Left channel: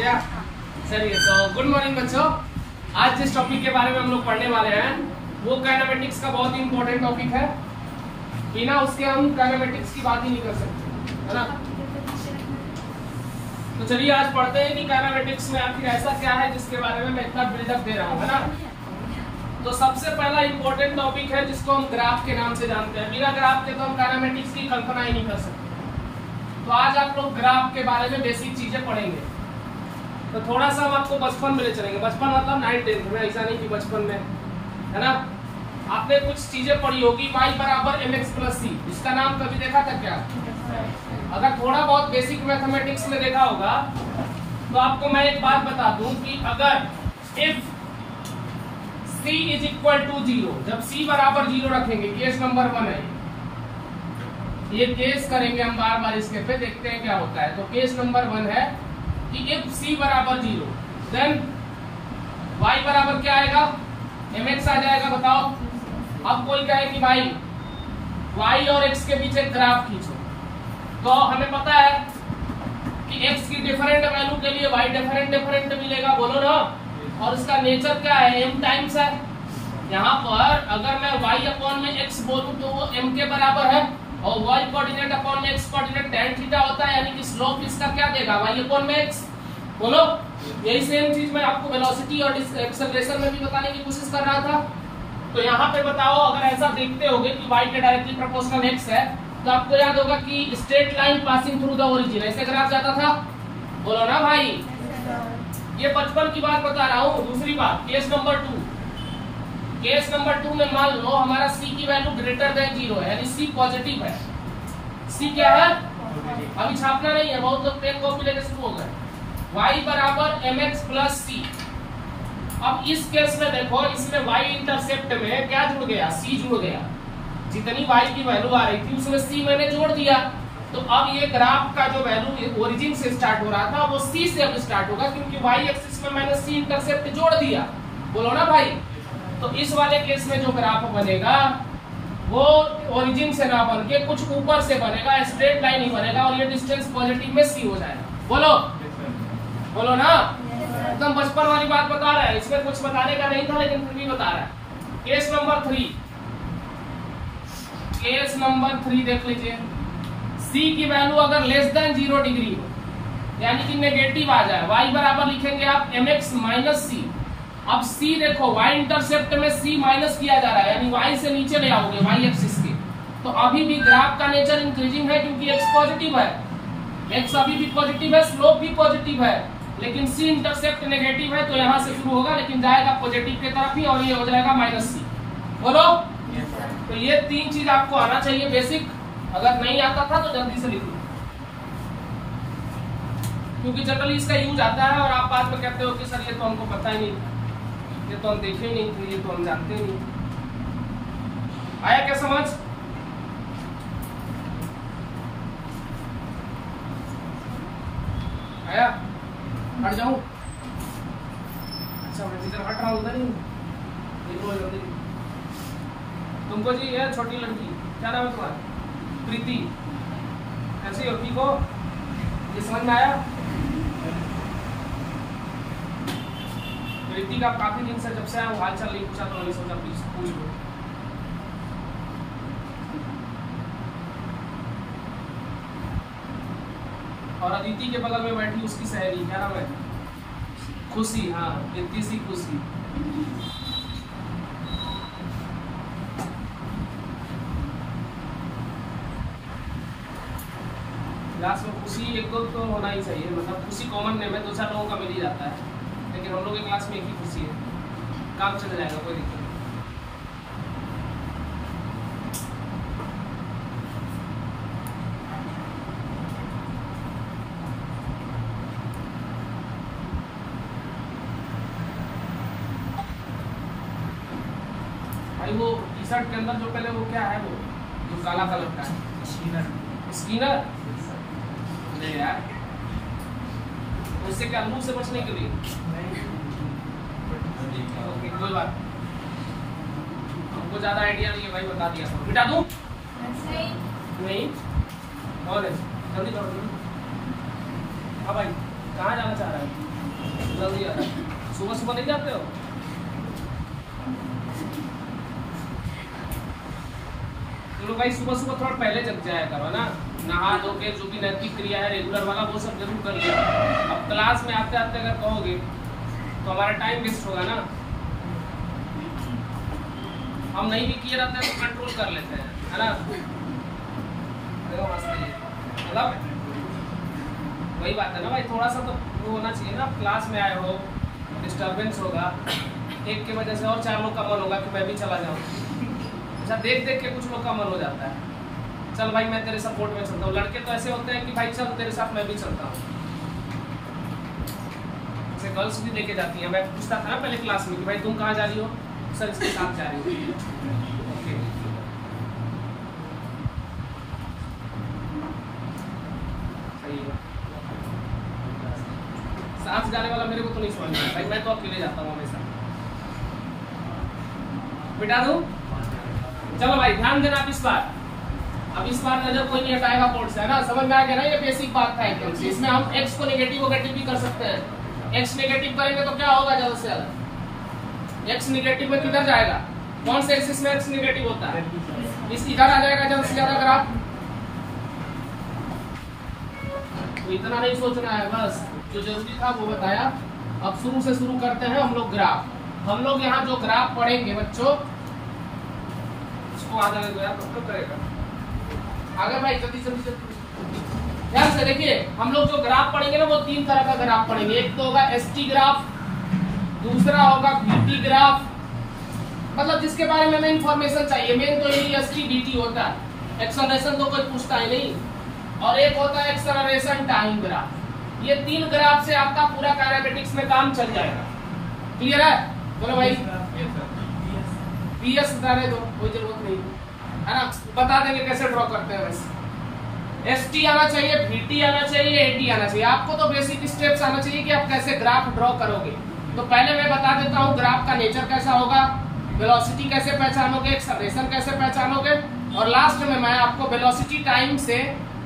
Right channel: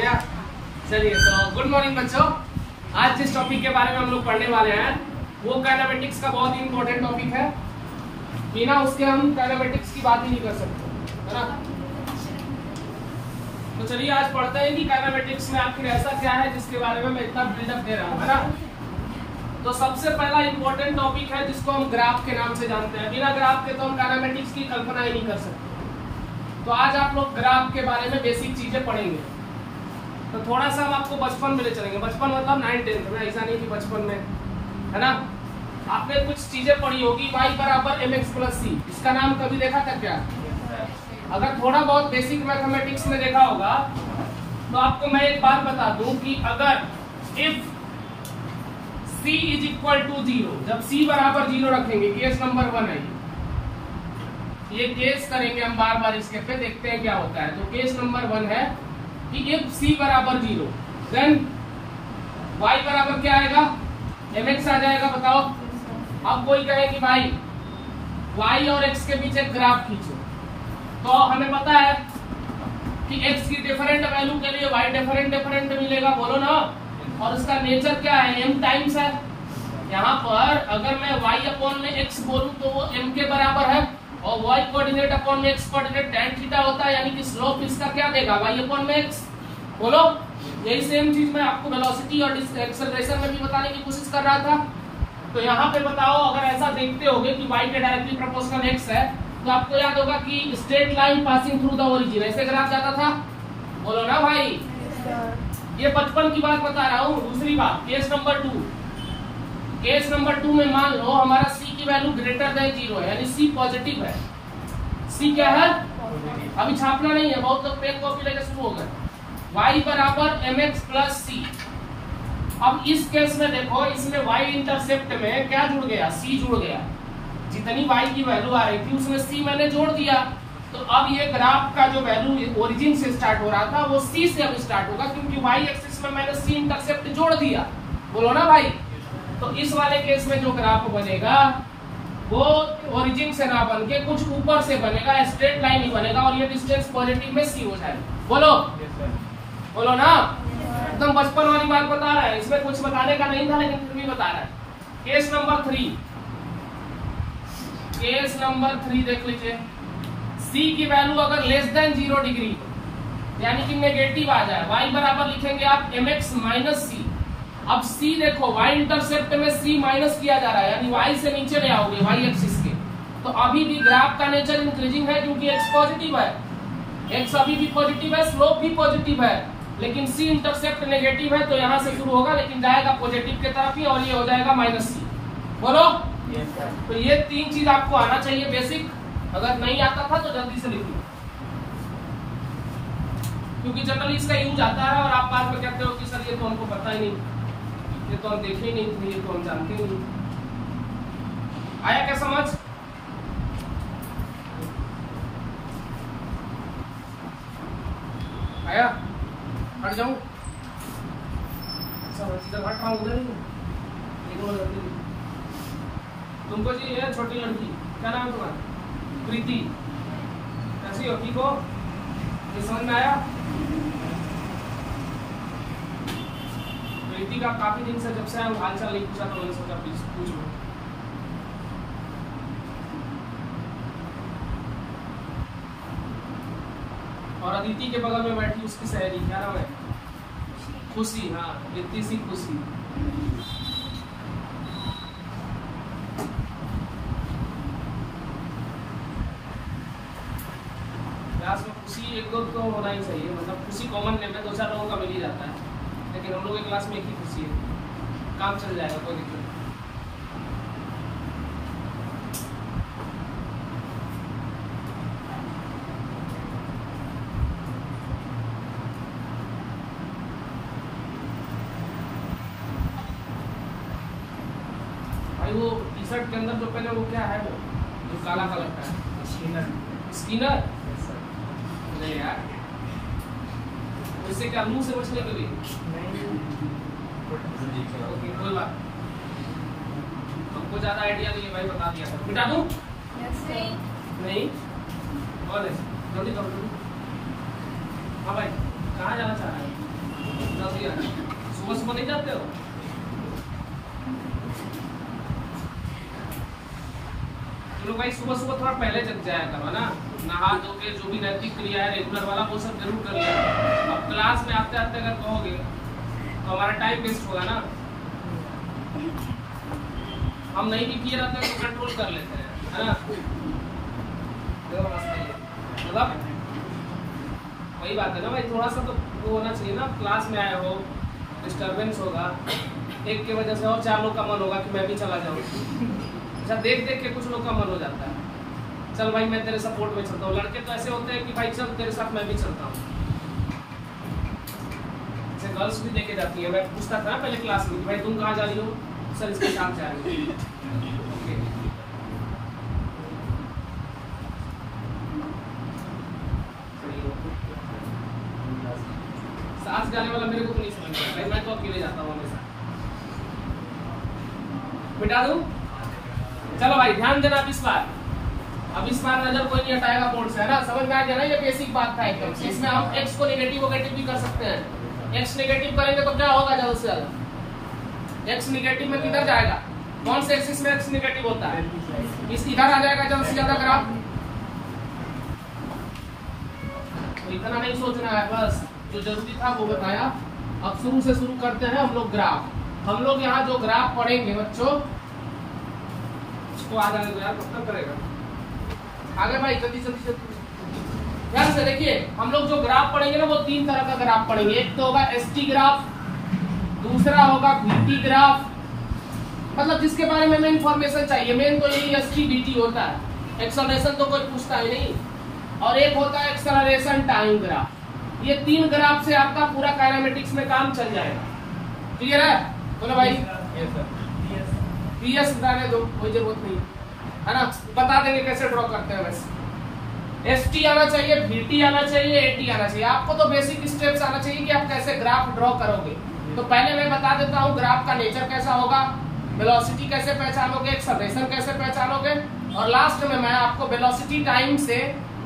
गया। चलिए तो गुड मॉर्निंग बच्चों। आज जिस टॉपिक के बारे में हम लोग पढ़ने वाले हैं वो काइनेमेटिक्स का बहुत ही इंपॉर्टेंट टॉपिक है। बिना उसके हम काइनेमेटिक्स की बात ही नहीं कर सकते, है ना। तो चलिए आज पढ़ते हैं कि काइनेमेटिक्स में आखिर ऐसा क्या है जिसके बारे में मैं इतना बिल्डअप दे रहा हूँ, है ना। तो सबसे पहला इंपॉर्टेंट टॉपिक है जिसको हम ग्राफ के नाम से जानते हैं। बिना ग्राफ के तो हम काइनेमेटिक्स की कल्पना ही नहीं कर सकते। तो आज आप लोग ग्राफ के बारे में बेसिक चीजें पढ़ेंगे। तो थोड़ा सा हम आपको बचपन में ले चलेंगे। बचपन मतलब 9th-10th में, ऐसा नहीं कि बचपन में, है ना। आपने कुछ चीजें पढ़ी होगी, y बराबर mx प्लस c। इसका नाम कभी देखा था क्या? अगर थोड़ा बहुत बेसिक मैथमेटिक्स में देखा होगा तो आपको मैं एक बात बता दूं कि अगर if c is equal to 0, जब c बराबर 0 रखेंगे, केस नंबर 1 है ये, केस करेंगे हम बार बार इसके पे, देखते हैं क्या होता है। तो केस नंबर 1 है कि इफ c बराबर 0 देन y बराबर क्या आएगा? mx आ जाएगा। बताओ। अब कोई कहे कि भाई y और x के बीच एक ग्राफ खींचो, तो हमें पता है कि x की डिफरेंट वैल्यू के लिए y डिफरेंट मिलेगा, बोलो ना। और उसका नेचर क्या है? m टाइम्स है। यहाँ पर अगर मैं y अपॉन में x बोलूं तो वो m के बराबर है, और y कोऑर्डिनेट अपॉन में x कोऑर्डिनेट tan थीटा होता है, यानी कि स्लोप इसका क्या देगा? y अपॉन में x। बोलो। यही सेम चीज मैं आपको वेलोसिटी और एक्सेलरेशन में भी बताने की कोशिश कर रहा था। तो यहाँ पे बताओ, अगर ऐसा देखते होगे कि y के डायरेक्टली प्रोपोर्शनल x है, तो आपको याद होगा कि straight line passing through the origin, ऐसे ग्राफ जाता था। बोलो ना भाई। ये बचपन की बात बता रहा हूँ। दूसरी बात, केस नंबर 2। केस नंबर 2 में मान लो हमारा c की वैल्यू ग्रेटर देन 0 है, यानी c पॉजिटिव है। c क्या है? अभी छापना नहीं है, बहुत लोग पेन कॉपी लेकर शुरू हो गए। y बराबर mx प्लस c। अब इस केस में देखो, इसमें y इंटरसेप्ट में क्या जुड़ गया? c जुड़ गया। जितनी y की वैल्यू आ रही थी उसमें c मैंने जोड़ दिया। तो अब ये ग्राफ का जो वैल्यू ओरिजिन से स्टार्ट हो रहा था वो c से अब स्टार्ट होगा, क्योंकि y एक्सिस में मैंने c इंटरसेप्ट जोड़ दिया। बोलो ना भाई। तो इस वाले केस में जो ग्राफ बनेगा वो ओरिजिन से ना बन के कुछ ऊपर से बनेगा, स्ट्रेट लाइन ही बनेगा, और ये डिस्टेंस पॉजिटिव में c हो जाएगा। बोलो। बोलो ना। एकदम बचपन वाली बात बता रहा है, इसमें कुछ बताने का नहीं था लेकिन फिर भी बता रहा है। Case number 3। केस नंबर 3 देख लीजिए। c की वैल्यू अगर लेस देन 0 डिग्री, यानी कि नेगेटिव आ जाए, y बराबर लिखेंगे आप mx माइनस c। अब c देखो, y इंटरसेप्ट में c माइनस किया जा रहा है, यानी y से नीचे ले आओगे y एक्सिस के। तो अभी भी ग्राफ का नेचर इंक्रीजिंग है, क्योंकि x पॉजिटिव है, x अभी भी पॉजिटिव है, स्लोप भी पॉजिटिव है, लेकिन c इंटरसेप्ट नेगेटिव है, तो यहाँ से शुरू होगा लेकिन जाएगा पॉजिटिव की तरफ ही, और ये हो जाएगा माइनस c। बोलो। तो ये 3 चीज आपको आना चाहिए बेसिक। अगर नहीं आता था तो जल्दी से लिख लो, क्योंकि जनरली इसका यूज आता है और आप बाद में कहते हो कि सर ये तो हमको पता ही नहीं, ये तो हम देखे ही नहीं, तो ये तो हम जानते ही नहीं। आया क्या समझ? आया? हट जाऊं? अच्छा मैं जिधर हट रहा हूँ उधर ही देखो जल्दी। तुमको जी ये छोटी लड़की, क्या नाम है तुम्हारा? प्रीति। कैसी हो? ठीक हो? ये समझ में आया? प्रीति का काफी दिन से जब से आया हाल चाल नहीं पूछा, तो ये सब पूछ लो। और अदिति के बगल में बैठी उसकी सहेली, क्या नाम है? खुशी। हाँ, प्रीति सी खुशी। क्लास में खुशी एक दो तो होना ही चाहिए, मतलब खुशी कॉमन नेम है, 2-4 लोगों का मिल ही जाता है, लेकिन हम लोग की क्लास में एक ही खुशी है, काम चल जाएगा, कोई दिक्कत नहीं। भाई वो टी शर्ट के अंदर जो पहले वो क्या है, वो जो काला कलर का है, स्किनर। नहीं यार, उससे क्या मुंह से बचने के लिए? ओके कोई बात तुमको ज्यादा आइडिया नहीं है भाई, बता दिया था। मिटा दूं? नहीं। कौन है? जल्दी करो। हाँ भाई, कहाँ जाना चाह रहा है? जल्दी आता है? सुबह सुबह नहीं जाते हो? चलो भाई सुबह सुबह थोड़ा पहले जग जाया करो ना, नहा धो के जो भी नैतिक क्रिया है रेगुलर वाला वो सब जरूर कर लिया। अब क्लास में आते आते अगर कहोगे तो हमारा टाइम वेस्ट होगा ना। हम नहीं भी किए रहते हैं तो कंट्रोल कर लेते हैं, है ना। देखो मतलब वही बात है ना भाई, थोड़ा सा तो वो होना चाहिए ना। क्लास में आए हो, डिस्टर्बेंस होगा, एक की वजह से और 4 लोग का मन होगा कि मैं भी चला जाऊँ। अच्छा देख देख के कुछ लोग का मन हो जाता है, चल भाई मैं तेरे सपोर्ट में चलता हूँ। लड़के तो ऐसे होते हैं कि भाई चल तेरे साथ मैं भी चलता हूँ। ऐसे गर्ल्स भी देखे जाती हैं। मैं पूछता था ना पहले क्लास में, भाई तुम कहाँ जा रही हो? सर इसके साथ जा रही हो। ओके साथ जाने वाला मेरे को तो नहीं समझ में भाई, मैं तो अकेले जाता हूँ हमेशा। बिठा दूं? चलो भाई ध्यान देना इस बार। अब इस बार नजर कोई नहीं हटाएगा बोर्ड से, है ना। समझ में आ गया ना, ये बेसिक बात था एकदम से। इसमें हम x को नेगेटिव भी कर सकते हैं। x नेगेटिव करेंगे तो क्या होगा ज्यादा से ज्यादा? x नेगेटिव में किधर जाएगा? कौन से एक्सिस में x नेगेटिव होता है? इस इधर आ जाएगा ज्यादा से ज्यादा ग्राफ। तो इतना नहीं सोचना है, बस जो जरूरी था वो बताया। अब शुरू से शुरू करते हैं हम लोग ग्राफ। हम लोग यहाँ जो ग्राफ पढ़ेंगे बच्चों, इसको आगे यार तो करेगा आगे भाई, जल्दी जल्दी जल्दी ध्यान से देखिए। हम लोग जो ग्राफ पढ़ेंगे ना वो 3 तरह का ग्राफ पढ़ेंगे। एक तो होगा ST ग्राफ, दूसरा होगा VT ग्राफ, मतलब जिसके बारे में हमें इंफॉर्मेशन चाहिए। मेन तो यही ST VT होता है, एक्सेलरेशन तो कोई पूछता है नहीं। और एक होता है एक्सेलरेशन टाइम ग्राफ। ये 3 ग्राफ से आपका पूरा काइनेमेटिक्स में काम चल जाएगा। क्लियर है? बोलो भाई। PS बताने दो, कोई जरूरत नहीं, है ना। बता देंगे कैसे ड्रॉ करते हैं बस। ST आना चाहिए, VT आना चाहिए, AT आना चाहिए। आपको तो बेसिक स्टेप्स आना चाहिए कि आप कैसे ग्राफ ड्रॉ करोगे। तो पहले मैं बता देता हूँ ग्राफ का नेचर कैसा होगा, वेलोसिटी कैसे पहचानोगे, एक्सेलरेशन कैसे पहचानोगे, और लास्ट में मैं आपको वेलोसिटी टाइम से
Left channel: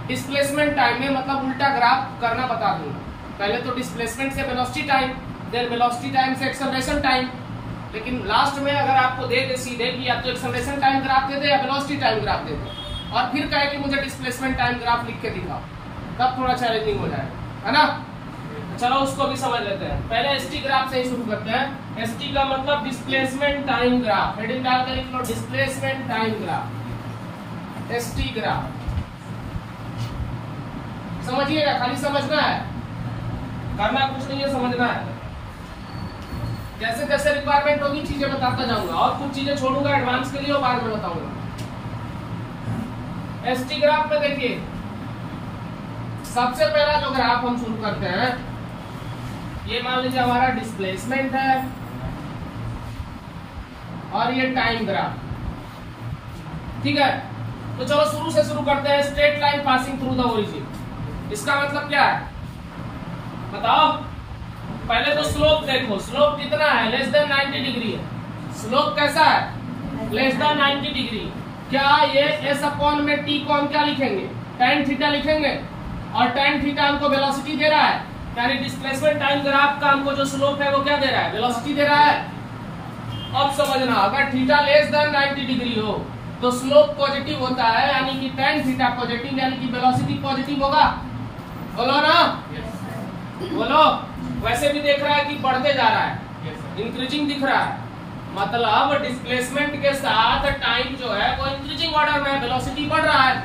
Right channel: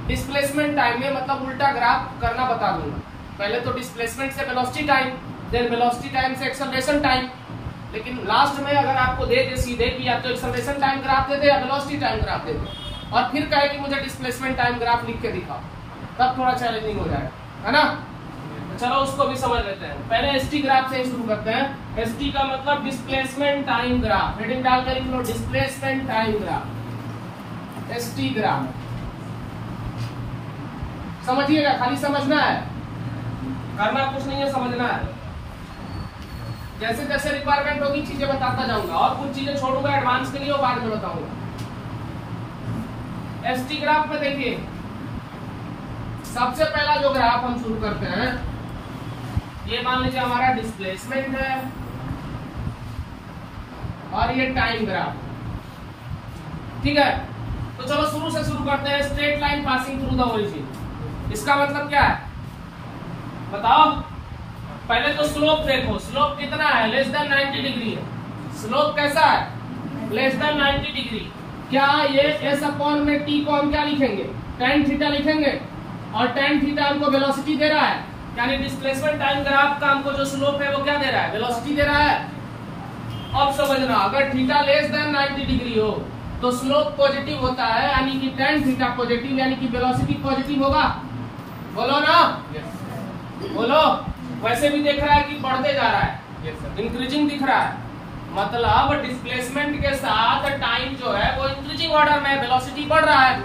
डिस्प्लेसमेंट टाइम में मतलब उल्टा ग्राफ करना बता दूंगा। पहले तो डिस्प्लेसमेंट से velocity time, then velocity time से एक्सेलरेशन टाइम, लेकिन लास्ट में अगर आपको दे दे सीधे कि या तो एक्सेलरेशन टाइम ग्राफ दे दे या वेलोसिटी टाइम ग्राफ दे दे, और फिर कहे कि मुझे डिस्प्लेसमेंट टाइम ग्राफ लिख के दिखाओ, तब थोड़ा चैलेंजिंग हो जाएगा, है ना। चलो उसको भी समझ लेते हैं। पहले ST ग्राफ से ही शुरू करते हैं। ST का मतलब डिस्प्लेसमेंट टाइम ग्राफ। हेडिंग डालकर लिख लो displacement time graph, ST graph. समझिएगा, खाली समझना है, करना कुछ नहीं है, समझना है। जैसे जैसे रिक्वायरमेंट होगी चीजें बताता जाऊंगा, और कुछ चीजें छोड़ूंगा एडवांस के लिए, वो बाद में बताऊंगा। ST ग्राफ में देखिए, सबसे पहला जो ग्राफ हम शुरू करते हैं, ये मान लीजिए हमारा डिस्प्लेसमेंट है और ये टाइम ग्राफ, ठीक है। तो चलो शुरू से शुरू करते हैं। Straight line passing through the origin, इसका मतलब क्या है बताओ। पहले तो स्लोप देखो, स्लोप कितना है? लेस देन 90 डिग्री है। स्लोप कैसा है? Less than 90 degree. क्या ये S/में t को हम क्या लिखेंगे? tan थीटा लिखेंगे, और tan थीटा हमको वेलोसिटी दे रहा है, यानी डिस्प्लेसमेंट टाइम ग्राफ का हमको जो स्लोप है वो क्या दे रहा है? वेलोसिटी दे रहा है। अब समझना, अगर थीटा लेस देन 90 डिग्री हो तो स्लोप पॉजिटिव होता है, यानी कि tan थीटा पॉजिटिव, यानी कि वेलोसिटी पॉजिटिव होगा। बोलो ना, बोलो। वैसे भी देख रहा है कि बढ़ते जा रहा है, इंक्रीजिंग दिख रहा है, मतलब डिस्प्लेसमेंट के साथ टाइम जो है वो इंक्रीजिंग ऑर्डर में, वेलोसिटी बढ़ रहा है।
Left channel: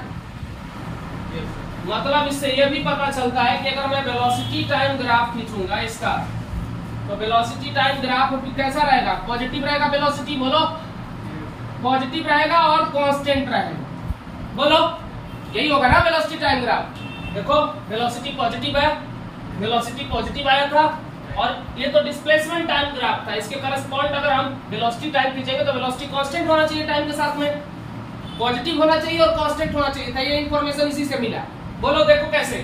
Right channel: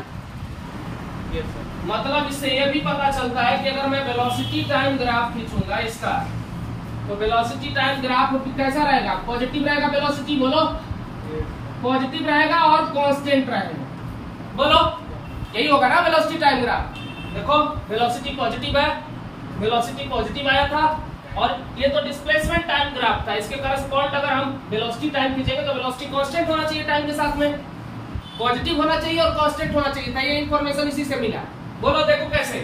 मतलब इससे ये भी पता चलता है कि अगर मैं वेलोसिटी टाइम ग्राफ खींचूंगा इसका, तो वेलोसिटी टाइम ग्राफ कैसा रहेगा? पॉजिटिव रहेगा। वेलोसिटी बोलो, पॉजिटिव रहेगा और कांस्टेंट रहेगा। बोलो, यही होगा ना वेलोसिटी टाइम ग्राफ। देखो वेलोसिटी पॉजिटिव है, वेलोसिटी पॉजिटिव आया था, और ये तो डिस्प्लेसमेंट टाइम ग्राफ था। इसके करस्पॉन्ड अगर हम वेलोसिटी टाइम खींचेंगे तो वेलोसिटी कांस्टेंट होना चाहिए, टाइम के साथ में पॉजिटिव होना चाहिए और कांस्टेंट होना चाहिए था। ये इंफॉर्मेशन इसी से मिला। बोलो देखो कैसे,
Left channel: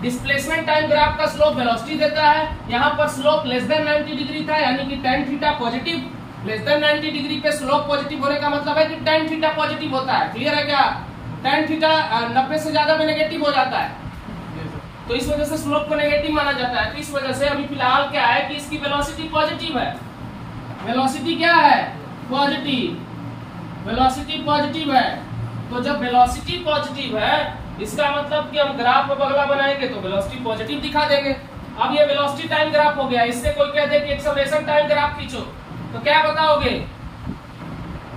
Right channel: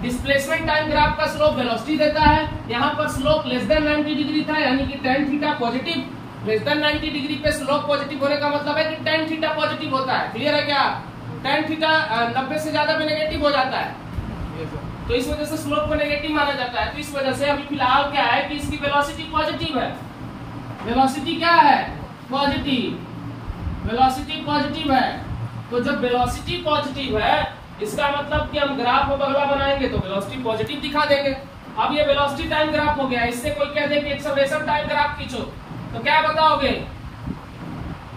डिस्प्लेसमेंट टाइम ग्राफ का स्लोप वेलोसिटी देता है। यहाँ पर स्लोप लेस देन 90 डिग्री था, यानी कि tan theta positive. Less than 90 degree पे स्लोप पॉजिटिव होने का मतलब है कि tan थीटा पॉजिटिव होता है। क्लियर है क्या? tan थीटा 90 से ज्यादा में नेगेटिव हो जाता है, तो इस वजह से स्लोप को नेगेटिव माना जाता है। तो इस वजह से अभी फिलहाल क्या है कि इसकी वेलोसिटी पॉजिटिव है। वेलोसिटी क्या है? पॉजिटिव। वेलोसिटी पॉजिटिव है। तो जब वेलोसिटी पॉजिटिव है इसका मतलब कि हम ग्राफ में बगला बनाएंगे तो वेलोसिटी पॉजिटिव दिखा देंगे। अब ये वेलोसिटी टाइम ग्राफ हो गया। इससे कोई कह दे कि एक्सेलरेशन टाइम ग्राफ खींचो तो क्या बताओगे?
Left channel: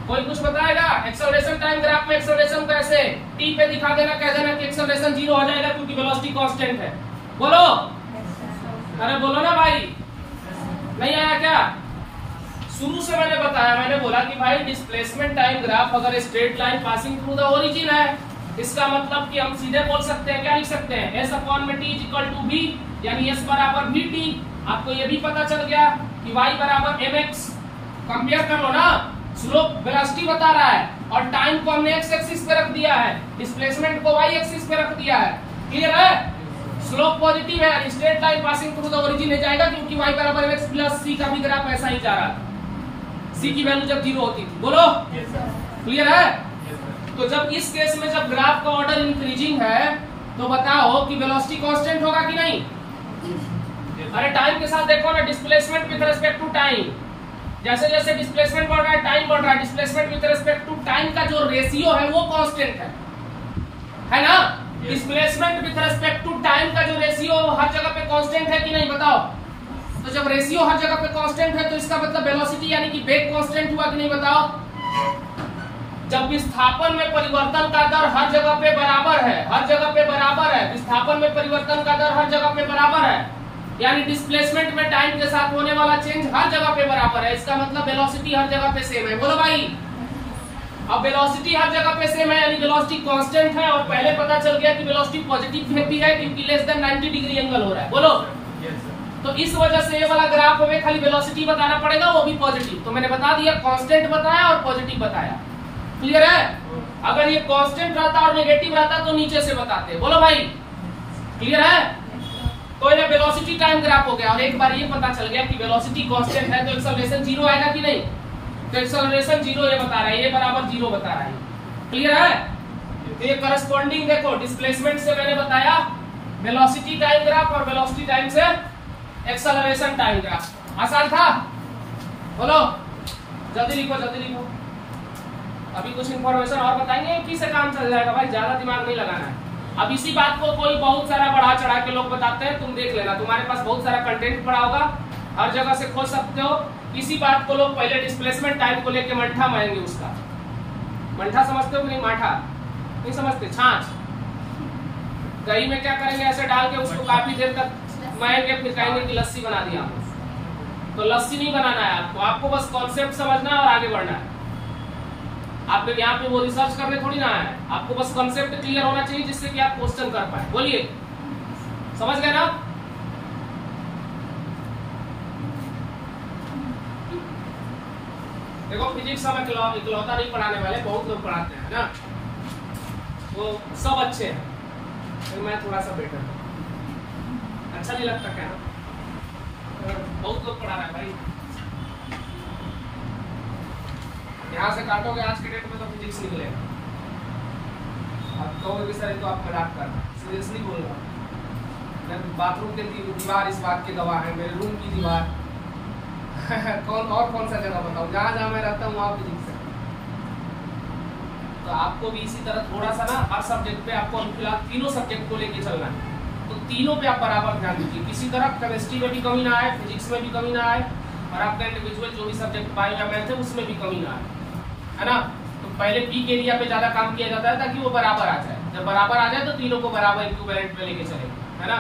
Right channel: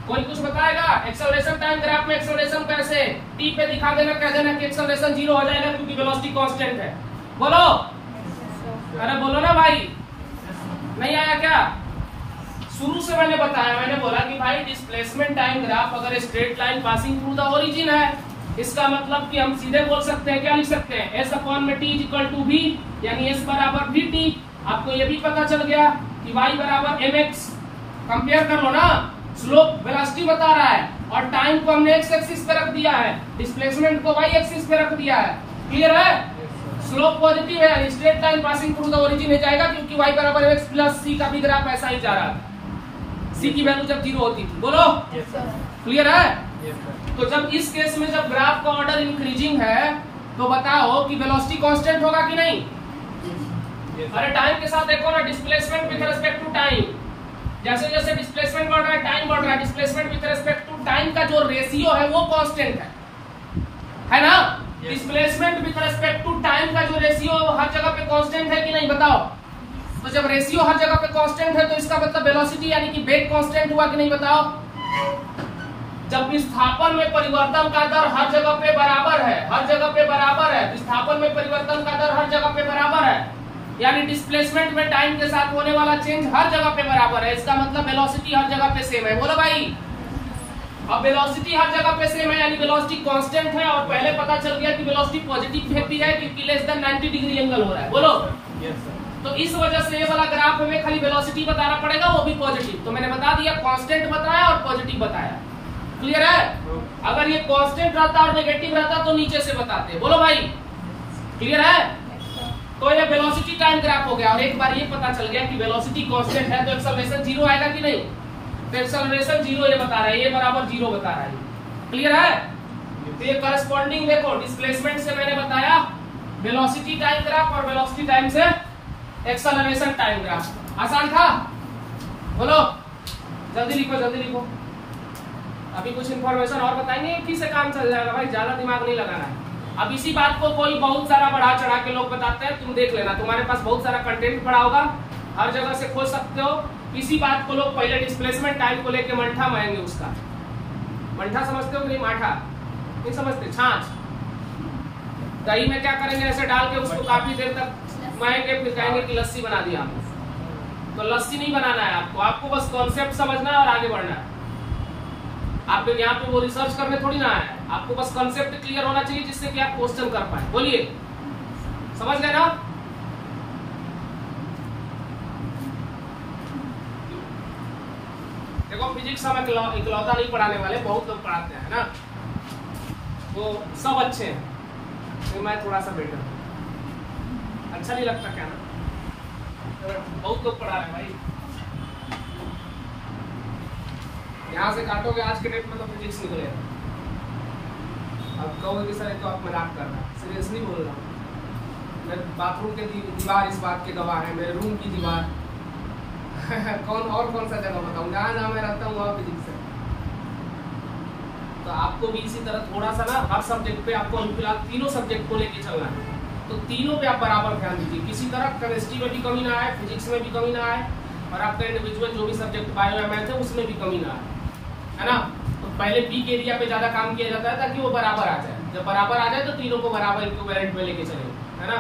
कोई कुछ बताएगा? एक्सेलरेशन टाइम ग्राफ में एक्सेलरेशन कैसे? टी पे दिखा देना, कह देना कि एक्सेलरेशन 0 हो जाएगा क्योंकि वेलोसिटी कांस्टेंट है। बोलो, अरे बोलो ना भाई, नहीं आया क्या? शुरू से मैंने बताया, मैंने बोला कि भाई डिस्प्लेसमेंट टाइम ग्राफ अगर straight line passing through the origin है इसका मतलब कि हम सीधे बोल सकते हैं, क्या लिख सकते हैं? S अपॉन में T इक्वल टू V, यानी S बराबर VT। आपको ये भी पता चल गया कि Y बराबर mx। कंपेयर कर लो ना, स्लोप वेलोसिटी बता रहा है और टाइम को हमने x एक्सिस पे रख दिया है, डिस्प्लेसमेंट को y एक्सिस पे रख दिया है। क्लियर है? स्लोप पॉजिटिव है, straight line passing through the origin में जाएगा क्योंकि y बराबर mx प्लस c का भी ग्राफ ऐसा ही जा रहा है। c की वैल्यू जब 0 होती थी। बोलो, क्लियर है? तो जब इस केस में जब ग्राफ का ऑर्डर इंक्रीजिंग है तो बताओ कि वेलोसिटी कांस्टेंट होगा कि नहीं? अरे टाइम के साथ देखो ना, displacement with respect to time, जैसे जैसे डिस्प्लेसमेंट बढ़ रहा है टाइम बढ़ रहा है। Displacement with respect to time का जो रेशियो है वो कांस्टेंट है ना? Displacement with respect to time का जो रेशियो हर जगह पे कांस्टेंट है कि नहीं बताओ? तो जब रेशियो हर जगह पे कांस्टेंट है तो इसका मतलब वेलोसिटी यानी कि वेग कांस्टेंट हुआ कि नहीं बताओ? जब विस्थापन में परिवर्तन का दर हर जगह पे बराबर है, हर जगह पे बराबर है, विस्थापन में परिवर्तन का दर हर जगह पे बराबर है, यानी डिस्प्लेसमेंट में टाइम के साथ होने वाला चेंज हर जगह पे बराबर है, इसका मतलब वेलोसिटी हर जगह पे सेम है। बोलो भाई, अब वेलोसिटी हर जगह पे सेम है यानी वेलोसिटी कांस्टेंट है और पहले पता चल गया कि वेलोसिटी पॉजिटिव भी है क्योंकि लेस देन 90 डिग्री एंगल हो रहा है। बोलो, तो इस वजह से ये वाला ग्राफ में खाली वेलोसिटी बताना पड़ेगा, वो भी पॉजिटिव। तो मैंने बता दिया, कांस्टेंट बताया और पॉजिटिव बताया। क्लियर है? अगर ये कांस्टेंट रहता और नेगेटिव रहता तो नीचे से बताते। बोलो भाई, क्लियर है? तो ये वेलोसिटी टाइम ग्राफ हो गया और एक बार ये पता चल गया कि वेलोसिटी कांस्टेंट है तो एक्सेलरेशन 0 आएगा कि नहीं? तो एक्सेलरेशन 0 ये बता रहा है, ये बराबर 0 बता रहा है। क्लियर है? तो ये करस्पॉन्डिंग देखो, डिस्प्लेसमेंट से मैंने बताया वेलोसिटी टाइम ग्राफ और वेलोसिटी टाइम से एक्सेलरेशन टाइम ग्राफ। आसान था? बोलो, जल्दी लिखो, जल्दी लिखो। अभी कुछ इंफॉर्मेशन और बताएंगे, किससे काम चल जाएगा भाई, ज्यादा दिमाग नहीं लगाना है। अब इसी बात को कोई बहुत सारा बढ़ा चढ़ा के लोग बताते हैं, तुम देख लेना, तुम्हारे पास बहुत सारा कंटेंट पड़ा होगा, हर जगह से खोज सकते हो। इसी बात को लोग पहले डिस्प्लेसमेंट टाइम को लेके मंठा मारेंगे। उसका मंठा समझते हो कि नहीं? माठा नहीं समझते? छाछ दही में क्या करेंगे, ऐसे डाल के उसको काफी देर तक मारेंगे, फिर कहेंगे कि लस्सी बना दिया हमने। तो लस्सी नहीं बनाना है आपको, आपको बस कॉन्सेप्ट समझना है और आगे बढ़ना है। आपको यहाँ पे वो रिसर्च करने थोड़ी ना है, आपको बस कॉन्सेप्ट क्लियर होना चाहिए जिससे कि आप क्वेश्चन कर पाए। बोलिए, समझ गए ना? देखो फिजिक्स हम इकलौता नहीं पढ़ाने वाले, बहुत लोग पढ़ाते हैं ना, वो सब अच्छे हैं, तो मैं थोड़ा सा बेटर हूँ। अच्छा नहीं लगता क्या ना? बहुत लोग पढ़ा रहे हैं भाई। यहाँ से काटोगे आज के डेट में तो फिजिक्स निकलेगा। अब कहोगे कि सर तो आप मजाक कर रहे हैं, सीरियसली बोल रहा हूँ। बाथरूम के दीवार इस बात के गवाह है, मेरे रूम की दीवार कौन सा जगह बताऊँ, जहाँ जहाँ मैं रहता हूँ वहाँ फिजिक्स है। तो आपको भी इसी तरह थोड़ा सा ना हर सब्जेक्ट पे आपको फिलहाल तीनों सब्जेक्ट को लेके चलना है, तो तीनों पे आप बराबर ध्यान दीजिए। किसी तरह केमिस्ट्री में भी कमी ना आए, फिजिक्स में भी कमी ना आए, और आपका इंडिविजुअल जो भी सब्जेक्ट बायो या मैथ है उसमें भी कमी ना आए, है ना? तो पहले पीक एरिया पे ज्यादा काम किया जाता है ताकि वो बराबर आ जाए। जब बराबर आ जाए तो तीनों को बराबर इक्विवेलेंट में लेके चले, है ना?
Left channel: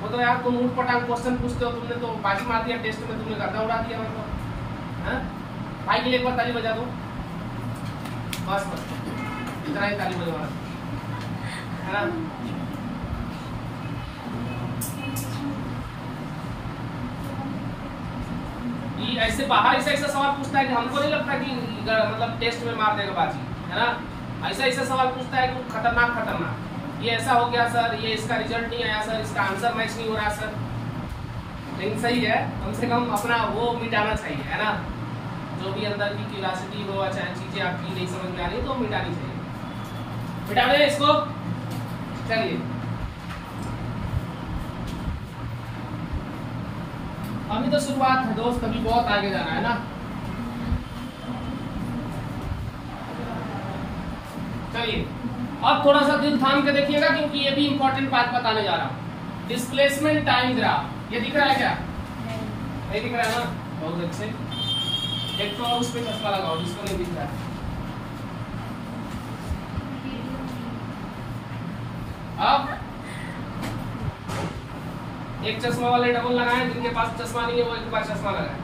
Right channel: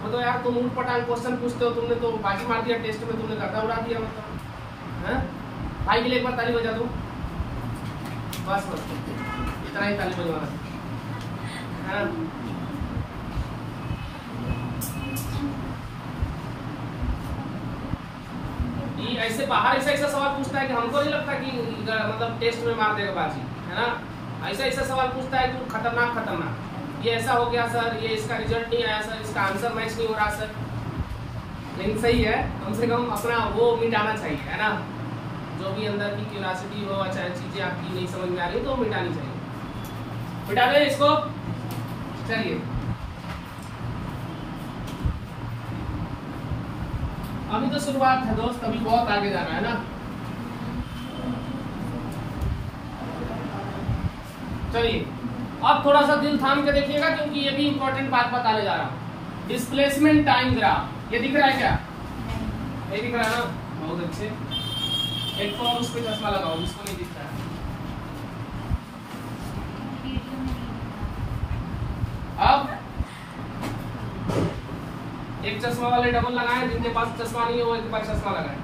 वो तो यार तुम ऊट पटांग क्वेश्चन पूछते हो, तुमने तो बाजी मार दिया टेस्ट में, तुमने गर्दा उड़ा दिया मेरे को, हैं? भाई के लिए एक बार ताली बजा दो, बस बस इतना ही ताली बजवाना, है ना? ऐसे बाहर ऐसा सवाल पूछता है कि हमको नहीं लगता कि मतलब टेस्ट में मार देगा बाजी, है ना? ऐसा सवाल पूछता है कि खतरनाक ये ऐसा हो गया सर, ये इसका रिजल्ट नहीं आया सर, इसका आंसर मैच नहीं हो रहा सर। लेकिन सही है, कम से कम अपना वो मिटाना चाहिए, है ना? जो भी अंदर की क्यूरियोसिटी हो, चाहे चीजें आपकी नहीं समझ में आ रही है तो मिटानी चाहिए। मिटा दें इसको, चलिए अभी तो शुरुआत है दोस्त, अभी बहुत आगे जाना है ना। चलिए अब थोड़ा सा दिल थाम के देखिएगा, क्योंकि ये भी इंपॉर्टेंट बात बताने जा रहा हूँ। डिस्प्लेसमेंट टाइम ग्राफ, ये दिख रहा है क्या? नहीं दिख रहा है ना? बहुत अच्छे। एक तो उस पे चश्मा लगाओ जिसको नहीं दिख रहा है। अब एक चश्मा वाले डबल लगाए, जिनके पास चश्मा नहीं है वो एक बार चश्मा लगाए।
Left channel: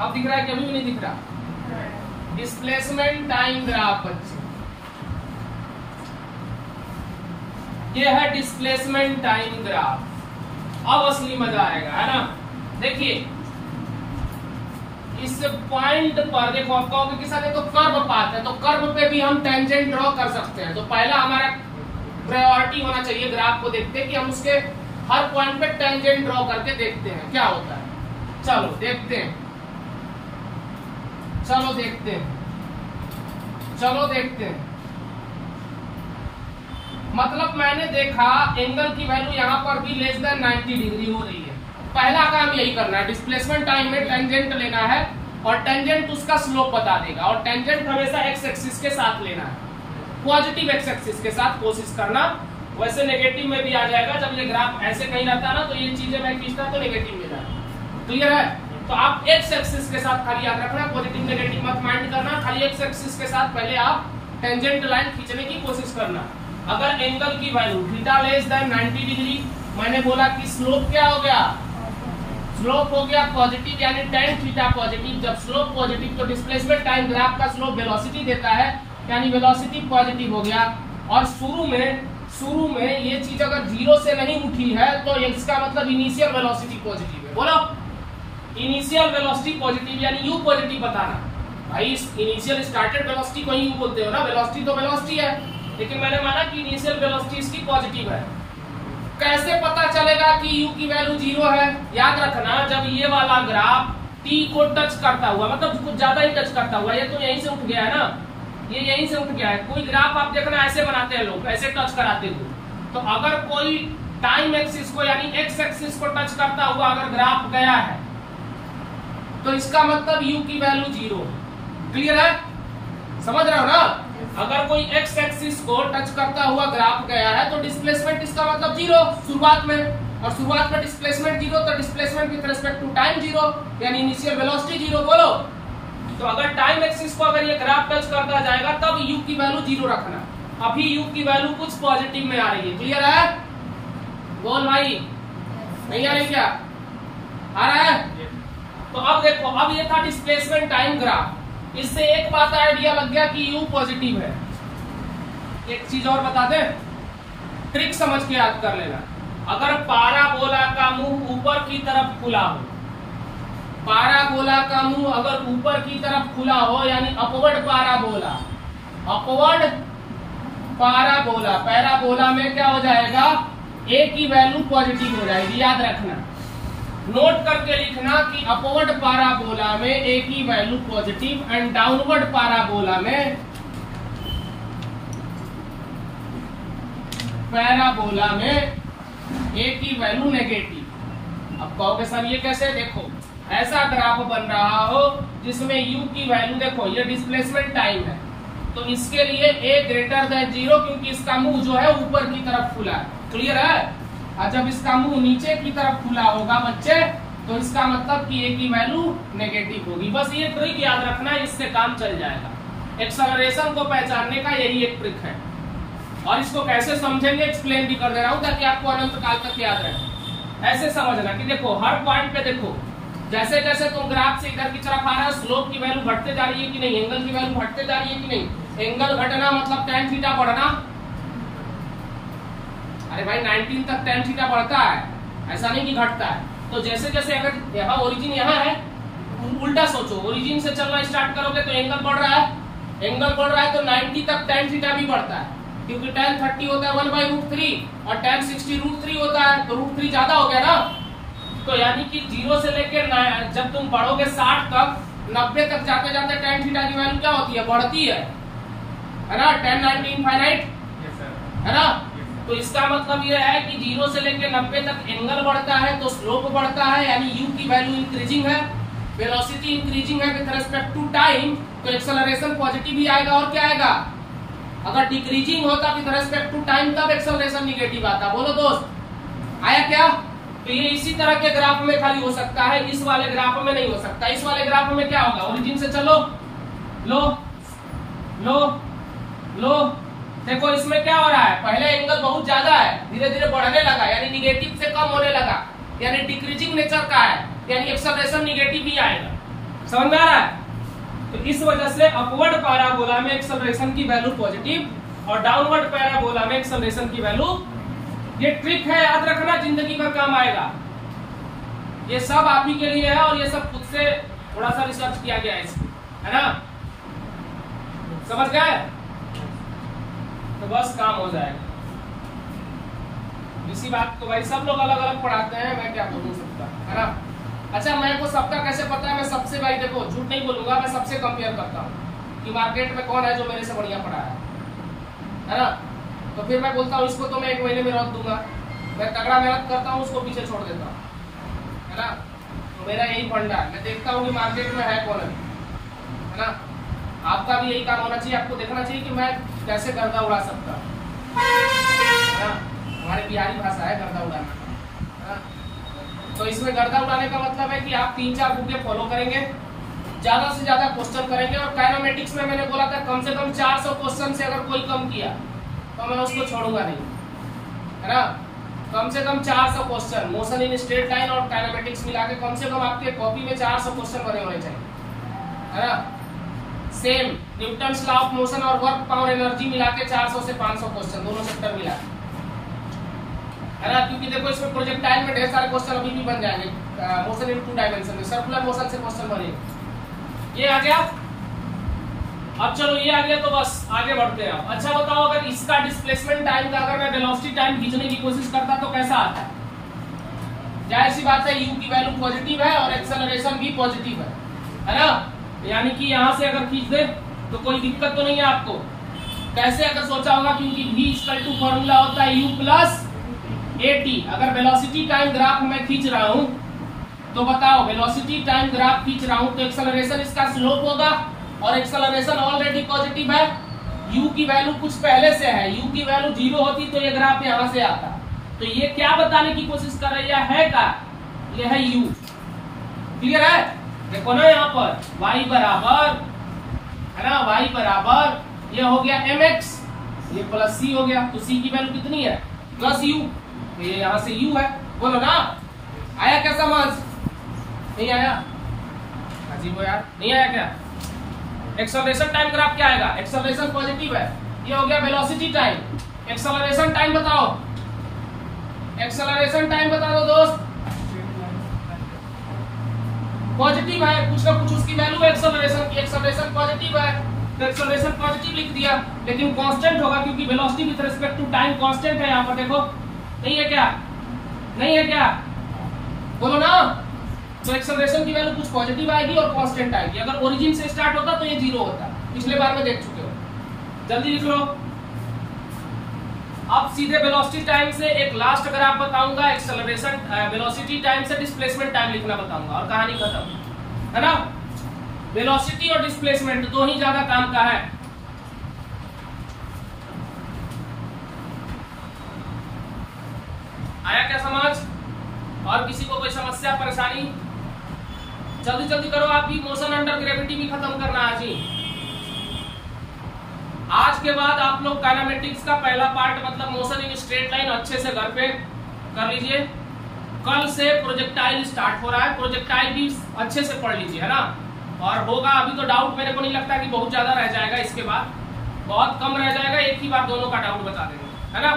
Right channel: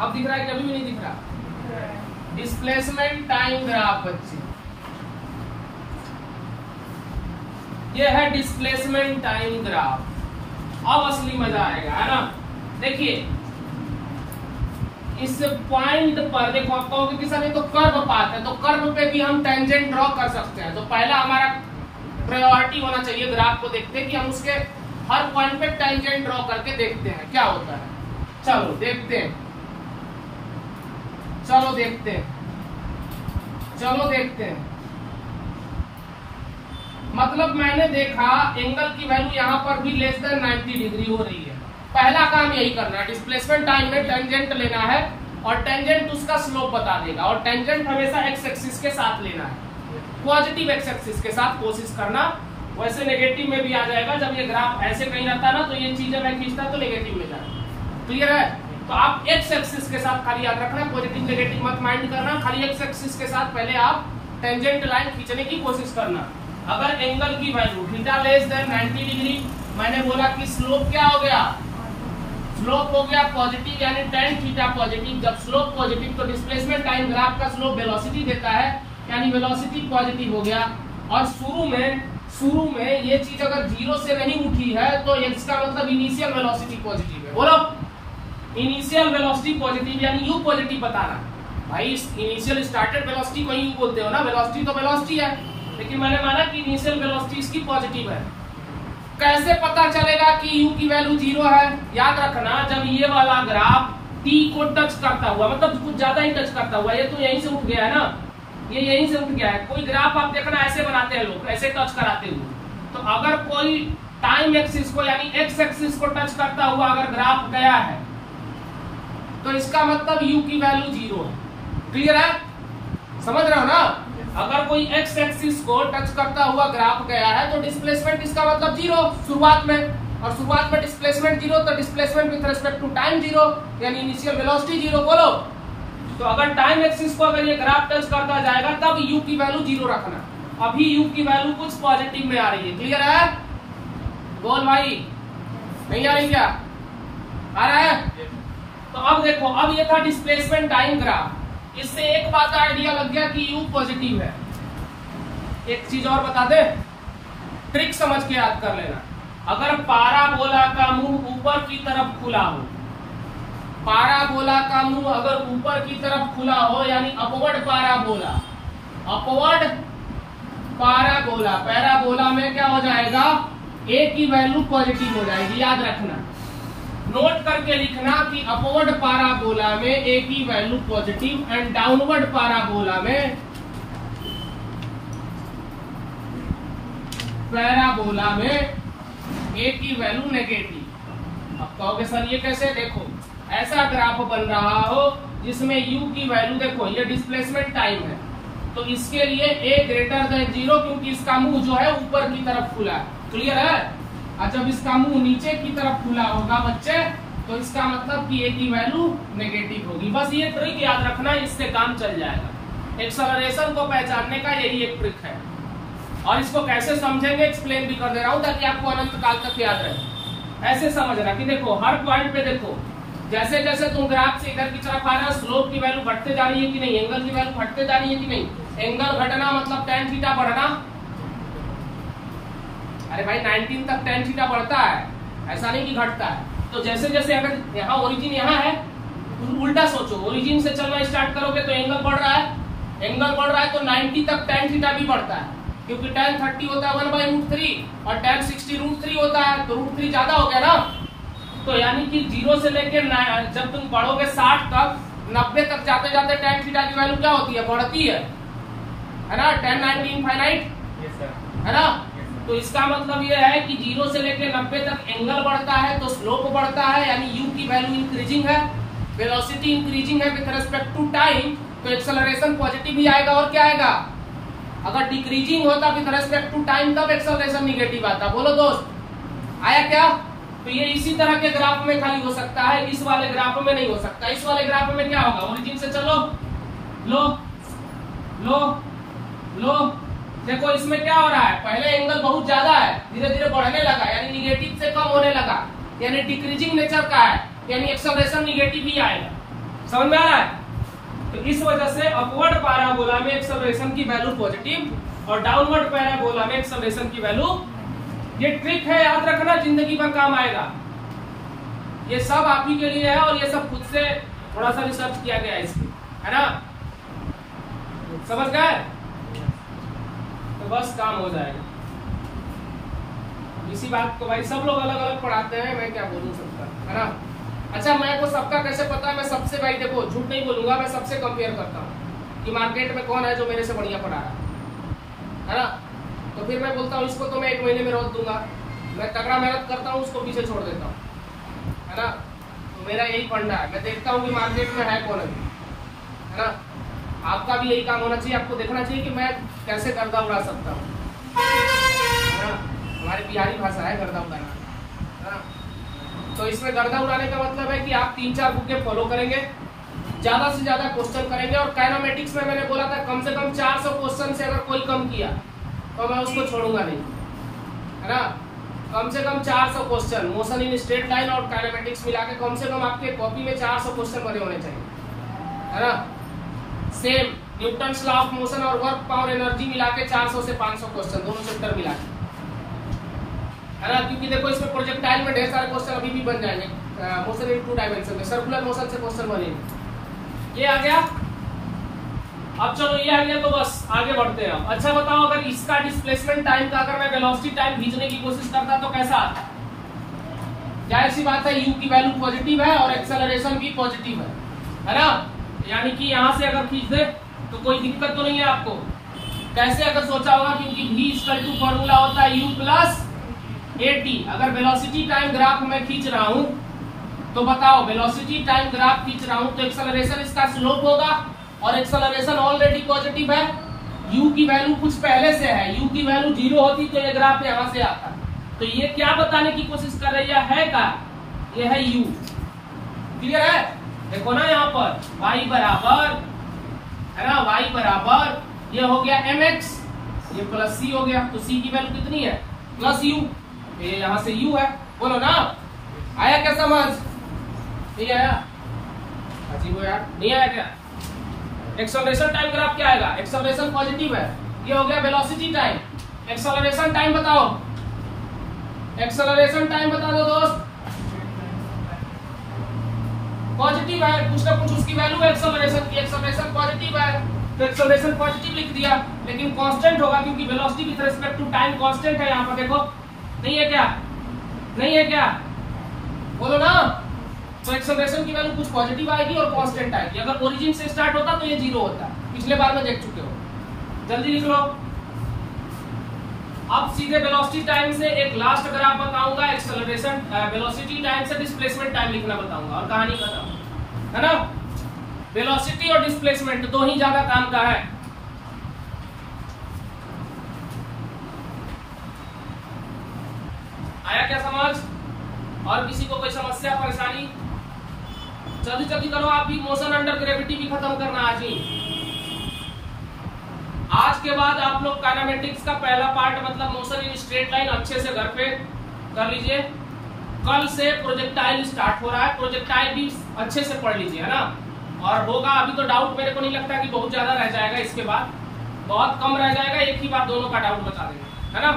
अब दिख रहा है कि अभी भी नहीं दिख रहा? डिस्प्लेसमेंट टाइम ग्राफ बच्चे, ये है डिस्प्लेसमेंट टाइम ग्राफ। अब असली मजा आएगा, है ना? देखिए इस पॉइंट पर देखो, आप कहोगे कि सर ये तो कर्व पाथ है, तो कर्व पे भी हम टेंजेंट ड्रॉ कर सकते हैं। तो पहला हमारा प्रायोरिटी होना चाहिए ग्राफ को देखते कि हम उसके हर पॉइंट पे टेंजेंट ड्रॉ करके देखते हैं क्या होता है। चलो देखते हैं, चलो देखते हैं, चलो देखते हैं। मतलब मैंने देखा एंगल की वैल्यू यहाँ पर भी लेस देन 90 डिग्री हो रही है। पहला काम यही करना है, डिस्प्लेसमेंट टाइम में टेंजेंट लेना है और टेंजेंट उसका स्लोप बता देगा, और टेंजेंट हमेशा एक्स एक्सिस के साथ लेना है, पॉजिटिव एक्स एक्सिस के साथ कोशिश करना। वैसे नेगेटिव में भी आ जाएगा, जब ये ग्राफ ऐसे कहीं रहता ना तो ये चीजें मैं खींचता तो नेगेटिव में जाए। क्लियर है? तो आप एक्स एक्सिस के साथ खाली याद रखना, पॉजिटिव नेगेटिव मत माइंड करना, खाली एक्स एक्सिस के साथ पहले आप टेंजेंट लाइन खींचने की कोशिश करना। अगर एंगल की value theta less than 90 degree, मैंने बोला कि स्लोप क्या हो गया? स्लोप हो गया पॉजिटिव, यानी tan थीटा पॉजिटिव। जब स्लोप पॉजिटिव तो डिस्प्लेसमेंट टाइम ग्राफ का स्लोप वेलोसिटी देता है, यानी वेलोसिटी पॉजिटिव हो गया। और शुरू में ये चीज अगर 0 से नहीं उठी है तो इसका मतलब इनिशियल वेलोसिटी पॉजिटिव है। बोलो इनिशियल वेलोसिटी पॉजिटिव, यानी यू पॉजिटिव बताना। भाई इनिशियल स्टार्टेड वेलोसिटी को यू बोलते हो ना, वेलोसिटी तो वेलोसिटी है, लेकिन मैंने माना कि इनिशियल वेलोसिटी इसकी पॉजिटिव है। कैसे पता चलेगा कि u की वैल्यू 0 है? याद रखना, जब ये वाला ग्राफ t को टच करता हुआ, मतलब कुछ ज्यादा ही टच करता हुआ, ये तो यहीं से उठ गया है ना, ये यहीं से उठ गया है। कोई ग्राफ आप देखना ऐसे बनाते हैं लोग, ऐसे टच कराते हुए। तो अगर कोई टाइम एक्सिस को यानी एक्स एक्सिस को टच करता हुआ अगर ग्राफ गया है तो इसका मतलब u की वैल्यू 0 है। क्लियर है? समझ रहे हो ना? अगर कोई एक्स एक्सिस को टच करता हुआ ग्राफ गया है तो डिस्प्लेसमेंट इसका मतलब 0 शुरुआत में, और शुरुआत में डिस्प्लेसमेंट 0 तो displacement with respect to time 0, यानी इनिशियल वेलोसिटी 0। बोलो तो अगर टाइम एक्सिस को अगर ये ग्राफ टच करता जाएगा तब u की वैल्यू 0 रखना। अभी u की वैल्यू कुछ पॉजिटिव में आ रही है। क्लियर है? बोल भाई, नहीं आ रही क्या? आ रहा है? तो अब देखो, अब ये था डिस्प्लेसमेंट टाइम ग्राफ। इससे एक बात आइडिया लग गया कि u पॉजिटिव है। एक चीज और बता दे, ट्रिक समझ के याद कर लेना। अगर पाराबोला का मुंह ऊपर की तरफ खुला हो, पाराबोला का मुंह अगर ऊपर की तरफ खुला हो यानी upward parabola, upward parabola, parabola में क्या हो जाएगा? a की वैल्यू पॉजिटिव हो जाएगी। याद रखना, नोट करके लिखना कि अपवर्ड पाराबोला में a की value positive and downward parabola में, पैराबोला में a की वैल्यू नेगेटिव। अब कहोगे सर ये कैसे? देखो ऐसा ग्राफ बन रहा हो जिसमें u की वैल्यू, देखो ये डिस्प्लेसमेंट टाइम है तो इसके लिए a ग्रेटर देन 0, क्योंकि इसका मुंह जो है ऊपर की तरफ खुला। क्लियर है? और जब इसका मुंह नीचे की तरफ खुला होगा बच्चे तो इसका मतलब कि a की वैल्यू नेगेटिव होगी। बस ये ट्रिक याद रखना, इससे काम चल जाएगा। एक्सेलरेशन को पहचानने का यही एक ट्रिक है, और इसको कैसे समझेंगे एक्सप्लेन भी कर दे रहा हूं ताकि आपको अनंत काल तक याद रहे। ऐसे समझना कि देखो हर पॉइंट पे देखो, जैसे जैसे तुम ग्राफ से इधर की तरफ आ रहा है स्लोप की वैल्यू घटते जा रही है कि नहीं, एंगल की वैल्यू घटते जा रही है कि नहीं। एंगल घटना मतलब tan थीटा बढ़ना। अरे भाई 19 तक tan थीटा बढ़ता है, ऐसा नहीं कि घटता है। तो जैसे जैसे अगर यहाँ ओरिजिन यहाँ है, उल्टा सोचो, ओरिजिन से चलना स्टार्ट करोगे तो एंगल बढ़ रहा है, एंगल बढ़ रहा है तो 90 तक tan थीटा भी बढ़ता है, क्योंकि tan 30 होता है 1/√3 और tan 60 √3 होता है, तो √3 ज्यादा हो गया ना। तो यानी कि 0 से लेकर जब तुम बढ़ोगे 60 तक, 90 तक जाते जाते tan थीटा की वैल्यू क्या होती है? बढ़ती है ना। tan 90 इनफाइनाइट है ना, तो इसका मतलब यह है कि 0 से लेकर 90 तक एंगल बढ़ता है तो स्लोप बढ़ता है, यानी u की वैल्यू इंक्रीजिंग है, वेलोसिटी इंक्रीजिंग है विद रिस्पेक्ट टू टाइम, तो एक्सेलरेशन पॉजिटिव ही आएगा। और क्या आएगा? अगर डिक्रीजिंग होता विद रिस्पेक्ट टू टाइम तब एक्सेलरेशन निगेटिव आता। बोलो दोस्त, आया क्या? तो ये इसी तरह के ग्राफ में खाली हो सकता है, इस वाले ग्राफ में नहीं हो सकता। इस वाले ग्राफ में क्या होगा? ओरिजिन से चलो, लो लो लो, देखो इसमें क्या हो रहा है, पहले एंगल बहुत ज्यादा है, धीरे धीरे बढ़ने लगा, यानी निगेटिव से कम होने लगा, यानी डिक्रीजिंग नेचर का है, यानी एक्सेलरेशन निगेटिव ही आएगा। समझ में आ रहा है? तो इस वजह से अपवर्ड पैराबोला में एक्सेलरेशन की वैल्यू पॉजिटिव और डाउनवर्ड पैराबोला में एक्सेलरेशन की वैल्यू, ये ट्रिक है, याद रखना, जिंदगी भर काम आएगा। ये सब आप ही के लिए है और ये सब खुद से थोड़ा सा रिसर्च किया गया है इसमें, है ना? समझ गए? तो बस काम हो जाएगा। इसी बात को भाई सब लोग अलग अलग पढ़ाते हैं, मैं क्या बोलूं सबका, है ना? अच्छा, मेरे को सबका कैसे पता है? मैं सबसे, भाई देखो झूठ नहीं बोलूंगा, मैं सबसे कंपेयर करता हूँ कि मार्केट में कौन है जो मेरे से बढ़िया पढ़ा रहा है ना? तो फिर मैं बोलता हूँ इसको तो मैं 1 महीने में रोक दूंगा, मैं तगड़ा मेहनत करता हूँ, उसको पीछे छोड़ देता हूँ, है ना? तो मेरा यही फंडा है, मैं देखता हूँ कि मार्केट में है कौन अभी, है ना? आपका भी यही काम होना चाहिए, आपको देखना चाहिए कि मैं कैसे गर्दा उड़ा सकता हूँ, है ना? हमारे बिहारी भाषा है गर्दा उड़ाना, है ना? तो इसमें गर्दा उड़ाने का मतलब है कि आप 3-4 बुकें फॉलो करेंगे, ज्यादा से ज्यादा क्वेश्चन करेंगे, और काइनेमेटिक्स में मैंने बोला था कम से कम 400 क्वेश्चन से अगर कोई कम किया तो मैं उसको छोड़ूंगा नहीं, है ना? कम से कम 400 question, motion in straight line और काइनेमेटिक्स मिला के कम से कम आपके कॉपी में 400 क्वेश्चन बने होने चाहिए, है ना? Same Newton's law of motion और वर्क पावर एनर्जी मिला के 400 से 500 क्वेश्चन, दोनों चैप्टर मिला के, है ना? क्योंकि देखो इसमें प्रोजेक्टाइल में ढेर सारे क्वेश्चन अभी भी बन जाएंगे, मोशन इन 2 डायमेंशन में, सर्कुलर मोशन से क्वेश्चन बनेंगे। ये आ गया। अब चलो ये आ गया तो बस आगे बढ़ते हैं। अच्छा बताओ, अगर इसका डिस्प्लेसमेंट टाइम का अगर मैं वेलोसिटी टाइम खींचने की कोशिश करता तो कैसा आता? जाहिर सी बात है, u की वैल्यू पॉजिटिव है और एक्सेलरेशन भी पॉजिटिव है ना? यानी कि यहां से अगर खींच दे तो कोई दिक्कत तो नहीं है आपको। कैसे अगर सोचा होगा, क्योंकि v इक्वल टू फॉर्मूला होता है u प्लस at। अगर वेलोसिटी टाइम ग्राफ में खींच रहा हूं तो बताओ, वेलोसिटी टाइम ग्राफ खींच रहा हूं तो एक्सेलरेशन इसका स्लोप होगा, और एक्सेलरेशन ऑलरेडी पॉजिटिव है, u की वैल्यू कुछ पहले से है, u की वैल्यू 0 होती तो ये ग्राफ यहां से आता। तो ये क्या बताने की कोशिश कर रही है का? ये है u, क्लियर है? देखो ना यहाँ पर y बराबर, है ना, y बराबर ये हो गया mx, ये प्लस c हो गया, तो c की वैल्यू कितनी है? प्लस u, ये यहाँ से u है। बोलो ना, आया क्या समझ? नहीं आया? अजीब हो यार, नहीं आया क्या? एक्सेलरेशन टाइम ग्राफ क्या आएगा? एक्सेलरेशन पॉजिटिव है, ये हो गया वेलोसिटी टाइम। एक्सेलरेशन टाइम बताओ, एक्सेलरेशन टाइम बता दो दोस्त। पॉजिटिव है, कुछ ना कुछ उसकी वैल्यू है एक्सेलरेशन की, एक्सेलरेशन पॉजिटिव है तो एक्सेलरेशन पॉजिटिव लिख दिया, लेकिन कांस्टेंट होगा क्योंकि velocity with respect to time constant है। यहाँ पर देखो, नहीं है क्या? नहीं है क्या? बोलो ना। तो एक्सेलरेशन की वैल्यू कुछ पॉजिटिव आएगी और कांस्टेंट आएगी। अगर ओरिजिन से स्टार्ट होता तो ये 0 होता, पिछले बार में देख चुके हो। जल्दी लिख लो। अब सीधे वेलोसिटी टाइम से एक लास्ट अगर आप बताऊंगा, एक्सेलरेशन वेलोसिटी टाइम से डिस्प्लेसमेंट टाइम लिखना बताऊंगा और कहानी खत्म, है ना? वेलोसिटी और डिस्प्लेसमेंट दो ही ज्यादा काम का है। आया क्या समझ? और किसी को कोई समस्या परेशानी? जल्दी जल्दी करो, आप भी मोशन अंडर ग्रेविटी भी खत्म करना आज ही। आज के बाद आप लोग काइनेमेटिक्स का पहला पार्ट मतलब मोशन इन स्ट्रेट लाइन अच्छे से घर पे कर लीजिए। कल से प्रोजेक्टाइल स्टार्ट हो रहा है, प्रोजेक्टाइल भी अच्छे से पढ़ लीजिए, है ना? और होगा, अभी तो डाउट मेरे को नहीं लगता कि बहुत ज्यादा रह जाएगा, इसके बाद बहुत कम रह जाएगा, एक ही बार दोनों का डाउट बता देंगे, है ना?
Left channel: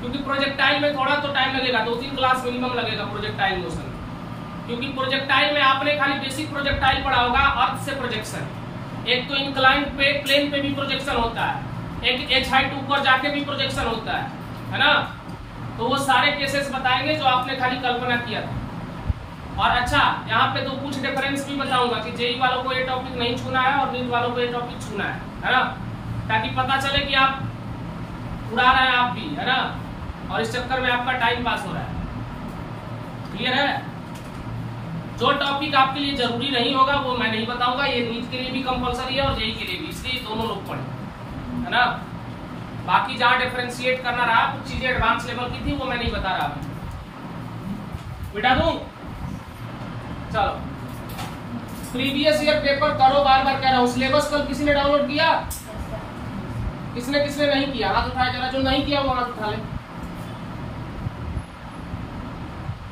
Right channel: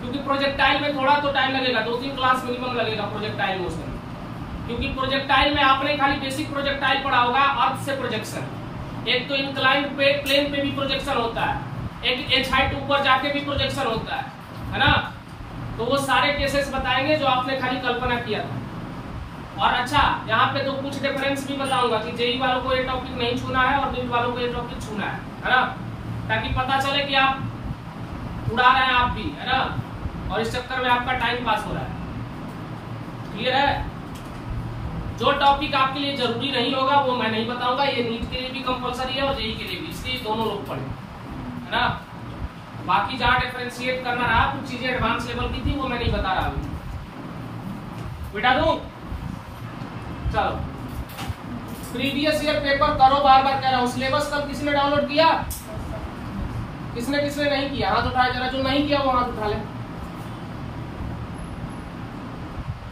क्योंकि प्रोजेक्टाइल में थोड़ा तो टाइम लगेगा, 2-3 क्लास मिनिमम लगेगा प्रोजेक्टाइल मोशन। क्योंकि प्रोजेक्टाइल में आपने खाली बेसिक प्रोजेक्टाइल पढ़ा होगा, अर्थ से प्रोजेक्शन, एक तो इंक्लाइंड पे प्लेन पे भी प्रोजेक्शन होता है, एक एच हाइट ऊपर जाके भी प्रोजेक्शन होता है ना? तो वो सारे केसेस बताएंगे जो आपने खाली कल्पना किया था। और अच्छा, यहाँ पे तो कुछ डिफरेंस भी बताऊंगा कि जेई वालों को ये टॉपिक नहीं छूना है और नीट वालों को ये टॉपिक छूना है ना? ताकि पता चले कि आप उड़ा रहे हैं आप भी, है ना, और इस चक्कर में आपका टाइम पास हो रहा है। क्लियर है? जो टॉपिक आपके लिए जरूरी नहीं होगा वो मैं नहीं बताऊंगा। ये नीट के लिए भी कंपलसरी है और जेईई के लिए भी, इसलिए दोनों लोग पढ़े, है ना। बाकी जहां डिफरेंशिएट करना रहा, कुछ चीजें एडवांस लेवल की थी वो मैं नहीं बता रहा अभी। बिटा दूं? चलो, प्रीवियस ईयर पेपर करो, बार बार कह रहा हूं। सिलेबस कल किसी ने डाउनलोड किया? किसने किसने नहीं किया? हाथ उठाए जरा, जो नहीं किया वो हाथ उठा ले।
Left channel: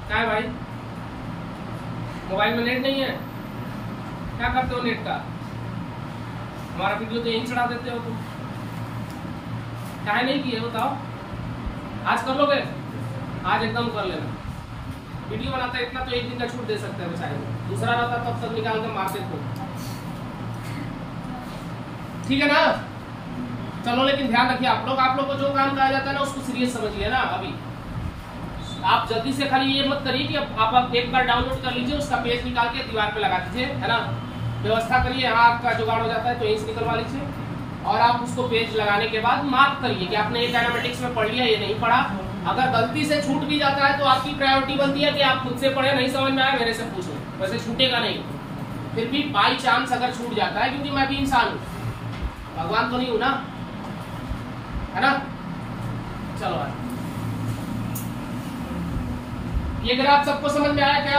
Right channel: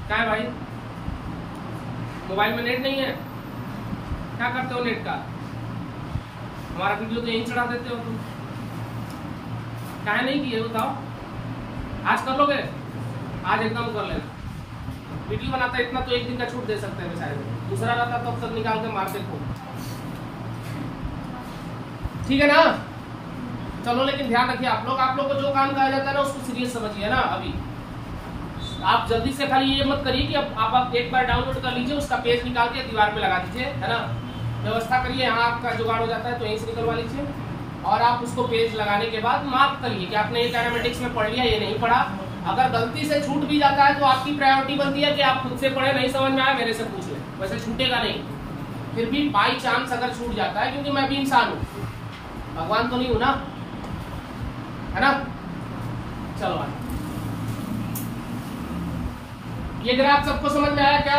क्या है भाई, मोबाइल में नेट नहीं है? क्या करते हो नेट का? हमारा वीडियो तो यहीं चढ़ा देते हो तुम। क्या है नहीं किए बताओ? आज कर लोगे? आज एकदम कर लेना। वीडियो बनाता है इतना तो एक दिन का छूट दे सकते हैं शायद, दूसरा रहता तो अब तक निकाल कर मारते हो। ठीक है ना? चलो, लेकिन ध्यान रखिए आप लोग को जो काम कहा जाता है ना उसको सीरियस समझिए ना। अभी आप जल्दी से खाली ये मत करिए कि आप एक बार डाउनलोड कर लीजिए, उसका पेज निकाल के दीवार पे लगा दीजिए, है ना। व्यवस्था करिए, यहाँ आपका जुगाड़ हो जाता है तो यहीं से निकलवा लीजिए, और आप उसको पेज लगाने के बाद मार्क करिए कि आपने ये डायनामेटिक्स में पढ़ लिया, ये नहीं पढ़ा। अगर गलती से छूट भी जाता है तो आपकी प्रायोरिटी बनती है कि आप खुद से पढ़े, नहीं समझ में आया मेरे से पूछो, वैसे छूटेगा नहीं। फिर भी बाई चांस अगर छूट जाता है, क्योंकि मैं भी इंसान हूँ, भगवान तो नहीं हूं ना, है ना। चलो भाई, ये ग्राफ सबको समझ में आया क्या?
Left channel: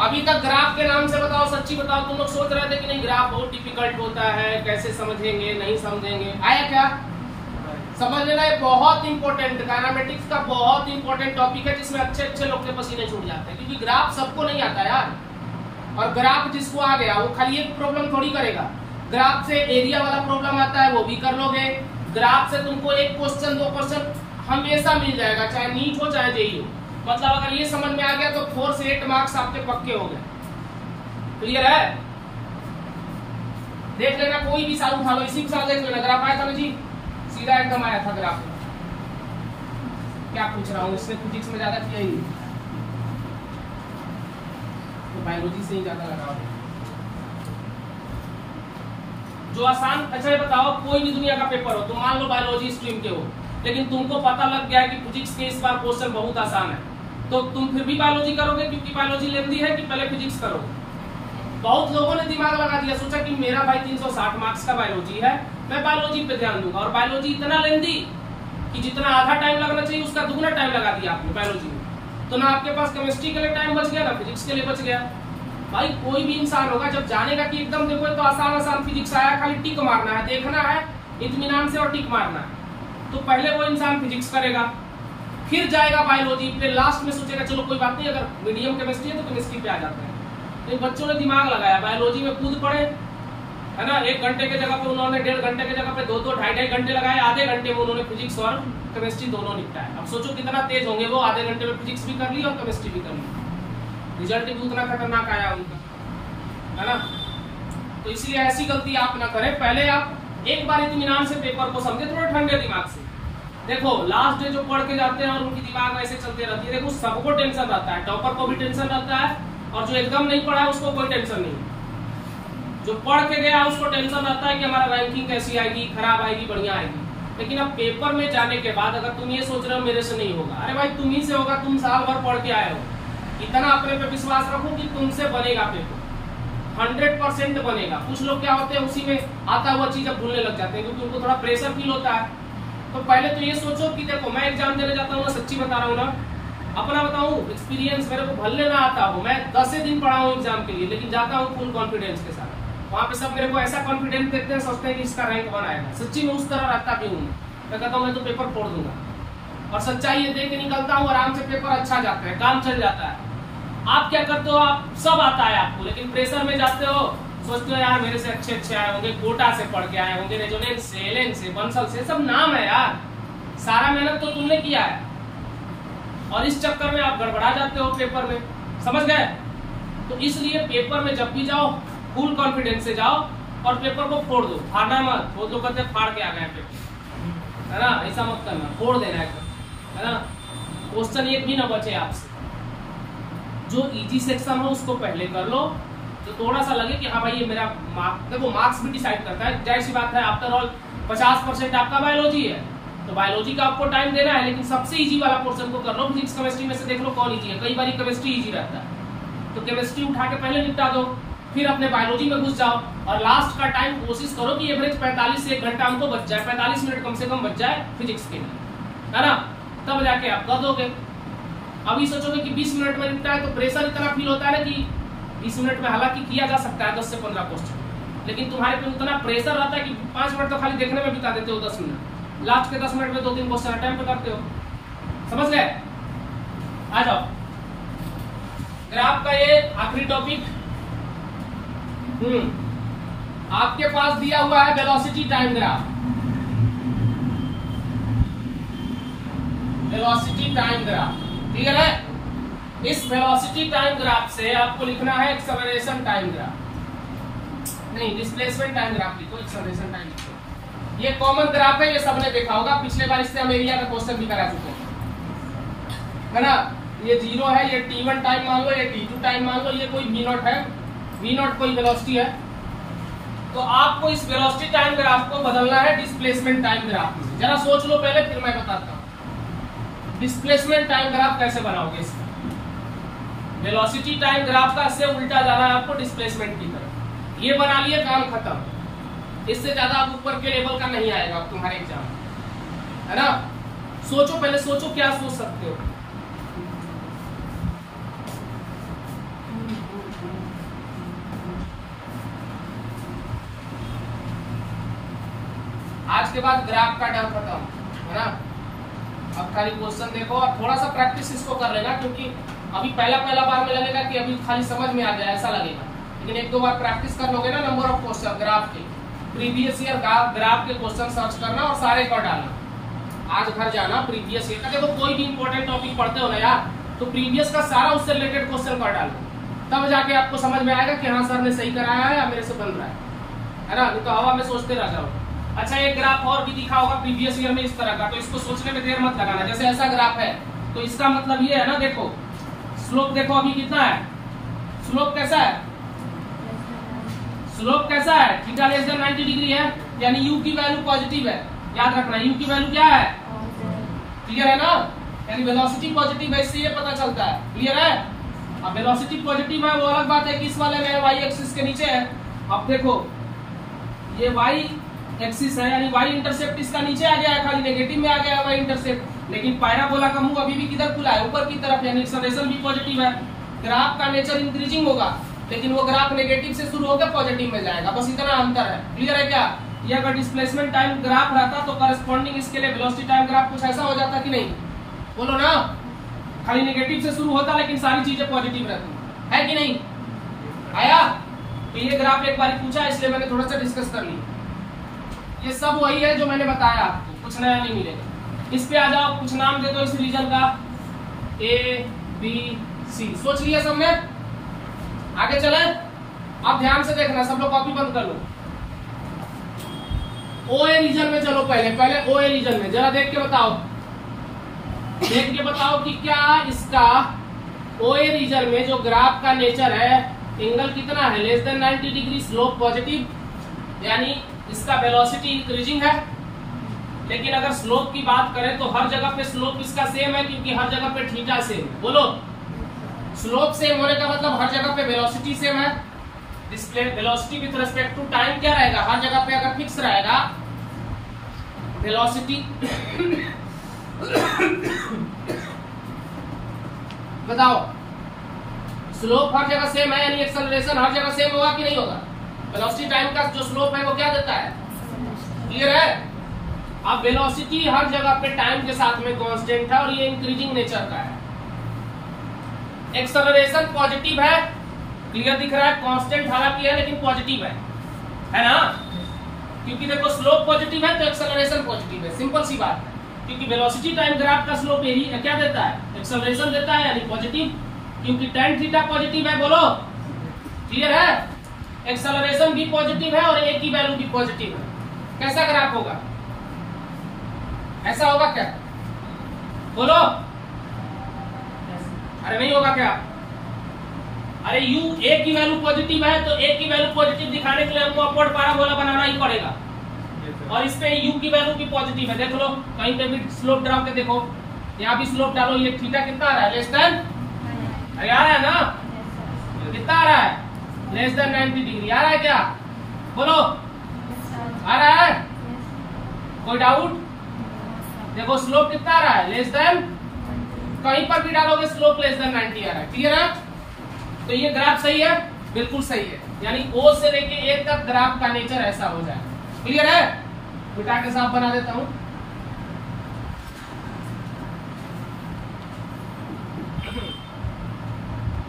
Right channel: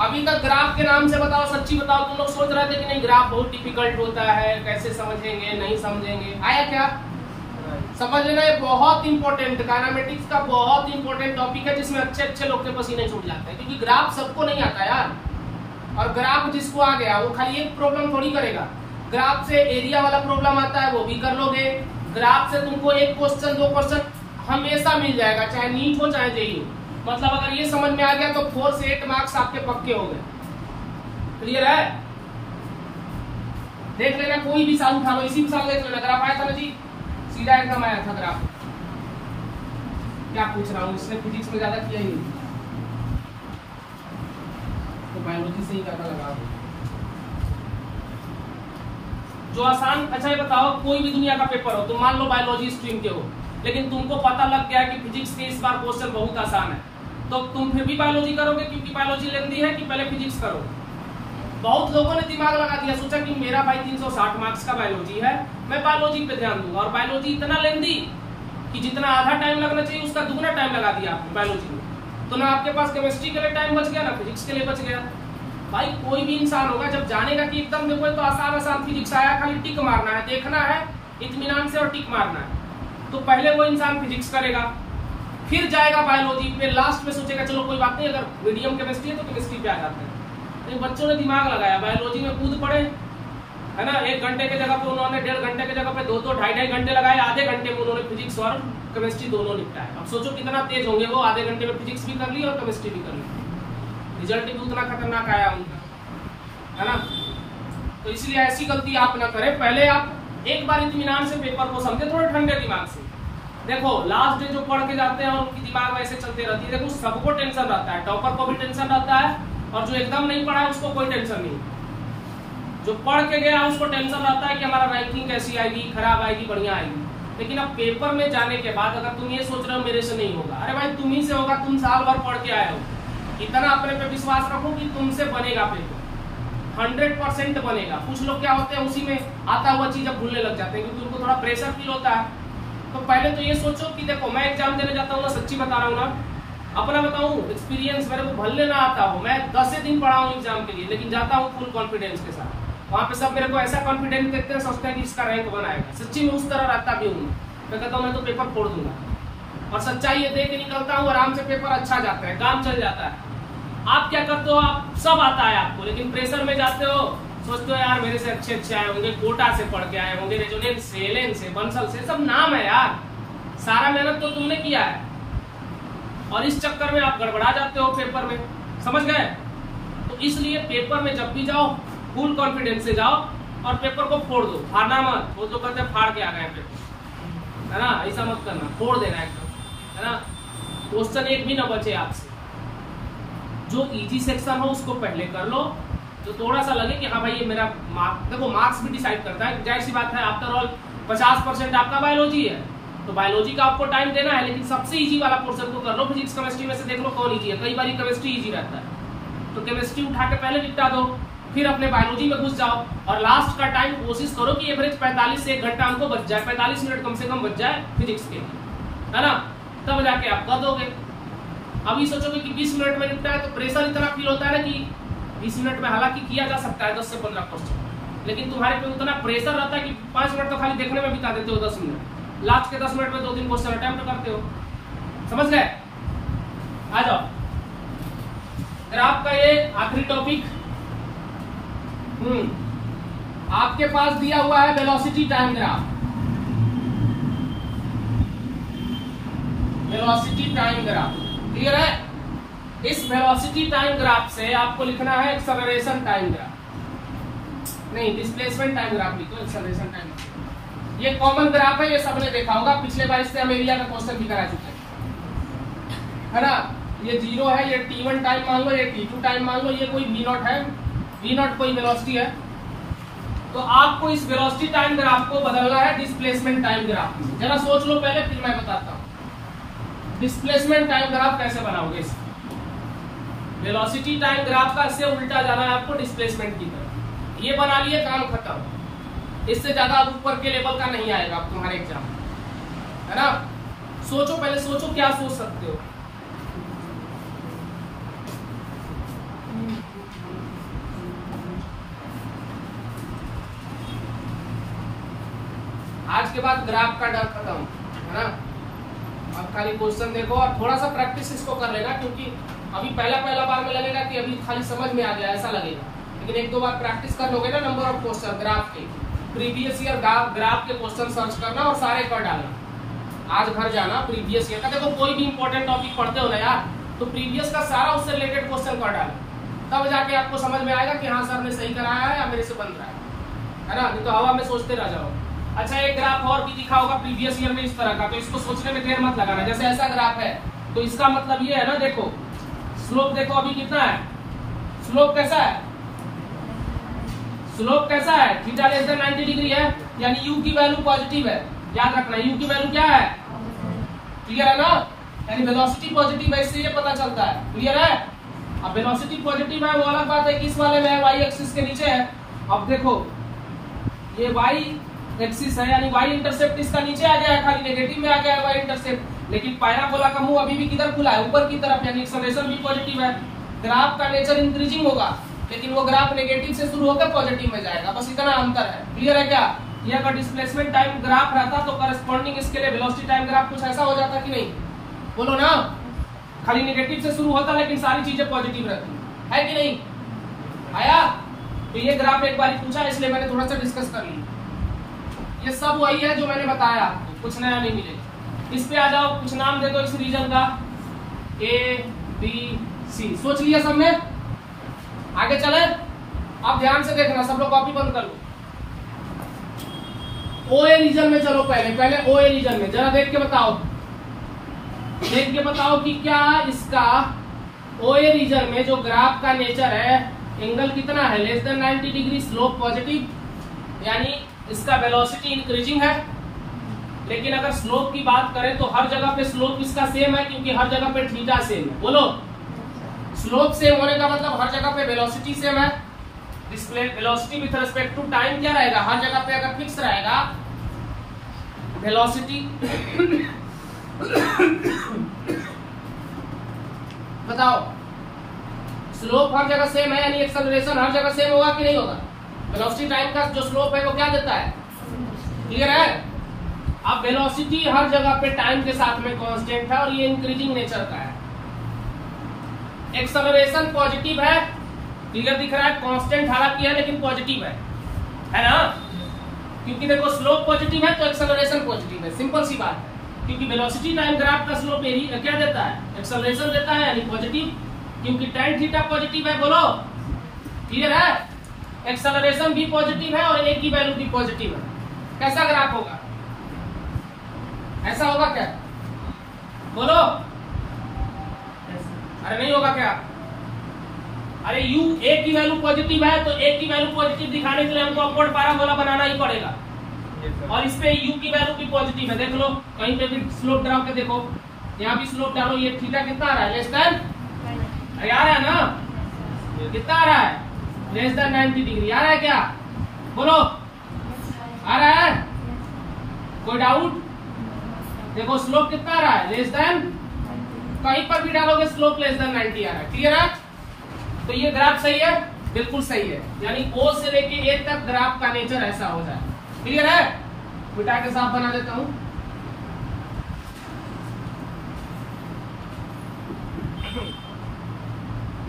अभी तक ग्राफ के नाम से बताओ, सच्ची बताओ, तुम लोग सोच रहे थे कि नहीं ग्राफ बहुत डिफिकल्ट होता है, कैसे समझेंगे, नहीं समझेंगे, आया क्या? समझ लेना, ये बहुत इंपॉर्टेंट, डायनामेटिक्स का बहुत इंपॉर्टेंट टॉपिक है, जिसमें अच्छे अच्छे लोग के पसीने छूट जाते हैं, क्योंकि ग्राफ सबको नहीं आता यार। और ग्राफ जिसको आ गया वो खाली एक प्रॉब्लम थोड़ी करेगा, ग्राफ से एरिया वाला प्रॉब्लम आता है वो भी कर लोगे। ग्राफ से तुमको एक क्वेश्चन, 2 क्वेश्चन हमेशा मिल जाएगा, चाहे नीट हो चाहे जेईई हो। मतलब अगर ये समझ में आ गया तो 4 से 8 मार्क्स आपके पक्के हो गए। क्लियर है? देख लेना, कोई भी साल उठा लो, इसी साल देख लेना, ग्राफ आया था ना जी, सीधा एकदम आया था ग्राफ। क्या पूछ रहा हूँ, इसने फिजिक्स में ज्यादा किया ही नहीं, तो बायोलॉजी से ही ज्यादा लगाओ जो आसान। अच्छा ये बताओ, कोई भी दुनिया का पेपर हो, तो मान लो बायोलॉजी स्ट्रीम के हो, लेकिन तुमको पता लग गया कि फिजिक्स के इस बार क्वेश्चन बहुत आसान है, तो तुम फिर भी बायोलॉजी करोगे क्योंकि बायोलॉजी लेंदी है, कि पहले फिजिक्स करोगे? बहुत लोगों ने दिमाग लगा दिया, सोचा कि मेरा भाई 360 मार्क्स का बायोलॉजी है, मैं बायोलॉजी पे ध्यान दूंगा, और बायोलॉजी इतना लेंदी कि जितना आधा टाइम लगना चाहिए उसका दुगना टाइम लगा दिया आपने बायोलॉजी में। तो ना आपके पास केमिस्ट्री के लिए टाइम बच गया, ना फिजिक्स के लिए बच गया। भाई कोई भी इंसान होगा जब जानेगा कि एकदम देखो तो आसान आसान फिजिक्स आया, खाली टिक मारना है, देखना है इत्मीनान से और टिक मारना है, तो पहले वो इंसान फिजिक्स करेगा, फिर जाएगा बायोलॉजी, फिर लास्ट में सोचेगा चलो कोई बात नहीं, अगर मीडियम केमिस्ट्री है तो केमिस्ट्री पे आ जाते हैं। लेकिन बच्चों ने दिमाग लगाया, बायोलॉजी में कूद पड़े, है ना। 1 घंटे के जगह पे उन्होंने 1.5 घंटे के जगह पे 2-2, 2.5 घंटे लगाए, आधे घंटे में उन्होंने फिजिक्स और केमिस्ट्री दोनों निपटाए। अब सोचो कितना तेज होंगे वो, आधे घंटे में फिजिक्स भी कर ली और केमिस्ट्री भी कर ली, रिजल्ट भी उतना खतरनाक आया उनका, है ना। तो इसलिए ऐसी गलती आप ना करें, पहले आप एक बार इत्मीनान से पेपर को समझे, थोड़े ठंडे दिमाग से। देखो लास्ट डे जो पढ़ के जाते हैं और उनकी दिमाग में ऐसे चलते रहती है, देखो सबको टेंशन रहता है, टॉपर को भी टेंशन रहता है, और जो एकदम नहीं पढ़ा है उसको कोई टेंशन नहीं। जो पढ़ के गया उसको टेंशन रहता है कि हमारा रैंकिंग कैसी आएगी, खराब आएगी, बढ़िया आएगी। लेकिन अब पेपर में जाने के बाद अगर तुम ये सोच रहे हो मेरे से नहीं होगा, अरे भाई तुम ही से होगा, तुम साल भर पढ़ के आए हो, इतना अपने पे विश्वास रखो कि तुमसे बनेगा पेपर, 100% बनेगा। कुछ लोग क्या होते हैं, उसी में आता हुआ चीज अब भूलने लग जाते हैं, क्योंकि उनको थोड़ा प्रेशर फील होता है। तो पहले तो ये सोचो कि देखो मैं एग्जाम देने जाता हूँ ना, सच्ची बता रहा हूँ ना, अपना बताऊँ एक्सपीरियंस, मेरे को भले ना आता हो, मैं 10 दिन पढ़ा हूँ एग्जाम के लिए, लेकिन जाता हूँ फुल कॉन्फिडेंस के साथ। वहाँ पे सब मेरे को ऐसा कॉन्फिडेंस देखते हैं, सोचते हैं कि इसका रैंक बनाएगा। सच्ची में उस तरह रहता भी हूँ, मैं कहता हूँ मैं तो पेपर फोड़ दूंगा, और सच्चाई ये देख के निकलता हूँ, आराम से पेपर अच्छा जाता है, काम चल जाता है। आप क्या करते हो, आप सब आता है आपको, लेकिन प्रेशर में जाते हो, सोचते हो यार मेरे से अच्छे आए होंगे, कोटा से पढ़ के आए होंगे, रेजोनेंस से, एलेन से, बंसल से, सब नाम है यार, सारा मेहनत तो तुमने किया है, और इस चक्कर में आप गड़बड़ा जाते हो पेपर में, समझ गए। तो इसलिए पेपर में जब भी जाओ फुल कॉन्फिडेंस से जाओ, और पेपर को फोड़ दो, फाड़ना मत। वो तो कहते फाड़ के आ गए पेपर, है ना, ऐसा मत करना, फोड़ देना एकदम, है ना। क्वेश्चन एक भी ना बचे आपसे, जो इजी सेक्शन हो उसको पहले कर लो, तो थोड़ा सा लगे कि हाँ भाई ये मेरा मार्क्स, देखो मार्क्स भी डिसाइड करता है, जाहिर सी बात है, आफ्टर ऑल 50% आपका बायोलॉजी है, तो बायोलॉजी का आपको टाइम देना है, लेकिन सबसे इजी वाला पोर्शन को कर लो। फिजिक्स केमिस्ट्री में से देख लो कौन इजी है। कई बार केमिस्ट्री इजी रहता है, तो केमिस्ट्री उठा के पहले निपटा दो, फिर अपने बायोलॉजी में घुस जाओ, और लास्ट का टाइम कोशिश करो कि एवरेज 45 से 1 घंटा हमको बच जाए, 45 मिनट कम से कम बच जाए फिजिक्स के लिए, है ना। तब जाके आप कर दोगे। अभी सोचोगे कि 20 मिनट में निपटा है, तो प्रेशर इतना फील होता है ना कि 20 मिनट में हालांकि किया जा सकता है 10 से 15 क्वेश्चन, लेकिन तुम्हारे पे उतना प्रेशर रहता है कि 5 मिनट तो खाली देखने में बिता देते हो, 10 मिनट, लास्ट के 10 मिनट में 2-3 क्वेश्चन अटेम्प्ट करते हो। समझ गए? आ जाओ, ग्राफ का ये आखिरी टॉपिक। आपके पास दिया हुआ है velocity time graph. Velocity time graph clear है? इस वेलोसिटी टाइम ग्राफ से आपको लिखना है एक्सेलरेशन टाइम ग्राफ, नहीं डिस्प्लेसमेंट टाइम ग्राफ लिखो, एक्सेलरेशन टाइम ग्राफ। ये कॉमन ग्राफ है, ये सबने देखा होगा, पिछले बार इससे हम एरिया का क्वेश्चन भी करा चुके हैं, है ना। ये 0 है, ये t1 टाइम मान लो, ये t2 टाइम मान लो, ये कोई v0 है, v0 कोई वेलोसिटी है। तो आपको इस वेलोसिटी टाइम ग्राफ को बदलना है डिस्प्लेसमेंट टाइम ग्राफ में। जरा सोच लो पहले, फिर मैं बताता हूँ डिस्प्लेसमेंट टाइम ग्राफ कैसे बनाओगे। वेलोसिटी टाइम ग्राफ का से उल्टा जाना है आपको डिस्प्लेसमेंट की तरफ। ये बना लिए, काम खत्म। इससे ज्यादा अब ऊपर के लेवल का नहीं आएगा अब तुम्हारे एग्जाम, है ना। सोचो पहले, सोचो क्या सोच सकते हो। आज के बाद ग्राफ का डर खत्म, है ना। अब खाली क्वेश्चन देखो और थोड़ा सा प्रैक्टिस इसको कर लेना, क्योंकि अभी पहला बार में लगेगा कि अभी खाली समझ में आ गया, ऐसा लगेगा, लेकिन 1-2 बार प्रैक्टिस कर लोगे ना, नंबर ऑफ क्वेश्चन ग्राफ के, प्रीवियस ईयर ग्राफ के क्वेश्चन सर्च करना और सारे कर डालना। आज घर जाना प्रीवियस ईयर का, देखो कोई भी इंपॉर्टेंट टॉपिक पढ़ते हो ना यार, तो प्रीवियस का सारा उससे रिलेटेड क्वेश्चन कर डालो, तब जाके आपको समझ में आएगा कि हाँ सर ने सही कराया है या मेरे से बन रहा है ना। नहीं तो हवा में सोचते रह जाओ। अच्छा, एक ग्राफ और भी दिखा होगा प्रीवियस ईयर में इस तरह का, तो इसको सोचने में देर मत लगाना। जैसे ऐसा ग्राफ है तो इसका मतलब ये है ना, देखो स्लोप देखो अभी कितना है, स्लोप कैसा है, स्लोप कैसा है, थीटा लेस देन 90 डिग्री है, यानी u की वैल्यू पॉजिटिव है। याद रखना u की वैल्यू क्या है, क्लियर है ना, यानी वेलोसिटी पॉजिटिव है, इससे ये पता चलता है। क्लियर है? अब वेलोसिटी पॉजिटिव है वो अलग बात है कि इस वाले में y एक्सिस के नीचे है। अब देखो ये y एक्सिस है, यानी y इंटरसेप्ट इसका नीचे आ गया है, खाली नेगेटिव में आ गया है y इंटरसेप्ट, लेकिन पैराबोला का मुंह अभी भी किधर खुला है, ऊपर की तरफ, यानी एक्सेलरेशन भी पॉजिटिव है। ग्राफ का नेचर इंक्रीजिंग होगा, लेकिन वो ग्राफ नेगेटिव से शुरू होकर पॉजिटिव में जाएगा, बस इतना अंतर है। क्लियर है क्या? ये अगर डिस्प्लेसमेंट टाइम ग्राफ रहता तो करस्पॉन्डिंग इसके लिए वेलोसिटी टाइम ग्राफ कुछ ऐसा हो जाता कि नहीं, बोलो ना। खाली नेगेटिव से शुरू होता लेकिन सारी चीजें पॉजिटिव रहती, है कि नहीं? आया? तो ये ग्राफ एक बार पूछा, इसलिए मैंने थोड़ा सा डिस्कस कर लिया। ये सब वही है जो मैंने बताया आपको, कुछ नया नहीं मिलेगा। इस पे आ जाओ, कुछ नाम दे दो इस रीजन का, A, B, C। सोच लिया सबने? आगे चले। आप ध्यान से देखना, सब लोग कॉपी बंद कर लो। OA रीजन में चलो, पहले OA रीजन में जरा देख के बताओ, देख के बताओ कि क्या इसका OA रीजन में जो ग्राफ का नेचर है, एंगल कितना है, less than 90 degree, slope positive, यानी इसका वेलोसिटी इंक्रीजिंग है। लेकिन अगर स्लोप की बात करें तो हर जगह पे स्लोप इसका सेम है, क्योंकि हर जगह पे थीटा सेम है। बोलो, स्लोप सेम होने का मतलब हर जगह पे वेलोसिटी सेम है। Display velocity with respect to time क्या रहेगा, हर जगह पे अगर फिक्स रहेगा वेलोसिटी बताओ, स्लोप हर जगह सेम है, यानी एक्सेलरेशन हर जगह सेम होगा कि नहीं होगा। वेलोसिटी टाइम का जो स्लोप है वो क्या देता है, क्लियर है? अब वेलोसिटी हर जगह पे टाइम के साथ में कांस्टेंट है और ये इंक्रीजिंग नेचर का है। एक्सेलरेशन पॉजिटिव है, क्लियर दिख रहा है, कांस्टेंट हालांकि है लेकिन पॉजिटिव है ना, क्योंकि देखो स्लोप पॉजिटिव है तो एक्सेलरेशन पॉजिटिव है, सिंपल सी बात है। क्योंकि वेलोसिटी टाइम ग्राफ का स्लोप यही क्या देता है, एक्सेलरेशन देता है, यानी पॉजिटिव, क्योंकि tan थीटा पॉजिटिव है। बोलो, क्लियर है? एक्सेलरेशन भी पॉजिटिव है और a की वैल्यू भी पॉजिटिव है। कैसा ग्राफ होगा, ऐसा होगा क्या, बोलो? अरे नहीं होगा क्या? अरे a की वैल्यू पॉजिटिव है तो a की वैल्यू पॉजिटिव दिखाने के लिए हमको अपवर्ड पैराबोला बनाना ही पड़ेगा। और इस पे u की वैल्यू भी पॉजिटिव है, देख लो कहीं पे भी स्लोप ड्रा के देखो, यहाँ भी स्लोप डालो, ये थीटा कितना आ रहा है, लेस देन आ रहा है ना, कितना आ रहा है, लेस देन 90 डिग्री आ रहा है क्या, बोलो आ रहा है, कोई डाउट, देखो स्लोप कितना आ रहा है, लेस देन, कहीं पर भी डालोगे स्लोप लेस देन 90 आ रहा है, क्लियर है। तो ये ग्राफ सही है, बिल्कुल सही है, यानी O से लेके A तक ग्राफ का नेचर ऐसा हो जाए, क्लियर है। बिटा के साफ बना देता हूं,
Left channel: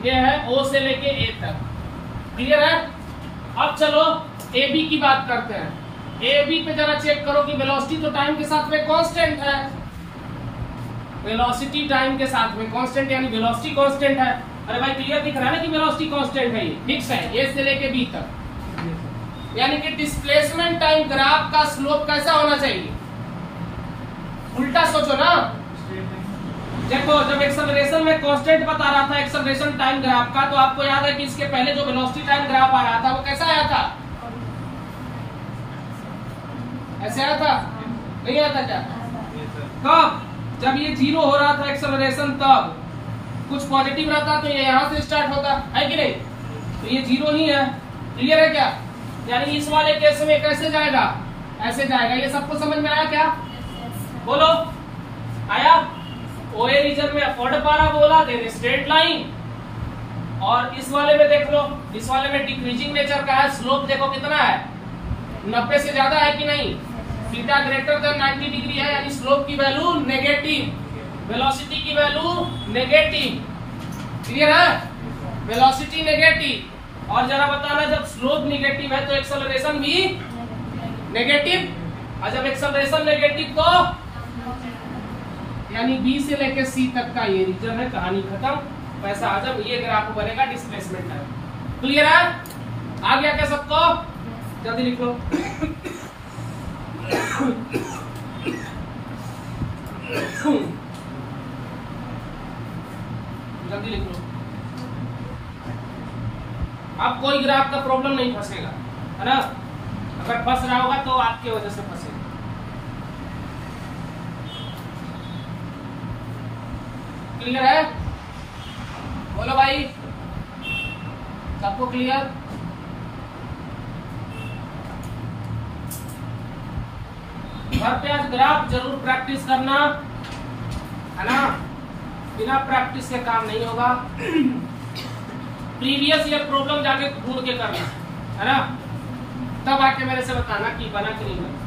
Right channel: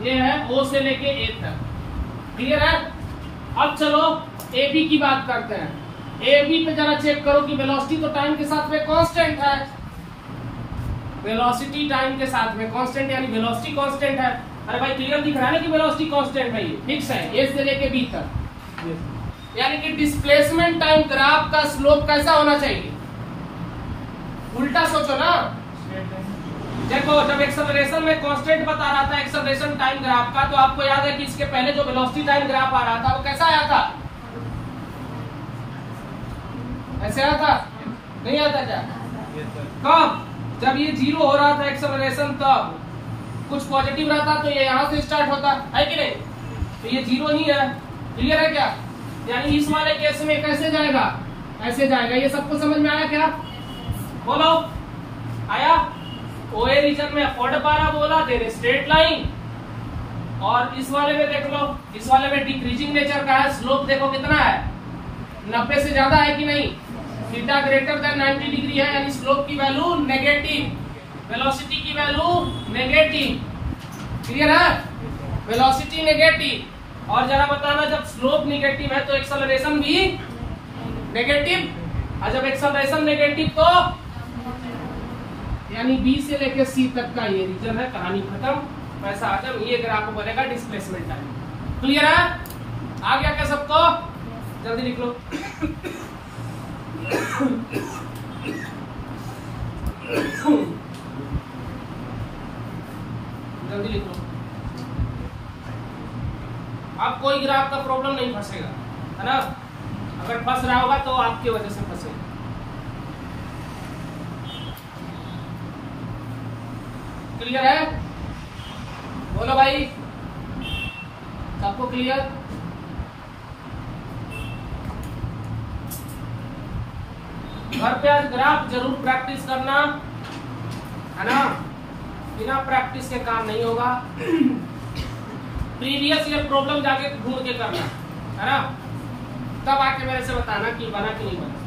ये है O से लेके A तक, क्लियर है। अब चलो AB की बात करते हैं, AB पे जरा चेक करो कि वेलोसिटी तो टाइम के साथ में कांस्टेंट है, वेलोसिटी टाइम के साथ में कांस्टेंट यानी वेलोसिटी कांस्टेंट है। अरे भाई क्लियर दिख रहा है ना कि वेलोसिटी कांस्टेंट है, ये फिक्स है A से लेके B तक, यानी कि डिस्प्लेसमेंट टाइम ग्राफ का स्लोप कैसा होना चाहिए, उल्टा सोचो ना, देखो जब एक्सेलरेशन में कांस्टेंट बता रहा था एक्सेलरेशन टाइम ग्राफ का, तो आपको याद है कि इसके पहले जो वेलोसिटी टाइम ग्राफ आ रहा था वो कैसा आया था, ऐसे आया था, नहीं आया था क्या, कब, जब ये 0 हो रहा था एक्सेलरेशन, तब कुछ पॉजिटिव रहता तो ये यहाँ से स्टार्ट होता है कि नहीं, तो ये 0 ही है, क्लियर है क्या। यानी इस वाले केस में कैसे जाएगा, ऐसे जाएगा, ये सबको समझ में आया क्या, बोलो आया। OA रीजन में upward parabola then straight line, और इस वाले में देख लो, इस वाले में डिक्रीजिंग नेचर का है, स्लोप देखो कितना है, 90 से ज्यादा है कि नहीं, थीटा ग्रेटर देन 90 डिग्री है, यानी स्लोप की वैल्यू नेगेटिव, वेलोसिटी की वैल्यू नेगेटिव, क्लियर है, वेलोसिटी नेगेटिव। और जरा बताना जब स्लोप नेगेटिव है तो एक्सेलरेशन भी नेगेटिव, और जब एक्सेलरेशन नेगेटिव तो यानी B से लेके C तक का ये रीजन है, कहानी खत्म, पैसा आजम, ये ग्राफ बनेगा डिस्प्लेसमेंट टाइम, क्लियर है, आ गया क्या सबको, जल्दी लिख लो जल्दी लिख लो। अब कोई ग्राफ का प्रॉब्लम नहीं फंसेगा, है ना, अगर फंस रहा होगा तो आपकी वजह से फंसेगा। क्लियर है, बोलो भाई, सबको क्लियर, घर पे आज ग्राफ जरूर प्रैक्टिस करना, है ना, बिना प्रैक्टिस के काम नहीं होगा। प्रीवियस ईयर प्रॉब्लम जाके ढूंढ के करना, है ना, तब आके मेरे से बताना कि बना कि नहीं बना।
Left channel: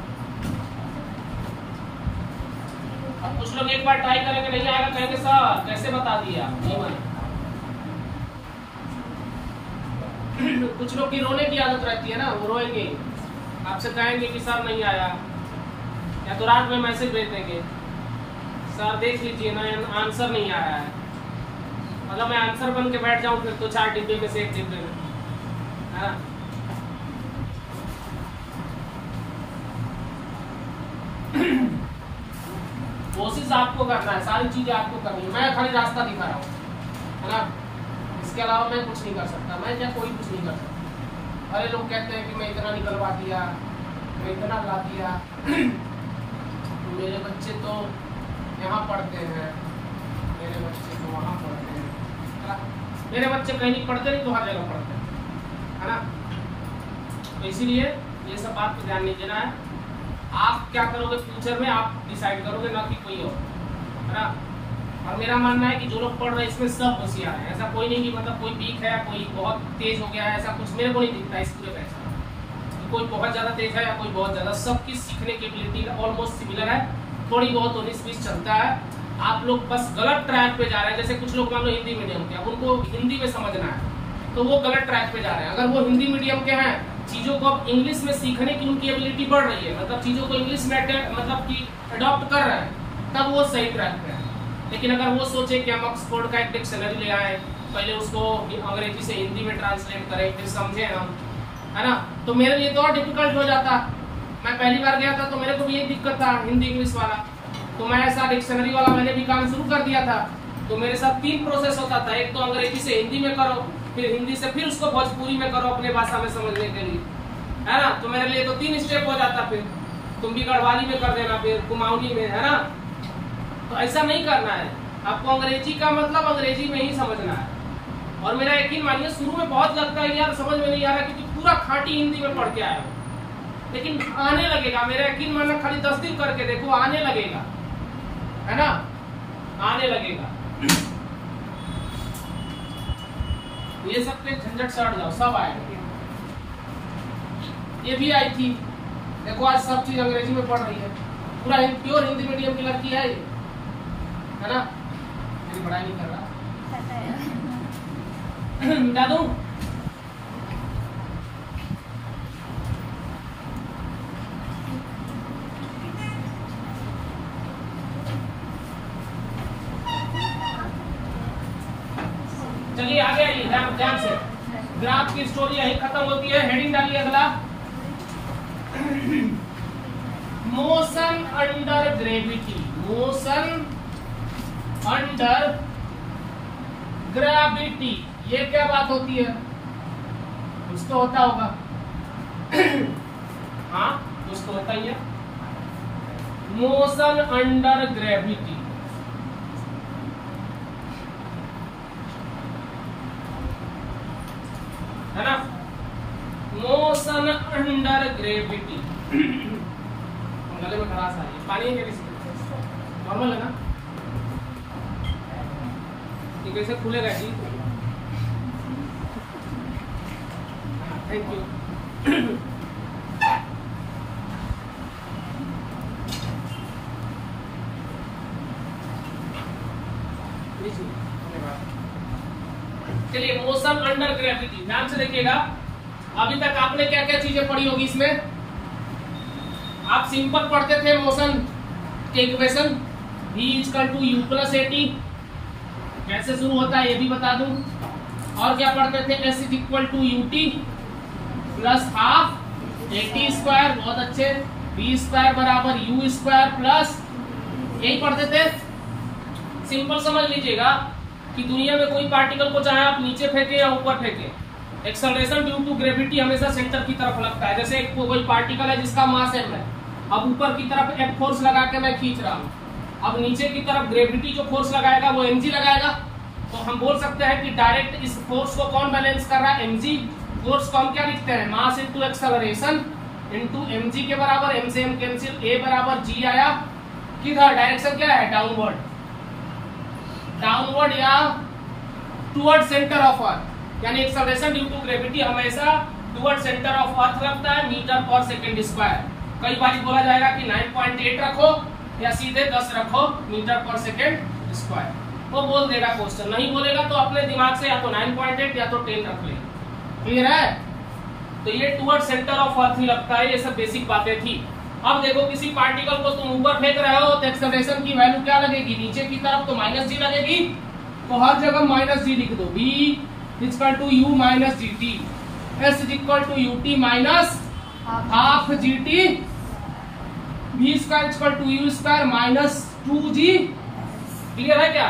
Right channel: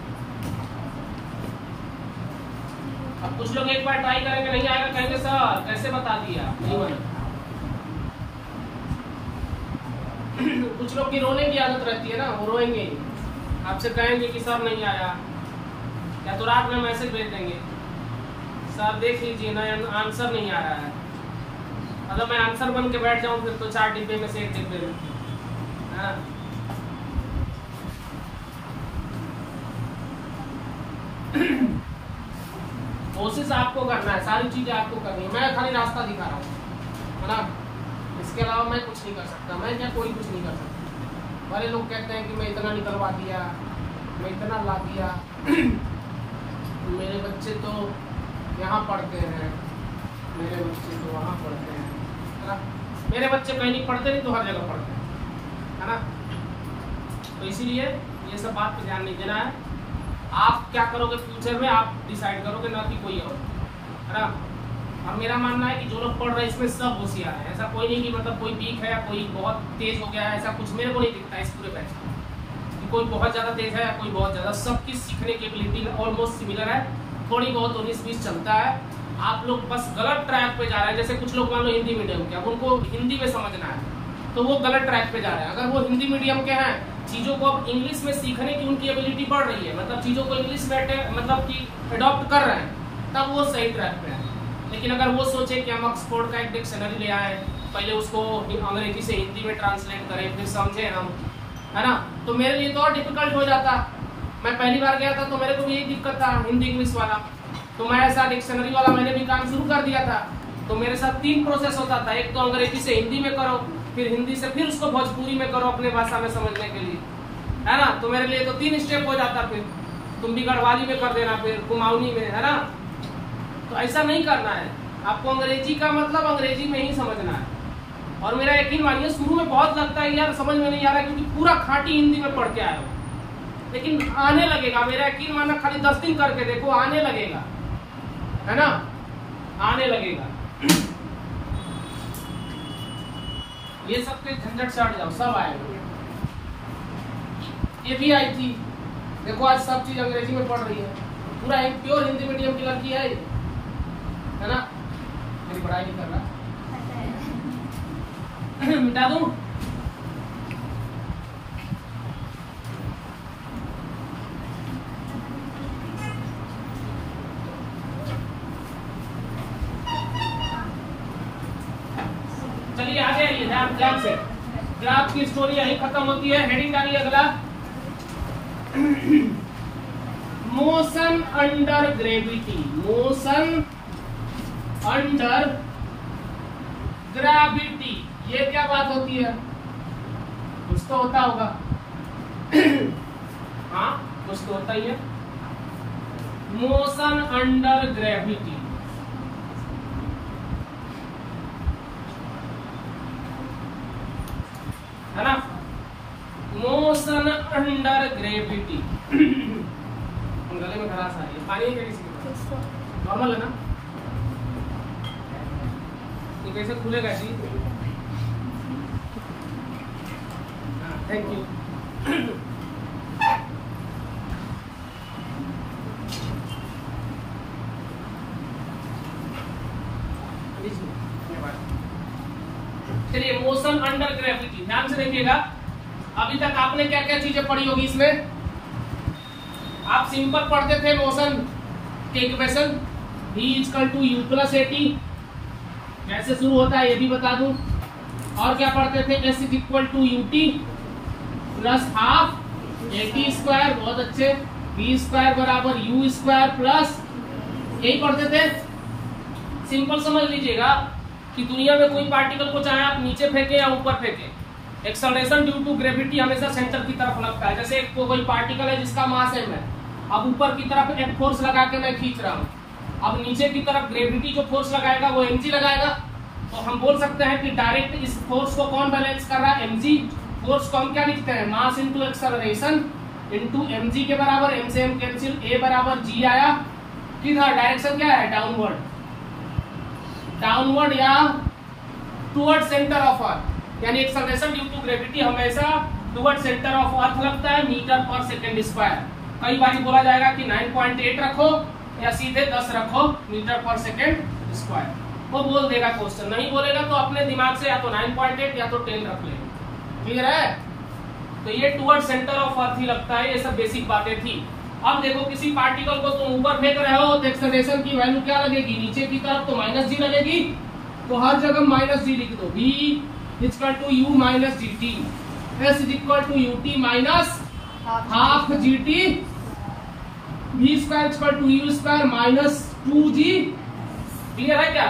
अब कुछ लोग एक बार ट्राई करेंगे, नहीं आएगा, कहेंगे सर कैसे बता दिया, नहीं बना। कुछ लोग की रोने की आदत रहती है ना, वो रोएंगे, आपसे कहेंगे कि सर नहीं आया, या तो रात में मैसेज भेज देंगे, सर देख लीजिए ना आंसर नहीं आ रहा है, मतलब मैं आंसर बन के बैठ जाऊं फिर तो 4 डिब्बे में से 1 डिब्बे में, है ना। कोशिश आपको करना है, सारी चीजें आपको करनी है, मैं खाली रास्ता दिखा रहा हूँ, है ना, इसके अलावा मैं कुछ नहीं कर सकता, मैं क्या कोई कुछ नहीं कर सकता। वाले लोग कहते हैं कि मैं इतना निकलवा दिया, मैं इतना ला दिया, मेरे बच्चे तो यहाँ पढ़ते हैं, मेरे बच्चे तो वहाँ पढ़ते हैं, है ना, मेरे बच्चे कहीं नहीं पढ़ते, नहीं तो हर जगह पढ़ते हैं, है ना। तो इसीलिए ये सब बात पे ध्यान नहीं देना है, आप क्या करोगे फ्यूचर में आप डिसाइड करोगे, ना कि कोई और, है ना। अब मेरा मानना है कि जो लोग पढ़ रहे हैं इसमें सब होशियार है, ऐसा कोई नहीं कि मतलब कोई वीक है, कोई बहुत तेज हो गया है, ऐसा कुछ मेरे को नहीं दिखता है इस पूरे बैच में, कोई बहुत ज्यादा तेज है, कोई बहुत ज्यादा, सबकी सीखने की एबिलिटी ऑलमोस्ट सिमिलर है, थोड़ी बहुत 19-20 चलता है। आप लोग बस गलत ट्रैक पे जा रहे हैं, जैसे कुछ लोग मान लो हिंदी मीडियम के, अब उनको हिंदी में समझना है तो वो गलत ट्रैक पे जा रहे हैं। अगर वो हिंदी मीडियम के हैं, चीजों को अब इंग्लिश में सीखने की उनकी एबिलिटी बढ़ रही है, मतलब चीजों को इंग्लिश में मतलब कि अडॉप्ट कर रहे हैं, तब वो सही ट्रैक पे है। लेकिन अगर वो सोचे कि हम ऑक्सफोर्ड का एक डिक्शनरी ले आए, पहले उसको अंग्रेजी से हिंदी में ट्रांसलेट करें, फिर समझे हम, है ना, तो मेरे लिए तो और डिफिकल्ट हो जाता। मैं पहली बार गया था तो मेरे को भी एक दिक्कत था हिंदी इंग्लिश वाला, तो मैं ऐसा डिक्शनरी वाला मैंने भी काम शुरू कर दिया था। तो मेरे साथ 3 प्रोसेस होता था, एक तो अंग्रेजी से हिंदी में करो, फिर हिंदी से फिर उसको भोजपुरी में करो अपने भाषा में समझने के लिए, है ना। तो मेरे लिए तो 3 स्टेप हो जाता फिर, तुम भी गढ़वाली में कर देना, फिर कुमाऊनी में, है ना। तो ऐसा नहीं करना है, आपको अंग्रेजी का मतलब अंग्रेजी में ही समझना है। और मेरा यकीन मानिए शुरू में बहुत लगता है यार समझ में नहीं आ रहा, क्योंकि पूरा खाटी हिंदी में पढ़ के आए हो, लेकिन आने लगेगा। मेरा यकीन मानना, खाली 10 दिन करके देखो, आने लगेगा, है ना, आने लगेगा। ये सब के झंझट से हट जाओ, सब आएगा। ये भी आई थी, देखो आज सब चीज अंग्रेजी में पढ़ रही है, पूरा प्योर हिंदी मीडियम की लड़की है ना। मेरी पढ़ाई नहीं कर रहा, मिटा दूं? चलिए आगे ध्यान से। ग्राफ की स्टोरी यही खत्म होती है। हेडिंग डालिए अगला, motion under gravity. Motion under gravity, ये क्या बात होती है? कुछ तो होता होगा। हाँ, कुछ तो होता ही है। मोशन अंडर ग्रेविटी, है ना। Motion under gravity. गले में खराश आ रही है, पानी नॉर्मल है ना? ये कैसे खुलेगा जी? Thank you. चलिए, मोशन अंडर ग्रेविटी ध्यान से देखिएगा। अभी तक आपने क्या क्या चीजें पढ़ी होगी इसमें? आप सिंपल पढ़ते थे मोशन के इक्वेशन, v = u + at, कैसे शुरू होता है ये भी बता दूं। और क्या पढ़ते थे? s = ut + ½ at², बहुत अच्छे। v² = u² प्लस, यही पढ़ते थे। सिंपल समझ लीजिएगा कि दुनिया में कोई पार्टिकल को चाहे आप नीचे फेंके या ऊपर फेंके, एक्सेलरेशन ड्यू टू ग्रेविटी हमेशा सेंटर की तरफ लगता है। जैसे कोई पार्टिकल है जिसका मास m है, अब ऊपर की तरफ एक फोर्स लगा के मैं खींच रहा हूँ, अब नीचे की तरफ ग्रेविटी जो फोर्स लगाएगा वो mg लगाएगा। तो हम बोल सकते हैं कि डायरेक्ट इस फोर्स को कौन बैलेंस कर रहा है? mg। फोर्स को हम क्या लिखते हैं? Mass into acceleration into mg के बराबर। m से m कैंसिल, a बराबर g आया। किधर? डायरेक्शन क्या है? डाउनवर्ड, डाउनवर्ड या टुवर्ड सेंटर ऑफ अर्थ, यानी एक्सेलरेशन ड्यू टू ग्रेविटी हमेशा टुवर्ड सेंटर ऑफ अर्थ लगता है, मीटर पर सेकंड स्क्वायर। कई बार बोला जाएगा कि 9.8 रखो या सीधे 10 रखो मीटर पर सेकंड स्क्वायर, वो बोल देगा क्वेश्चन। नहीं बोलेगा तो अपने दिमाग से या तो 9.8 या तो 10 रख ले। क्लियर है? तो ये टुवर्ड सेंटर ऑफ अर्थ ही लगता है। ये सब बेसिक बातें थी। अब देखो, किसी पार्टिकल को तुम ऊपर फेंक रहे हो तो एक्सेलरेशन की वैल्यू क्या लगेगी? नीचे की तरफ तो -g लगेगी, तो हर जगह -g लिख दो। v = u - gt, s = ut - ½ gt, v² = u² - 2g। Clear है क्या?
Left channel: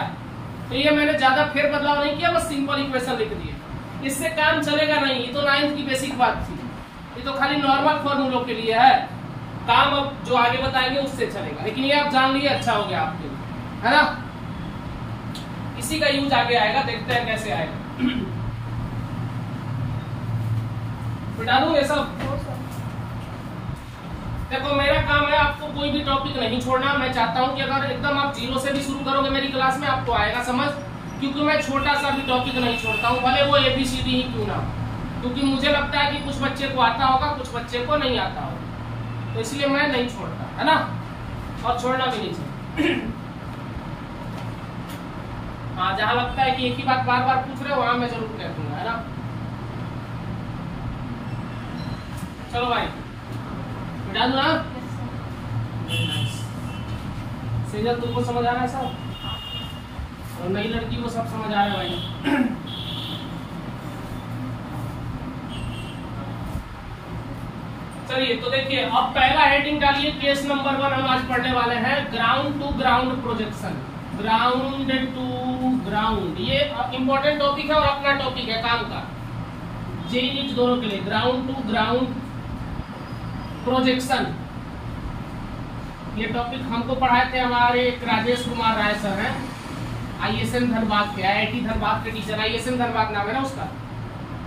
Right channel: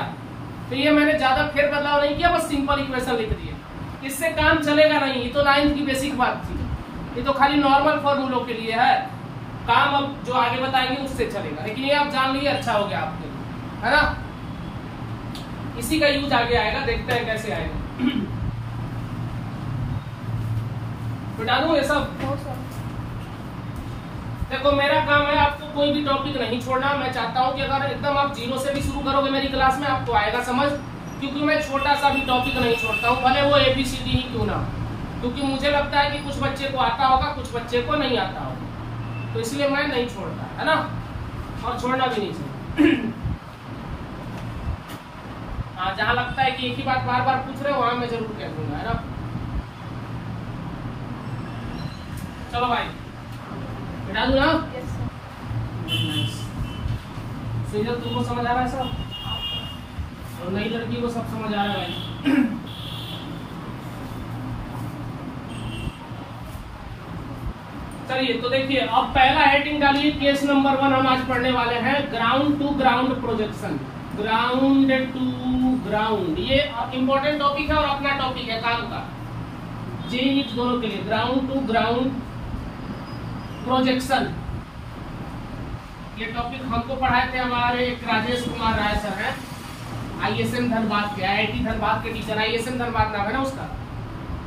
तो ये मैंने ज्यादा फेर बदलाव नहीं किया, बस सिंपल इक्वेशन लिख दिए। इससे काम चलेगा नहीं, ये तो 9th की बेसिक बात थी। ये तो खाली नॉर्मल फॉर्मूलों के लिए है, काम अब जो आगे बताएंगे उससे चलेगा। लेकिन ये आप जान लिए, अच्छा हो गया आपके लिए, है ना। इसी का यूज आगे आएगा, देखते हैं कैसे आएगा। बिटा दूं ये सब? देखो, मेरा काम है आपको कोई भी टॉपिक नहीं छोड़ना। मैं चाहता हूं कि अगर एकदम आप 0 से भी शुरू करोगे मेरी क्लास में, आपको आएगा समझ, क्योंकि मैं छोटा सा भी टॉपिक नहीं छोड़ता हूं, भले वो ABCD ही क्यों ना। क्योंकि मुझे लगता है कि कुछ बच्चे को आता होगा, कुछ बच्चे को नहीं आता होगा, तो इसलिए मैं नहीं छोड़ता, है ना, और छोड़ना भी नहीं चाहिए। हाँ, जहां लगता है कि एक ही बात बार बार पूछ रहे हो वहां मैं जरूर कह दूंगा, है ना। चलो भाई, बिठा दू ना। सीजन तुमको समझ आ रहा है सब, और नई लड़की को सब समझ आ रहा है भाई। चलिए, तो देखिए, अब पहला हेडिंग डालिए, केस नंबर 1 हम आज पढ़ने वाले हैं, ground to ground projection. Ground to ground, ये इंपॉर्टेंट टॉपिक है और अपना टॉपिक है काम का, जेईई दोनों के लिए। ग्राउंड टू ग्राउंड प्रोजेक्शन, ये टॉपिक हमको पढ़ाए थे हमारे एक राजेश कुमार राय सर हैं, ISM धनबाद के, IIT धनबाद के टीचर, ISM धनबाद नाम है ना उसका।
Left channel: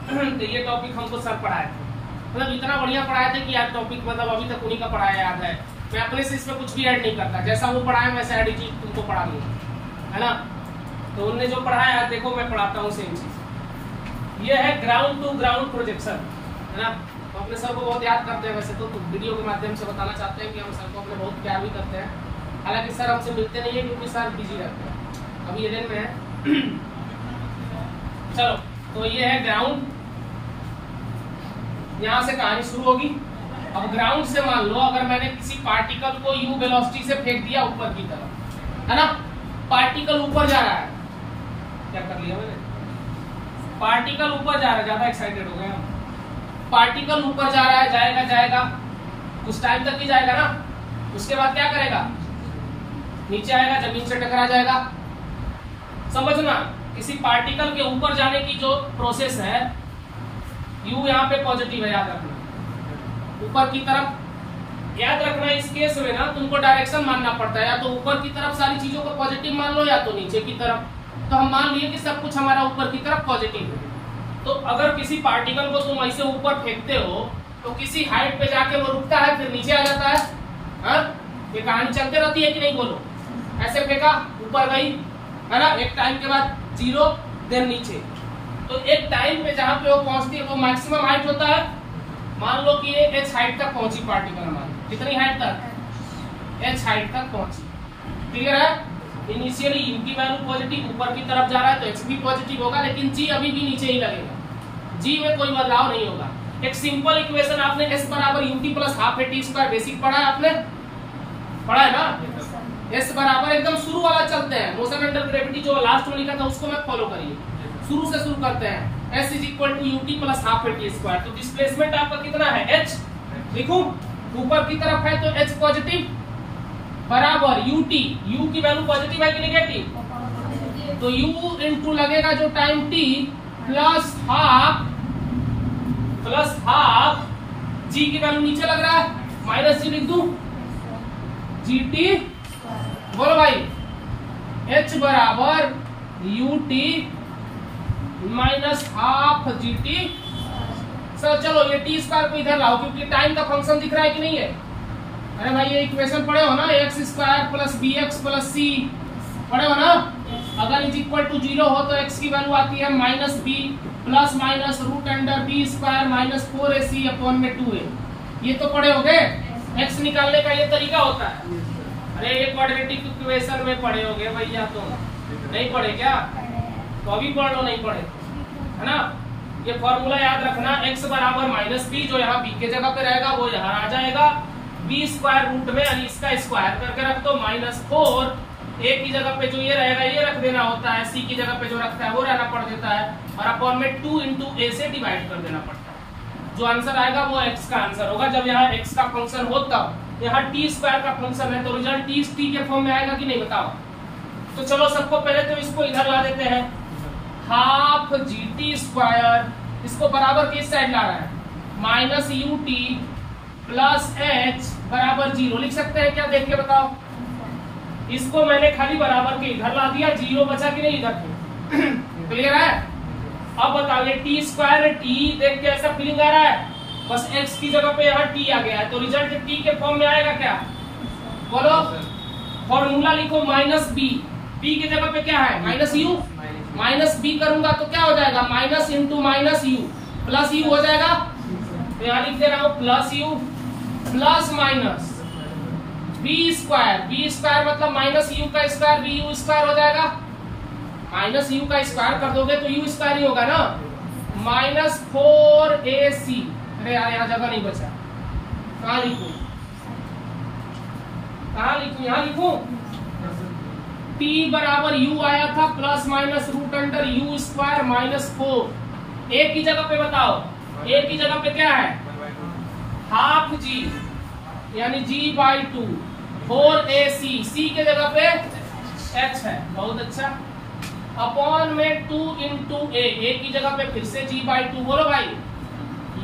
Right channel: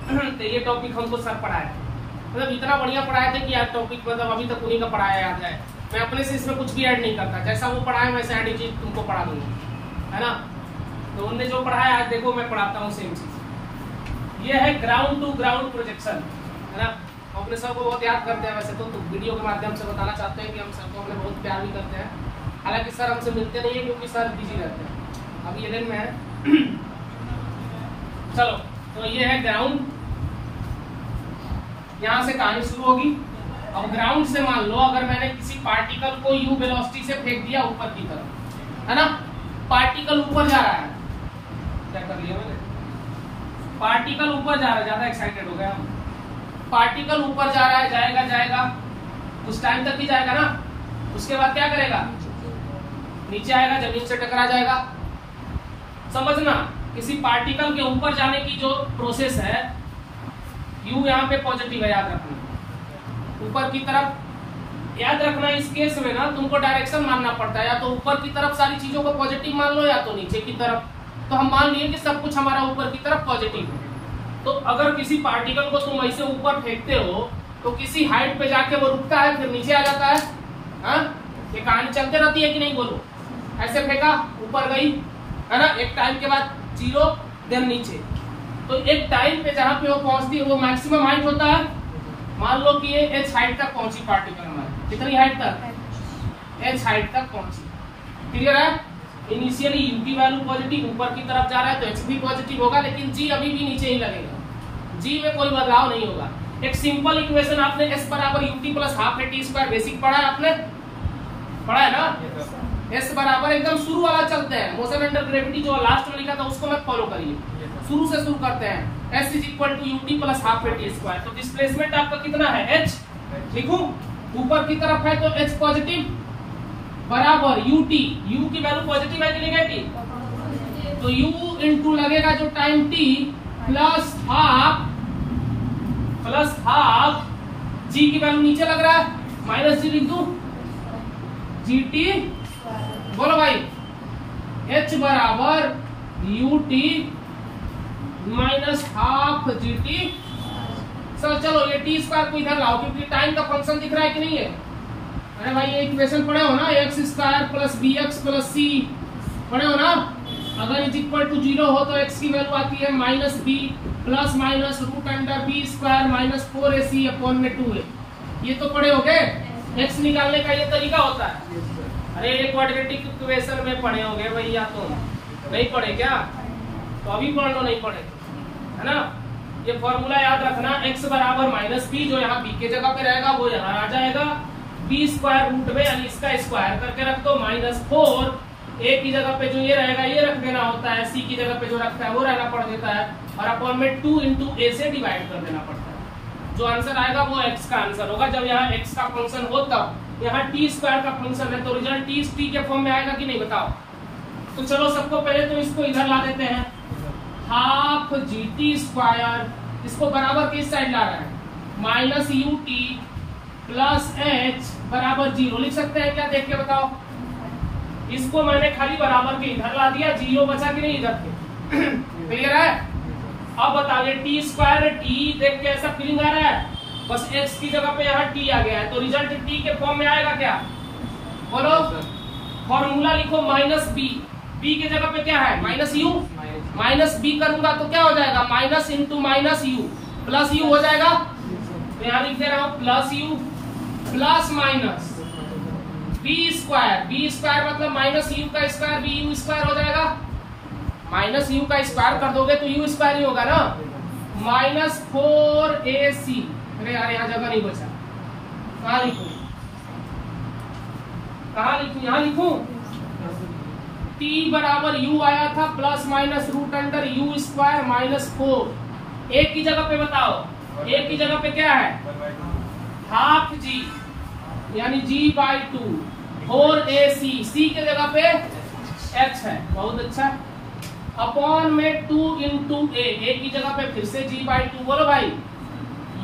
तो ये टॉपिक हमको सर पढ़ाए थे, मतलब इतना बढ़िया पढ़ाए थे कि यार टॉपिक मतलब अभी तक उन्हीं का पढ़ाया याद है। मैं अपने से इसमें कुछ भी ऐड नहीं करता, जैसा वो पढ़ाए वैसा ऐड चीज तुमको पढ़ा दूंगा, है ना। तो उनने जो पढ़ाया आज देखो मैं पढ़ाता हूँ सेम चीज। ये है ग्राउंड टू ग्राउंड प्रोजेक्शन, है ना। हम अपने सर को बहुत याद करते हैं वैसे तो वीडियो के माध्यम से बताना चाहते हैं कि हम सर को अपने बहुत प्यार भी करते हैं। हालांकि सर हमसे मिलते नहीं है क्योंकि सर बिजी रहते हैं, अभी ईडन में है। चलो तो ये है ग्राउंड, यहाँ से कहानी शुरू होगी। अब ग्राउंड से मान लो अगर मैंने किसी पार्टिकल को u वेलोसिटी से फेंक दिया ऊपर की तरफ, है ना। पार्टिकल ऊपर जा रहा है, क्या कर लिया मैंने, पार्टिकल ऊपर जा रहा है, ज्यादा एक्साइटेड हो गए हम। पार्टिकल ऊपर जा रहा है, जाएगा जाएगा कुछ टाइम तक ही जाएगा ना, उसके बाद क्या करेगा, नीचे आएगा, जमीन से टकरा जाएगा। समझना, किसी पार्टिकल के ऊपर जाने की जो प्रोसेस है, u यहाँ पे पॉजिटिव है, याद रखना ऊपर की तरफ। याद रखना इस केस में ना तुमको डायरेक्शन मानना पड़ता है, या तो ऊपर की तरफ सारी चीजों को पॉजिटिव मान लो या तो नीचे की तरफ। तो हम मान लिए कि सब कुछ हमारा ऊपर की तरफ पॉजिटिव है। तो अगर किसी पार्टिकल को तुम ऐसे ऊपर फेंकते हो तो किसी हाइट पे जाके वो रुकता है, फिर नीचे आ जाता है। ये कहानी चलते रहती है कि नहीं, बोलो। ऐसे फेंका, ऊपर गई, है ना, एक टाइम के बाद 0 देन नीचे। तो एक टाइम पे जहां पे वो पहुंचती है वो मैक्सिमम हाइट होता है। मान लो कि ये h हाइट तक पहुंची पार्टिकल हमारी, कितनी हाइट तक, h हाइट तक पहुंची। क्लियर है। इनिशियली u की वैल्यू पॉजिटिव, ऊपर की तरफ जा रहा है तो h भी पॉजिटिव होगा, लेकिन g अभी भी नीचे ही लगेगा, g में कोई बदलाव नहीं होगा। एक सिंपल इक्वेशन आपने s बराबर ut plus half at square basic पढ़ा है, आपने पढ़ा है ना। s बराबर एकदम शुरू वाला चलते हैं, मोशन अंडर ग्रेविटी जो लास्ट में लिखा था उसको मत फॉलो करिए, शुरू से शुरू करते हैं। s is equal to ut plus half at square. तो डिस्प्लेसमेंट आपका कितना है, h लिखूं, ऊपर की तरफ है तो h पॉजिटिव बराबर ut, u की वैल्यू पॉजिटिव है कि नेगेटिव, तो u इंटू लगेगा जो time t plus half g की वैल्यू नीचे लग रहा है, माइनस g लिख दूं, gt, बोलो भाई, h बराबर ut माइनस हाफ gt। चलो ये टी स्क्वायर को इधर लाओ क्योंकि टाइम का फंक्शन दिख रहा है कि नहीं है। अरे भाई ये इक्वेशन पढ़े हो ना, x square plus b x plus c पढ़े हो ना। अगर इज इक्वल टू 0 हो तो x की वैल्यू आती है minus b plus minus root under b square minus 4ac upon में 2a। ये तो पढ़े होगे, x निकालने का ये तरीका होता है। अरे ये क्वाड्रेटिक इक्वेशन में पढ़े होगे भैया, तो नहीं पढ़े क्या, तो अभी पढ़ लो, नहीं पढ़े, है ना। ये फॉर्मूला याद रखना, x बराबर माइनस बी, जो यहाँ b के जगह पे रहेगा वो यहाँ आ जाएगा, बी स्क्वायर रूट में यानी इसका स्क्वायर करके रख दो, माइनस 4 a की जगह पे जो ये रहेगा ये रख देना होता है, c की जगह पे जो रखता है वो रहना पड़ देता है, और अपॉन में 2 इंटू a से डिवाइड कर देना पड़ता है। जो आंसर आएगा वो x का आंसर होगा। जब यहाँ x का फंक्शन हो तब, यहाँ t स्क्वायर का फंक्शन है तो रिजल्ट t के फॉर्म में आएगा कि नहीं, बताओ। तो चलो सबको पहले तो इसको इधर ला देते हैं, हाफ gt स्क्वायर, इसको बराबर किस साइड ला रहा है, माइनस ut प्लस h बराबर 0 लिख सकते हैं क्या, देख के बताओ। इसको मैंने खाली बराबर के इधर ला दिया, 0 बचा कि नहीं इधर पे। क्लियर है। अब बताओ ये टी स्क्वायर है, टी देख के ऐसा फीलिंग आ रहा है, बस x की जगह पे यहाँ t आ गया है, तो रिजल्ट t के फॉर्म में आएगा क्या, बोलो। फॉर्मूला लिखो माइनस b, b की जगह पे क्या है माइनस u, माइनस b करूंगा तो क्या हो जाएगा, minus into minus u plus u हो जाएगा। तो यहाँ लिख दे रहा हूँ plus u plus minus b square मतलब माइनस u का स्क्वायर बी u स्क्वायर हो जाएगा, माइनस u का स्क्वायर कर दोगे तो u स्क्वायर ही होगा ना, माइनस 4ac। अरे यार यहाँ जगह नहीं बचा, कहाँ लिखूं, यहाँ लिखूं। t बराबर u आया था plus minus root under u square minus 4। a की जगह पे बताओ, a की जगह पे क्या है, हाफ g यानी g/2 4ac, c के जगह पे h है, बहुत अच्छा, अपॉन में 2 इंटू a की जगह पे फिर से g/2, बोलो भाई,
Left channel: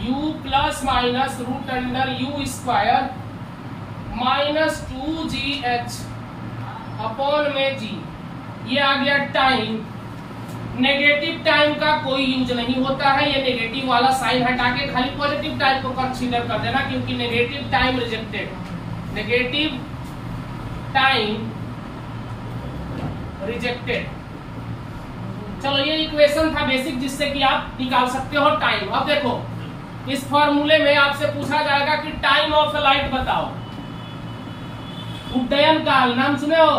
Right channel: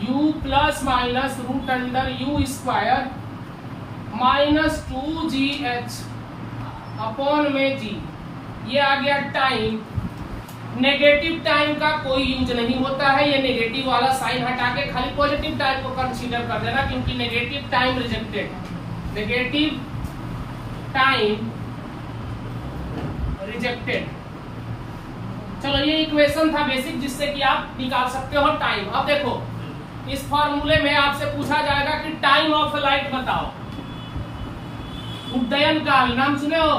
u plus minus root under u square -2gh upon में जी, ये आ गया टाइम। नेगेटिव टाइम का कोई यूज नहीं होता है, ये नेगेटिव वाला साइन हटा के खाली पॉजिटिव टाइम को कंसीडर कर देना, क्योंकि negative time rejected, negative time rejected. चलो ये इक्वेशन था बेसिक, जिससे कि आप निकाल सकते हो टाइम। अब देखो इस फॉर्मूले में आपसे पूछा जाएगा कि टाइम ऑफ लाइट बताओ। उड्डयन काल नाम सुने हो?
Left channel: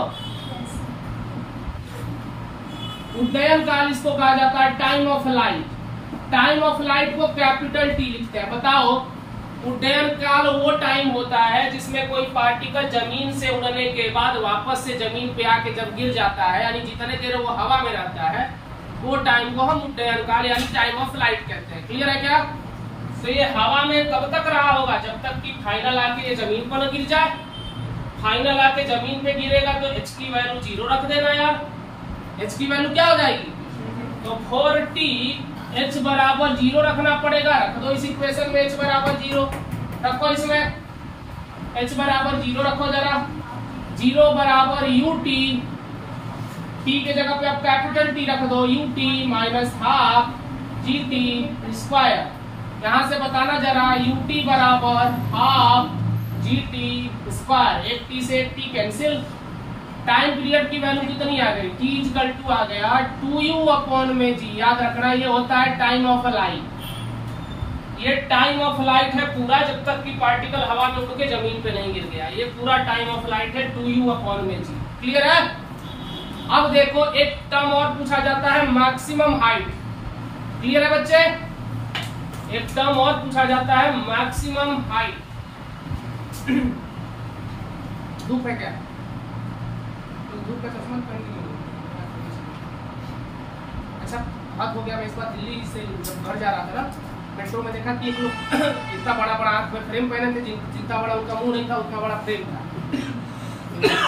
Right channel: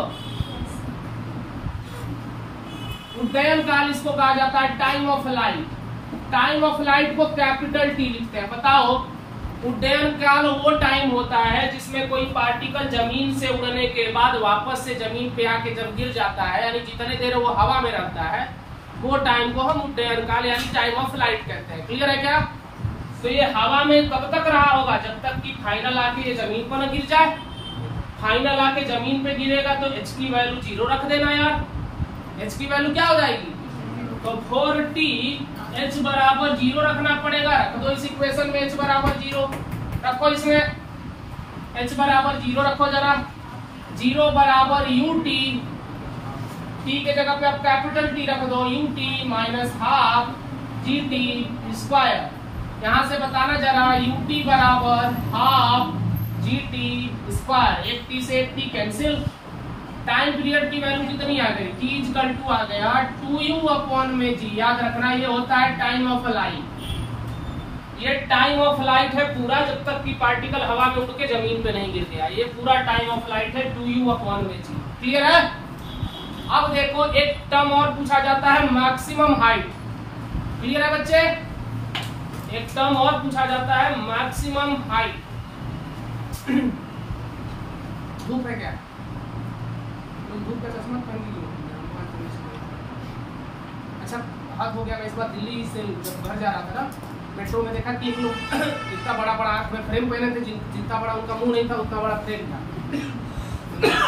उड्डयन काल इसको कहा जाता है time of light. Time of light को कैपिटल टी लिखते हैं। बताओ उड्डयन काल वो टाइम होता है जिसमें कोई पार्टिकल जमीन से उड़ने के बाद वापस से जमीन पे आके जब गिर जाता है, यानी जितने देर वो हवा में रहता है, वो टाइम को हम उड्डयन काल यानी टाइम ऑफ लाइट कहते हैं। क्लियर है क्या? तो ये हवा में कब तक रहा होगा? जब तक कि फाइनल आके ये जमीन पर न गिर जाए। फाइनल आके जमीन पे गिरेगा तो h की वैल्यू 0 रख देना यार। h की वैल्यू क्या हो जाएगी? तो 4t h बराबर 0 रखना पड़ेगा। रख दो इस इक्वेशन में h बराबर 0 रखो, इसमें h बराबर 0 रखो जरा। 0 बराबर ut, t के जगह पे आप कैपिटल T रख दो, ut minus half gt square. यहाँ से बताना जरा ut बराबर हाफ gt स्क्वायर। एक t से एक t कैंसिल। टाइम पीरियड की वैल्यू कितनी आ गई? t इक्वल टू आ गया 2u अपॉन में g। याद रखना ये होता है टाइम ऑफ लाइट। ये टाइम ऑफ लाइट है पूरा, जब तक कि पार्टिकल हवा में उड़ के जमीन पे नहीं गिर गया। ये पूरा टाइम ऑफ लाइट है 2u अपॉन में g। क्लियर है? अब देखो एक टर्म और पूछा जाता है मैक्सिमम हाइट। क्लियर है बच्चे? एक टर्म और पूछा जाता है मैक्सिमम हाइट। धूप है क्या? धूप का चश्मा पहन ली। अच्छा हाथ हो गया। मैं इस बार दिल्ली से घर जा रहा था ना, मेट्रो में देखा कि एक लोग इतना बड़ा बड़ा आंख में फ्रेम पहने थे, जितना बड़ा उनका मुंह नहीं था उतना बड़ा फ्रेम था।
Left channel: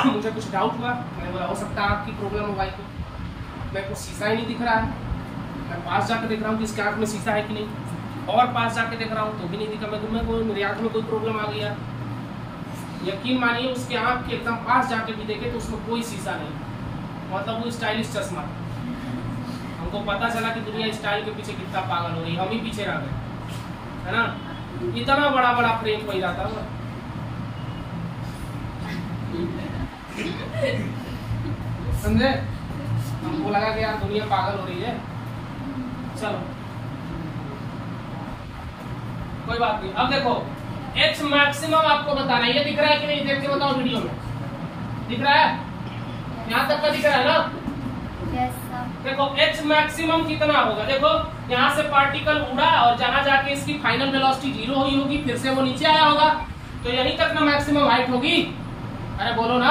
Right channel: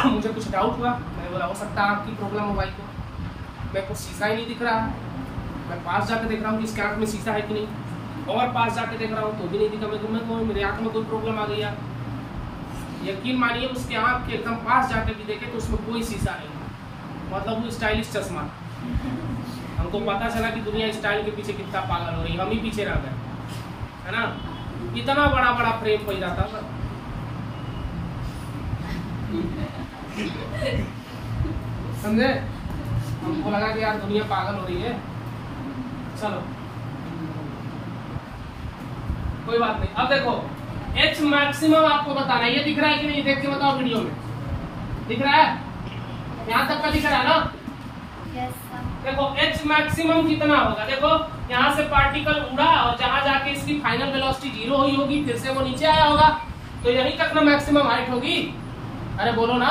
मुझे कुछ डाउट हुआ, मैंने बोला हो सकता है आपकी प्रॉब्लम हो भाई। तो मेरे को शीशा ही नहीं दिख रहा है। मैं पास जाके देख रहा हूँ कि इसके आंख में शीशा है कि नहीं, और पास जाके देख रहा हूँ तो भी नहीं दिखा। मेरे आंख में कोई प्रॉब्लम आ गया। यकीन मानिए उसके आंख के एकदम पास जाके भी देखे तो उसमें कोई शीशा नहीं था। मतलब वो स्टाइलिश चश्मा। हमको पता चला कि दुनिया स्टाइल के पीछे कितना पागल हो रही है, हम ही पीछे रह गए, है ना? इतना बड़ा बड़ा फ्रेम पहिरा था। समझे? हमको लगा कि यार दुनिया पागल हो रही है। चलो कोई बात नहीं। अब देखो H मैक्सिमम आपको बताना है। ये दिख रहा है कि नहीं? देख के बताओ वीडियो में। दिख रहा है? यहाँ तक का दिख रहा है ना? Yes, देखो H मैक्सिमम कितना होगा? देखो यहाँ से पार्टिकल उड़ा और जहां जाके इसकी फाइनल वेलोसिटी 0 हुई होगी, फिर से वो नीचे आया होगा, तो यहीं तक ना मैक्सिमम हाइट होगी। अरे बोलो ना।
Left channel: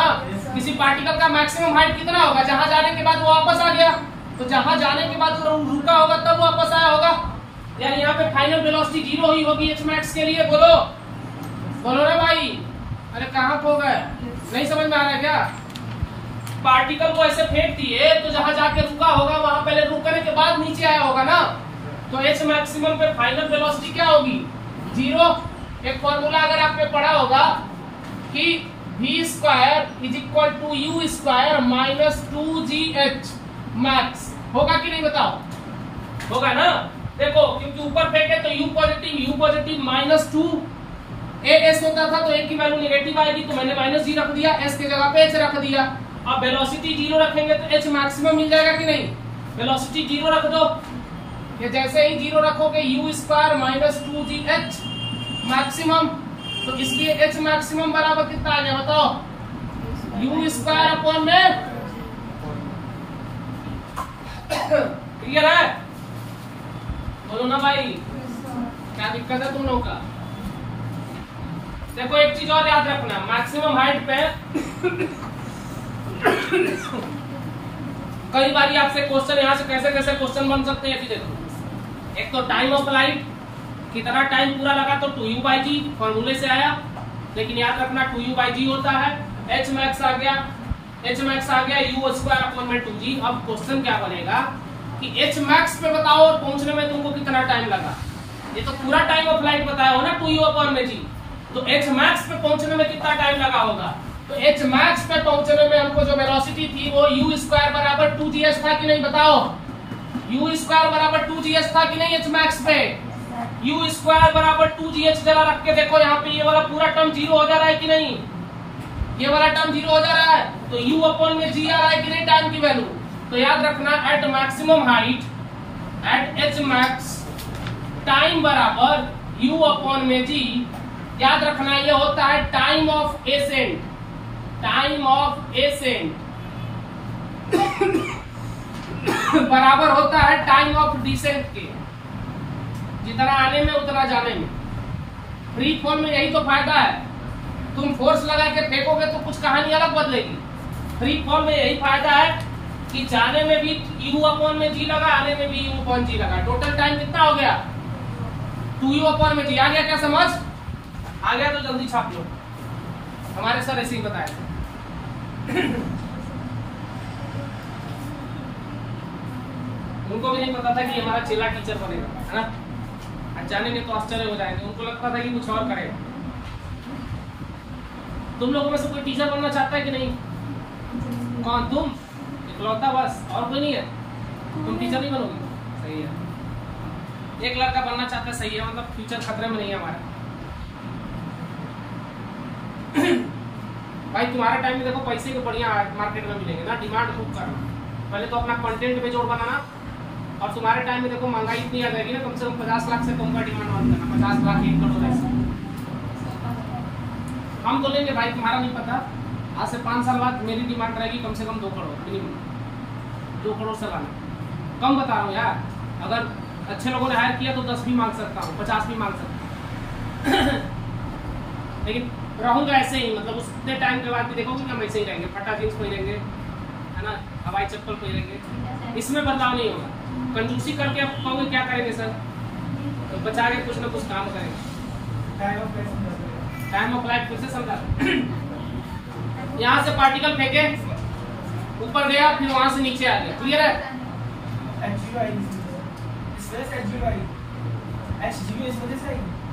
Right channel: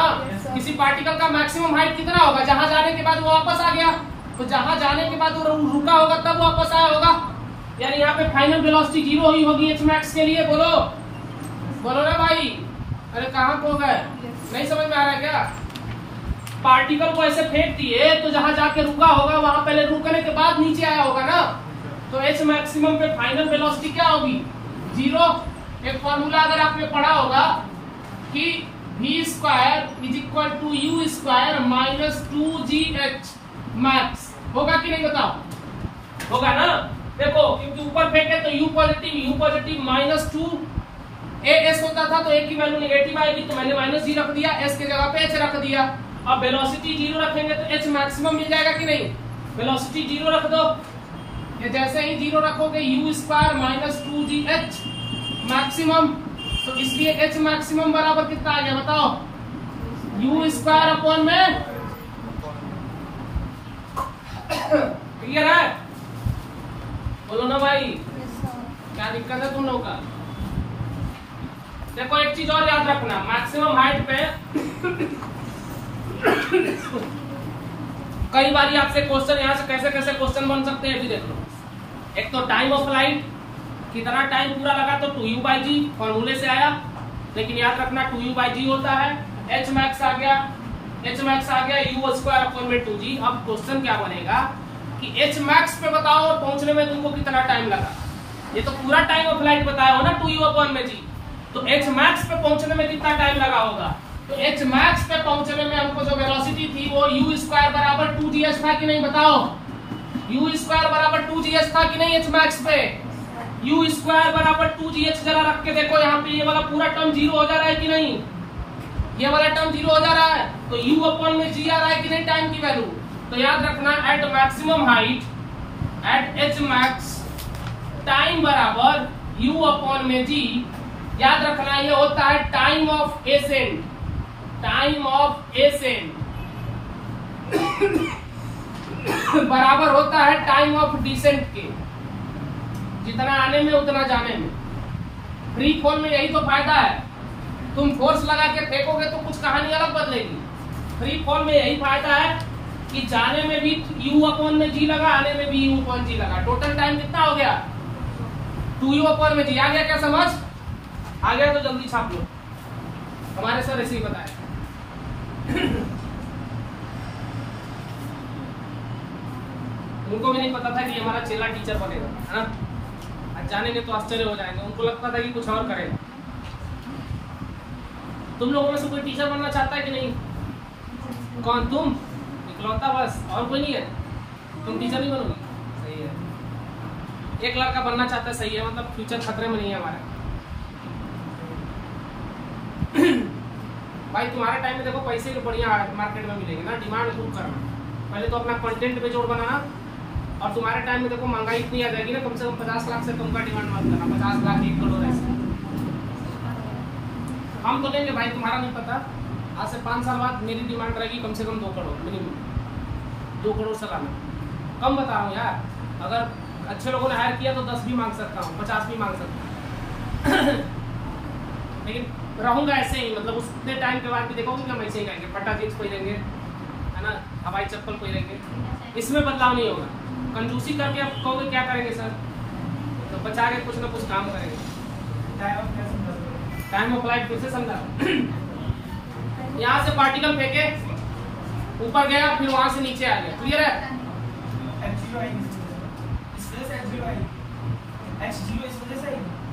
किसी पार्टिकल का मैक्सिमम हाइट कितना होगा? जहां जाने के बाद वो वापस आ गया, तो जहां जाने के बाद वो रुका होगा तब वापस आया होगा। यानी यहाँ पे फाइनल वेलोसिटी 0 हुई होगी H मैक्स के लिए। बोलो बोलो ना भाई। अरे कहाँ खो गए? नहीं समझ में आ रहा है क्या? पार्टिकल को ऐसे फेंक दिए तो जहां जाके रुका होगा वहां पहले रुकने के बाद नीचे आया होगा ना। तो H मैक्सिमम पे फाइनल वेलोसिटी क्या होगी? 0। एक फॉर्मूला अगर आपने पढ़ा होगा कि v square is equal to u square minus 2gh max. होगा कि नहीं बताओ? होगा ना। देखो क्योंकि ऊपर फेंके तो u पॉजिटिव माइनस 2 as होता था, तो a की वैल्यू नेगेटिव आएगी, तो मैंने माइनस g रख दिया, s के जगह पे h रख दिया। अब वेलोसिटी 0 रखेंगे तो h मैक्सिमम मिल जाएगा कि नहीं? वेलोसिटी 0 रख दो। ये जैसे ही 0 रखोगे u square minus 2gh maximum, तो इसलिए h मैक्सिमम बराबर कितना आ गया बताओ? u स्क्वायर अपॉन में। क्लियर है? बोलो ना भाई, क्या दिक्कत है तुम लोगों का? देखो एक चीज और याद रखना, मैक्सिमम हाइट पे कई बार आपसे क्वेश्चन यहाँ से कैसे कैसे क्वेश्चन बन सकते हैं। देखो एक तो टाइम ऑफ लाइट, कितना टाइम पूरा लगा, तो 2u/g फॉर्मूले से आया, लेकिन याद रखना 2u/g होता है। h मैक्स आ गया, u स्क्वायर अपॉन में 2g। अब क्वेश्चन क्या बनेगा कि h मैक्स पे बताओ और पहुंचने में तुमको कितना टाइम लगा। ये तो पूरा टाइम ऑफ लाइट बताया हो ना 2u अपॉन में g। तो एच मैक्स पे पहुंचने में कितना टाइम लगा होगा? तो एच मैक्स पे पहुंचने में हमको जो वेलोसिटी थी वो u स्क्वायर बराबर 2gh था कि नहीं, बताओ? u स्क्वायर बराबर 2gh था कि नहीं एच मैक्स पे? u स्क्वायर बराबर 2gh जरा रख के देखो, यहाँ पे ये वाला पूरा टर्म जीरो हो जा रहा है कि नहीं? ये वाला टर्म जीरो हो जा रहा है, तो u अपॉन में g आ रहा है कि नहीं टाइम की वैल्यू? तो याद रखना at maximum height at h max time बराबर u अपॉन में g। याद रखना ये होता है time of ascent, time of ascent बराबर होता है टाइम ऑफ डिसेंट के। जितना आने में उतना जाने में। फ्री फॉल में यही तो फायदा है, तुम फोर्स लगा के फेंकोगे तो कुछ कहानी अलग बदलेगी। फ्री फॉल में यही फायदा है कि जाने में भी u अपॉन में g लगा, आने में भी u अपॉन g लगा। टोटल टाइम कितना हो गया? 2u अपॉन में g। आ गया क्या समझ? आ गया तो जल्दी छाप लो, हमारे सर ऐसे ही बताए। उनको भी नहीं पता था कि हमारा चेला टीचर बनेगा, है ना? जानेंगे तो आश्चर्य हो जाएंगे, उनको लगता था कि कुछ और करेगा। तुम लोगों में से कोई टीचर बनना चाहता है कि नहीं? कौन? तुम इकलौता बस, और कोई नहीं है? तुम टीचर नहीं बनोगी? सही है, एक लड़का बनना चाहता है, सही है, मतलब फ्यूचर खतरे में नहीं है हमारा। भाई तुम्हारे टाइम में देखो पैसे के बढ़िया मार्केट में मिलेंगे ना, डिमांड खूब करना। पहले तो अपना कंटेंट पे जोड़ बनाना, और तुम्हारे टाइम में देखो महंगाई इतनी आ जाएगी ना, कम से कम 50 लाख से कम का डिमांड मत करना। 50 लाख 1 करोड़ ऐसा हम तो लेंगे भाई, तुम्हारा नहीं पता। आज से 5 साल बाद मेरी डिमांड रहेगी कम से कम 2 करोड़ मिनिमम, 2 करोड़ सालाना। कम बता रहा हूँ यार, अगर अच्छे लोगों ने हायर किया तो 10 भी मांग सकता हूँ, 50 भी मांग सकता हूँ। लेकिन रहूंगा ऐसे ही, मतलब उतने टाइम के बाद भी देखोगे कि हम ऐसे ही रहेंगे, फटा जींस पहनेंगे, है ना, हवाई चप्पल पहनेंगे, इसमें बदलाव नहीं होगा। कंजूसी करके आप कहोगे क्या करेंगे सर, तो बचा के कुछ ना कुछ काम करेंगे। टाइम ऑफ फ्लाइट फिर से समझा। यहाँ से पार्टिकल फेंके, ऊपर गया, फिर वहां से नीचे आ गया, क्लियर है?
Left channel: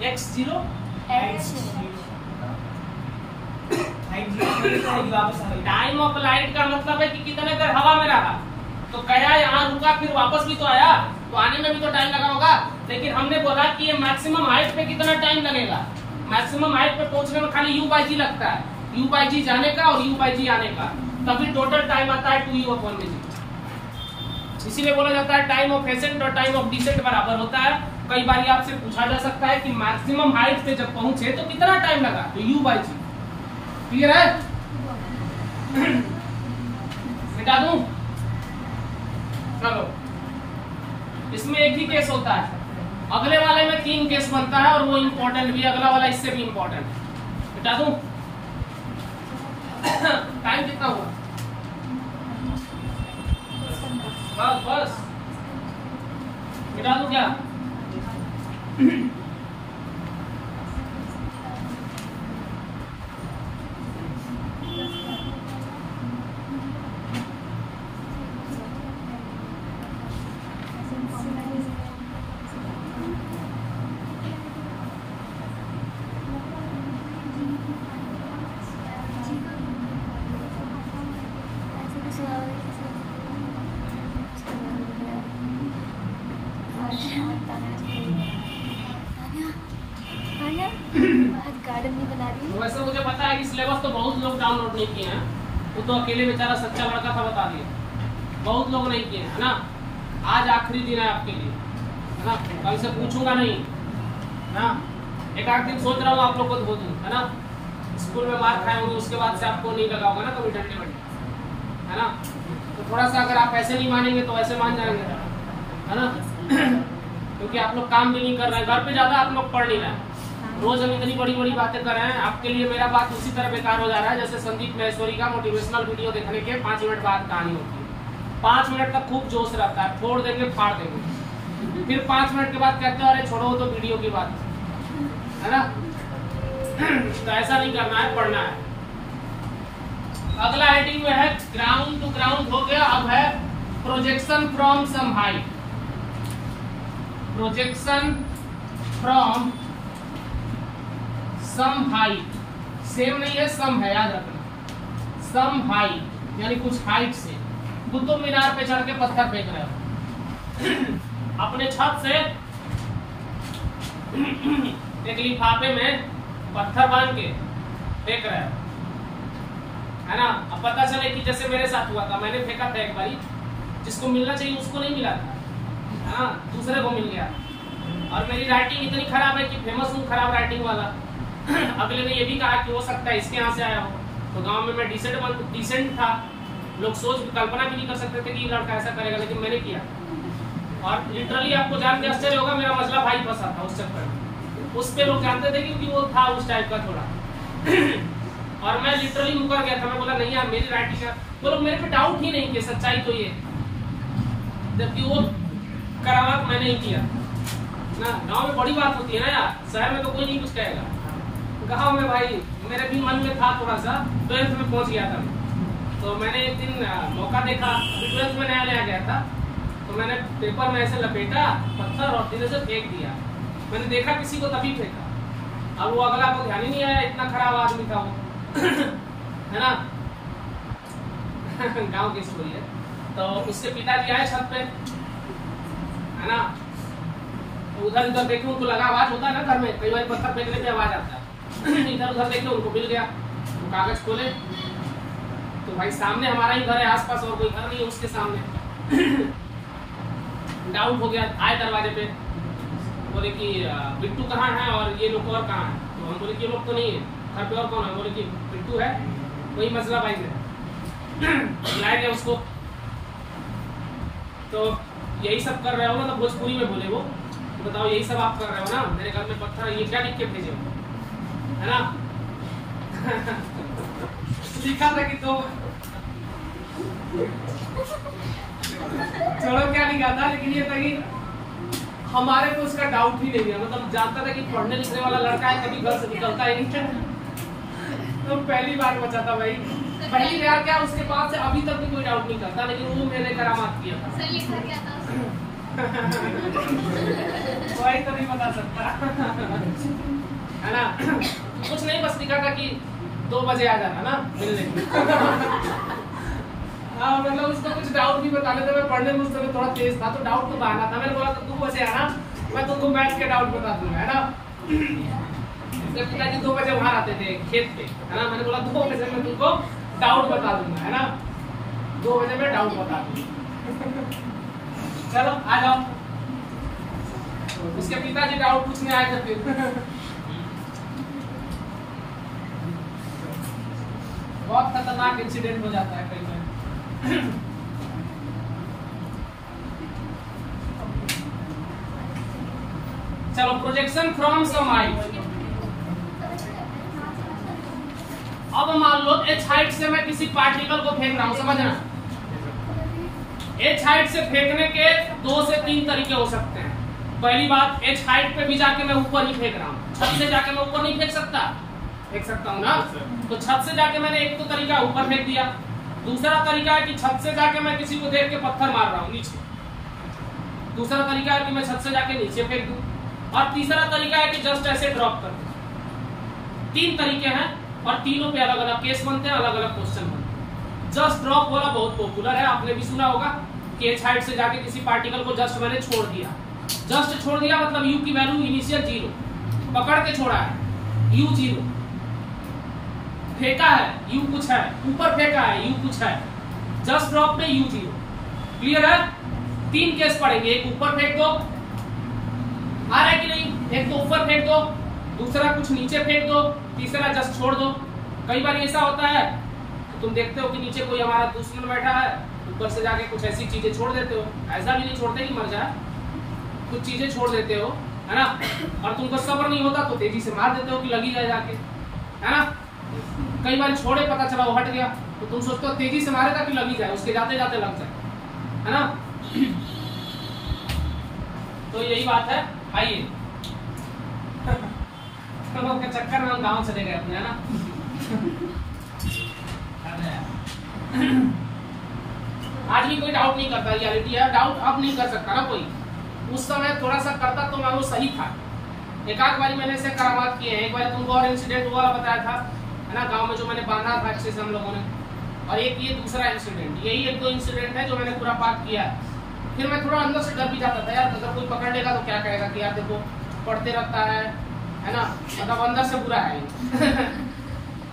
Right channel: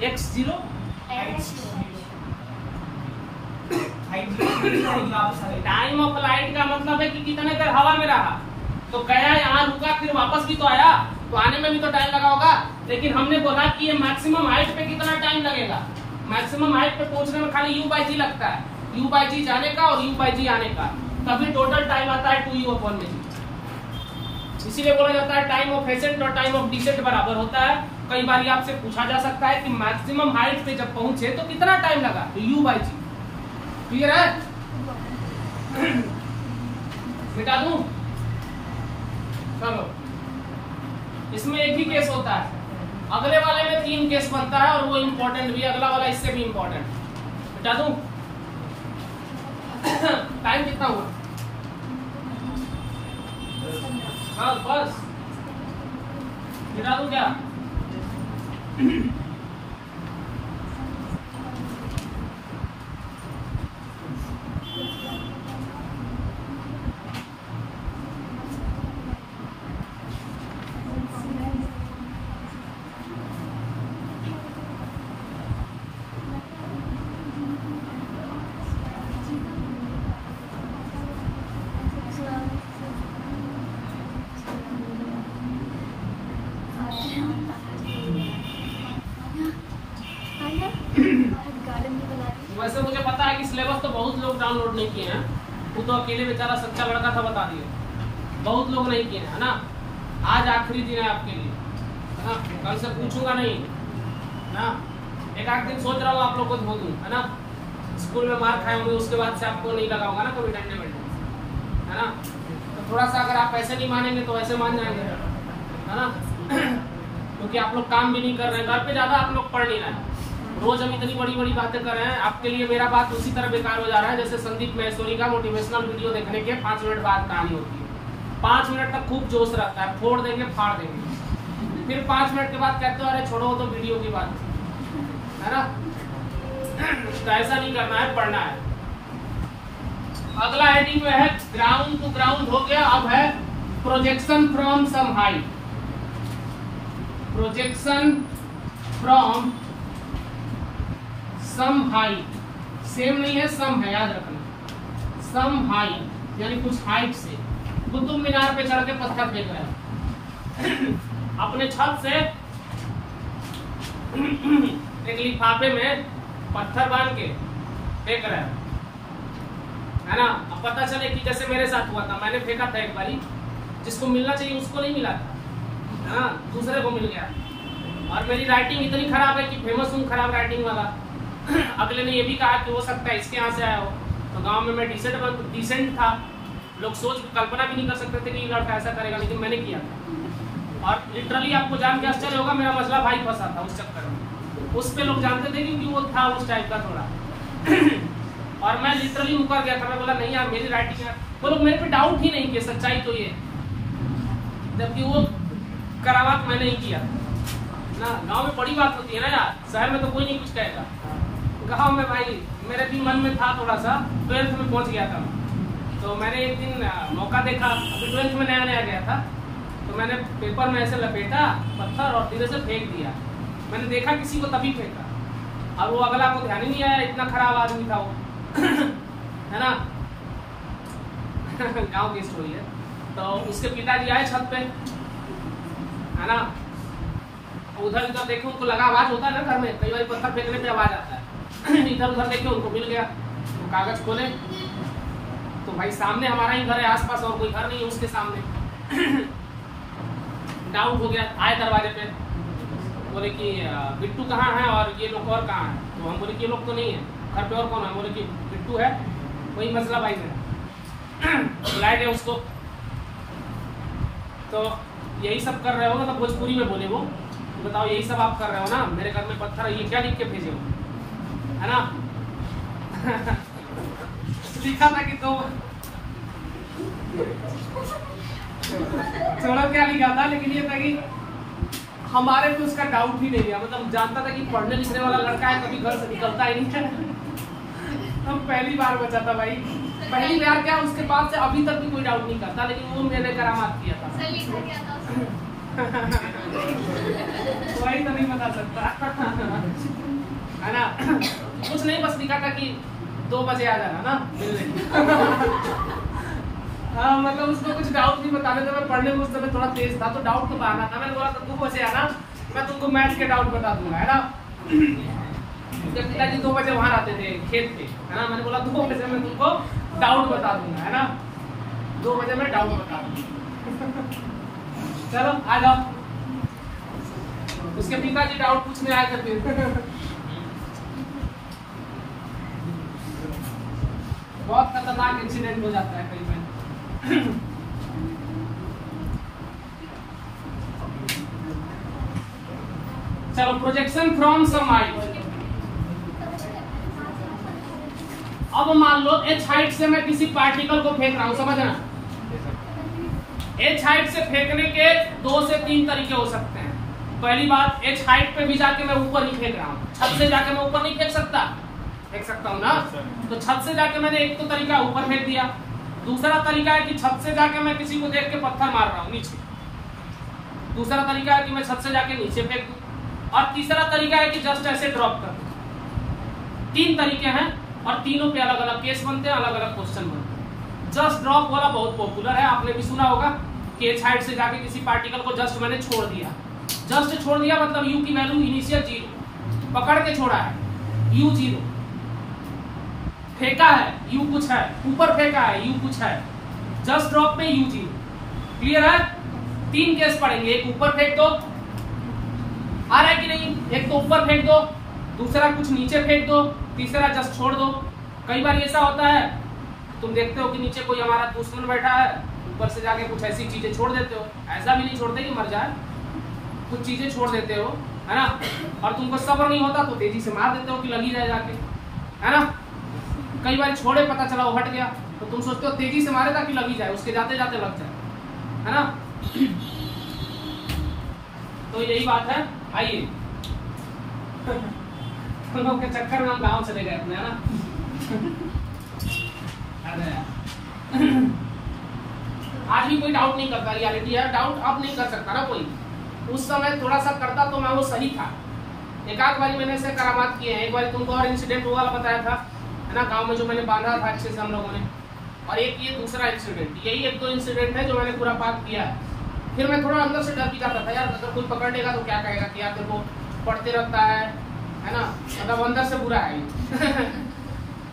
x0 टाइम ऑफ फ्लाइट का मतलब है कि कितने देर हवा में रहा, तो गया यहाँ रुका, फिर वापस भी तो आया, तो आने में भी तो टाइम लगा होगा। लेकिन हमने बोला कि ये मैक्सिमम हाइट पे कितना टाइम लगेगा? मैक्सिमम हाइट पे पहुंचने में खाली u/g लगता है, u/g जाने का और u/g आने का, तभी टोटल टाइम आता है 2u अपॉन में g। इसीलिए बोला जाता है टाइम ऑफ एसेंट और टाइम ऑफ डिसेंट बराबर होता है। कई बार आपसे पूछा जा सकता है कि मैक्सिमम हाइट पे जब पहुंचे तो कितना टाइम लगा, तो u/g। क्लियर है? मिटा दूं? चलो, इसमें एक ही केस होता है, अगले वाले में 3 केस बनता है, और वो इम्पोर्टेंट भी, अगला वाला इससे भी इम्पोर्टेंट। मिटा दूं? टाइम कितना हुआ? बस मिटा दूं क्या? वैसे मुझे पता है कि सिलेबस तो बहुत लोग डाउनलोड नहीं किए हैं, वो तो अकेले बेचारा सच्चा लड़का था बता दिया, बहुत लोग नहीं किए, है ना? आज आखिरी दिन है आपके लिए, है ना? कल से पूछूंगा नहीं ना, एक आध दिन सोच रहा हूँ आप लोग को बोल दूँ, है ना? स्कूल में मार खाए होंगे, उसके बाद से आपको नहीं लगाऊंगा ना कभी डंडे में, है ना? तो थोड़ा सा अगर आप ऐसे नहीं मानेंगे तो ऐसे मान जाएंगे, है ना? क्योंकि आप लोग काम भी नहीं कर रहे हैं, घर पे ज्यादा आप लोग पढ़ नहीं रहे हैं, रोज हम इतनी बड़ी बड़ी बातें कर रहे हैं, आपके लिए मेरा बात उसी तरह बेकार हो जा रहा है जैसे संदीप महेश्वरी का मोटिवेशनल वीडियो देखने के 5 मिनट बाद कहानी होती है। 5 मिनट तक खूब जोश रहता है, फोड़ देंगे फाड़ देंगे, फिर 5 मिनट के बाद कहते हैं अरे छोड़ो तो वीडियो की बात, है ना? तो ऐसा नहीं करना है, पढ़ना है। अगला हेडिंग में है ग्राउंड टू ग्राउंड हो गया, अब है projection from some height. Projection from some height, same नहीं है, सम है, याद रखना। सम हाइट यानी कुछ हाइट से कुतुब मीनार पे चढ़ के पत्थर फेंक रहे हो अपने छत से एक लिफाफे में पत्थर बांध के फेंक रहे हो, है ना। अब पता चले कि जैसे मेरे साथ हुआ था, मैंने फेंका था एक बारी, जिसको मिलना चाहिए उसको नहीं मिला था, हाँ, दूसरे को मिल गया। और मेरी राइटिंग इतनी खराब है कि फेमस हूँ खराब राइटिंग वाला। अगले ने ये भी कहा कि हो सकता है इसके यहाँ से आया हो। तो गांव में मैं डिसेंट था, लोग सोच कल्पना भी नहीं कर सकते थे कि लड़का ऐसा करेगा, लेकिन मैंने किया। और लिटरली आपको जान के आश्चर्य होगा, मेरा मसला भाई फंसा था उस चक्कर में। उस पे लोग जानते थे क्योंकि वो था उस टाइप का थोड़ा और मैं लिटरली मुकर गया था। मैं बोला नहीं यार मेरी राइटिंग है, वो लोग मेरे पे डाउट ही नहीं किए, सच्चाई तो ये, जबकि वो करामात मैंने ही किया ना। गांव में बड़ी बात होती है ना यार, शहर में तो कोई नहीं कुछ कहेगा। गांव में भाई मेरे भी मन में था थोड़ा सा, 12th में पहुंच गया था। तो मैंने एक दिन मौका देखा, 12th में नया नया गया था, तो मैंने पेपर में ऐसे लपेटा पत्थर और धीरे से फेंक दिया। मैंने देखा किसी को तभी फेंका, अब वो अगला को ध्यान ही नहीं आया, इतना खराब आदमी था वो है ना। गांव की स्टोरी है। तो उसके पिताजी आए छत पे, है ना, उधर उधर देखे, उनको लगा आवाज होता है ना घर में, कई बार पत्थर फेंकने पे आवाज आता है। इधर उधर देखे, उनको मिल गया, तो कागज खोले तो भाई सामने हमारा ही घर है, आसपास और कोई घर नहीं है उसके सामने। डाउट हो गया, आए दरवाजे पे, बोले कि बिट्टू कहाँ है और ये लोग और कहाँ है। तो हम बोले कि ये लोग तो नहीं है, घर पे और कौन है। बोले कि बिट्टू है, वही मसला भाई में। बुलाए गए उसको, तो यही सब कर रहे हो, मतलब भोजपुरी में बोले वो, बताओ यही सब आप कर रहे हो ना, मेरे घर में पत्थर, ये क्या लिख के भेजे हो, है ना। लिखा था कि तो थोड़ा क्या लिखा था, लेकिन ये था कि हमारे को उसका डाउट ही नहीं दिया, मतलब जानता था कि पढ़ने लिखने वाला लड़का है, कभी घर से निकलता ही नहीं है। तो पहली बार बचा था भाई, पहली बार क्या, उसके बाद से अभी तक भी कोई डाउट नहीं करता, लेकिन वो मैंने करामात किया था। वही तो नहीं बता सकता, है ना। कुछ नहीं, बस लिखा था कि 2 बजे आ जाना ना मिलने। हाँ, मतलब उसको कुछ डाउट नहीं बताने थे, मैं पढ़ने में उस समय थोड़ा तेज था, तो डाउट तो आना था। मैंने बोला तो 2 बजे आना, मैं तुमको मैथ्स के डाउट बता दूंगा, है ना। पिताजी 2 बजे वहां आते थे खेत पे, है ना। मैंने बोला 2 बजे मैं तुमको डाउट बता दूंगा, है ना, 2 बजे मैं डाउट बता दूंगा। चलो आ जाओ। उसके पिताजी डाउट पूछने आए थे फिर। बहुत खतरनाक इंसिडेंट हो जाता है कई बार। चलो, प्रोजेक्शन फ्रॉम सम हाइट। अब मान लो एच हाइट से मैं किसी पार्टिकल को फेंक रहा हूं, समझना। एच हाइट से फेंकने के 2 से 3 तरीके हो सकते हैं। पहली बात, एच हाइट पे भी जाके मैं ऊपर ही फेंक रहा हूँ, छत से जाके मैं ऊपर नहीं फेंक सकता, फेंक सकता हूँ ना। तो छत से जाके मैंने एक तो तरीका ऊपर फेंक दिया। दूसरा तरीका है कि छत से जाके मैं किसी को देख के पत्थर मार रहा हूँ नीचे। दूसरा तरीका है कि मैं छत से जाके नीचे फेंक दूं। और तीसरा तरीका है कि जस्ट ऐसे ड्रॉप कर दूं। 3 तरीके हैं और तीनों पे अलग अलग केस बनते हैं, अलग अलग क्वेश्चन बनते हैं। जस्ट ड्रॉप वाला बहुत पॉपुलर है, आपने भी सुना होगा कि एच हाइट से जाके किसी पार्टिकल को जस्ट मैंने छोड़ दिया। जस्ट छोड़ दिया मतलब यू की वैल्यू इनिशियल 0, पकड़ के छोड़ा है, यू 0, फेंका है यू कुछ है, ऊपर फेंका है यू कुछ है, जस्ट ड्रॉप में यू 0। क्लियर है? 3 केस पढ़ेंगे, एक ऊपर फेंक दो, आ रहा है कि नहीं, एक तो ऊपर फेंक दो, दूसरा कुछ नीचे फेंक दो, तीसरा जस्ट छोड़ दो। कई बार ऐसा होता है तुम देखते हो कि नीचे कोई हमारा दुश्मन बैठा है, ऊपर से जाके कुछ ऐसी चीजें छोड़ देते हो। ऐसा भी नहीं छोड़ते कि मर जाए, कुछ चीजें छोड़ देते हो, है ना। और तुमको सब्र नहीं होता तो तेजी से मार देते हो कि लगी जाए जाके, है ना। कई बार छोड़े, पता चला वो हट गया, तो तुम सोचते हो तेजी से मारेगा कि लगी जाए, उसके जाते जाते लग जाए, है ना। तो यही बात है। आइए के चक्कर में हम गाँव चले गए थे, है ना। आज भी कोई डाउट नहीं करता, रियलिटी है। डाउट अब नहीं कर सकता ना कोई, उस समय थोड़ा सा करता तो मैं वो सही था, एक आध बारी मैंने ऐसे करामात किए हैं। एक बार तुमको और इंसिडेंट वाला बताया था, है ना, गांव में जो मैंने बांधा था अच्छे से हम लोगों ने, और एक ये दूसरा इंसिडेंट, यही एक दो इंसिडेंट है जो मैंने पूरा पाठ किया। फिर मैं थोड़ा अंदर से डर भी जाता था यार, अगर कोई पकड़ लेगा तो क्या कहेगा कि यार देखो पढ़ते रहता है ना, मतलब अंदर से बुरा है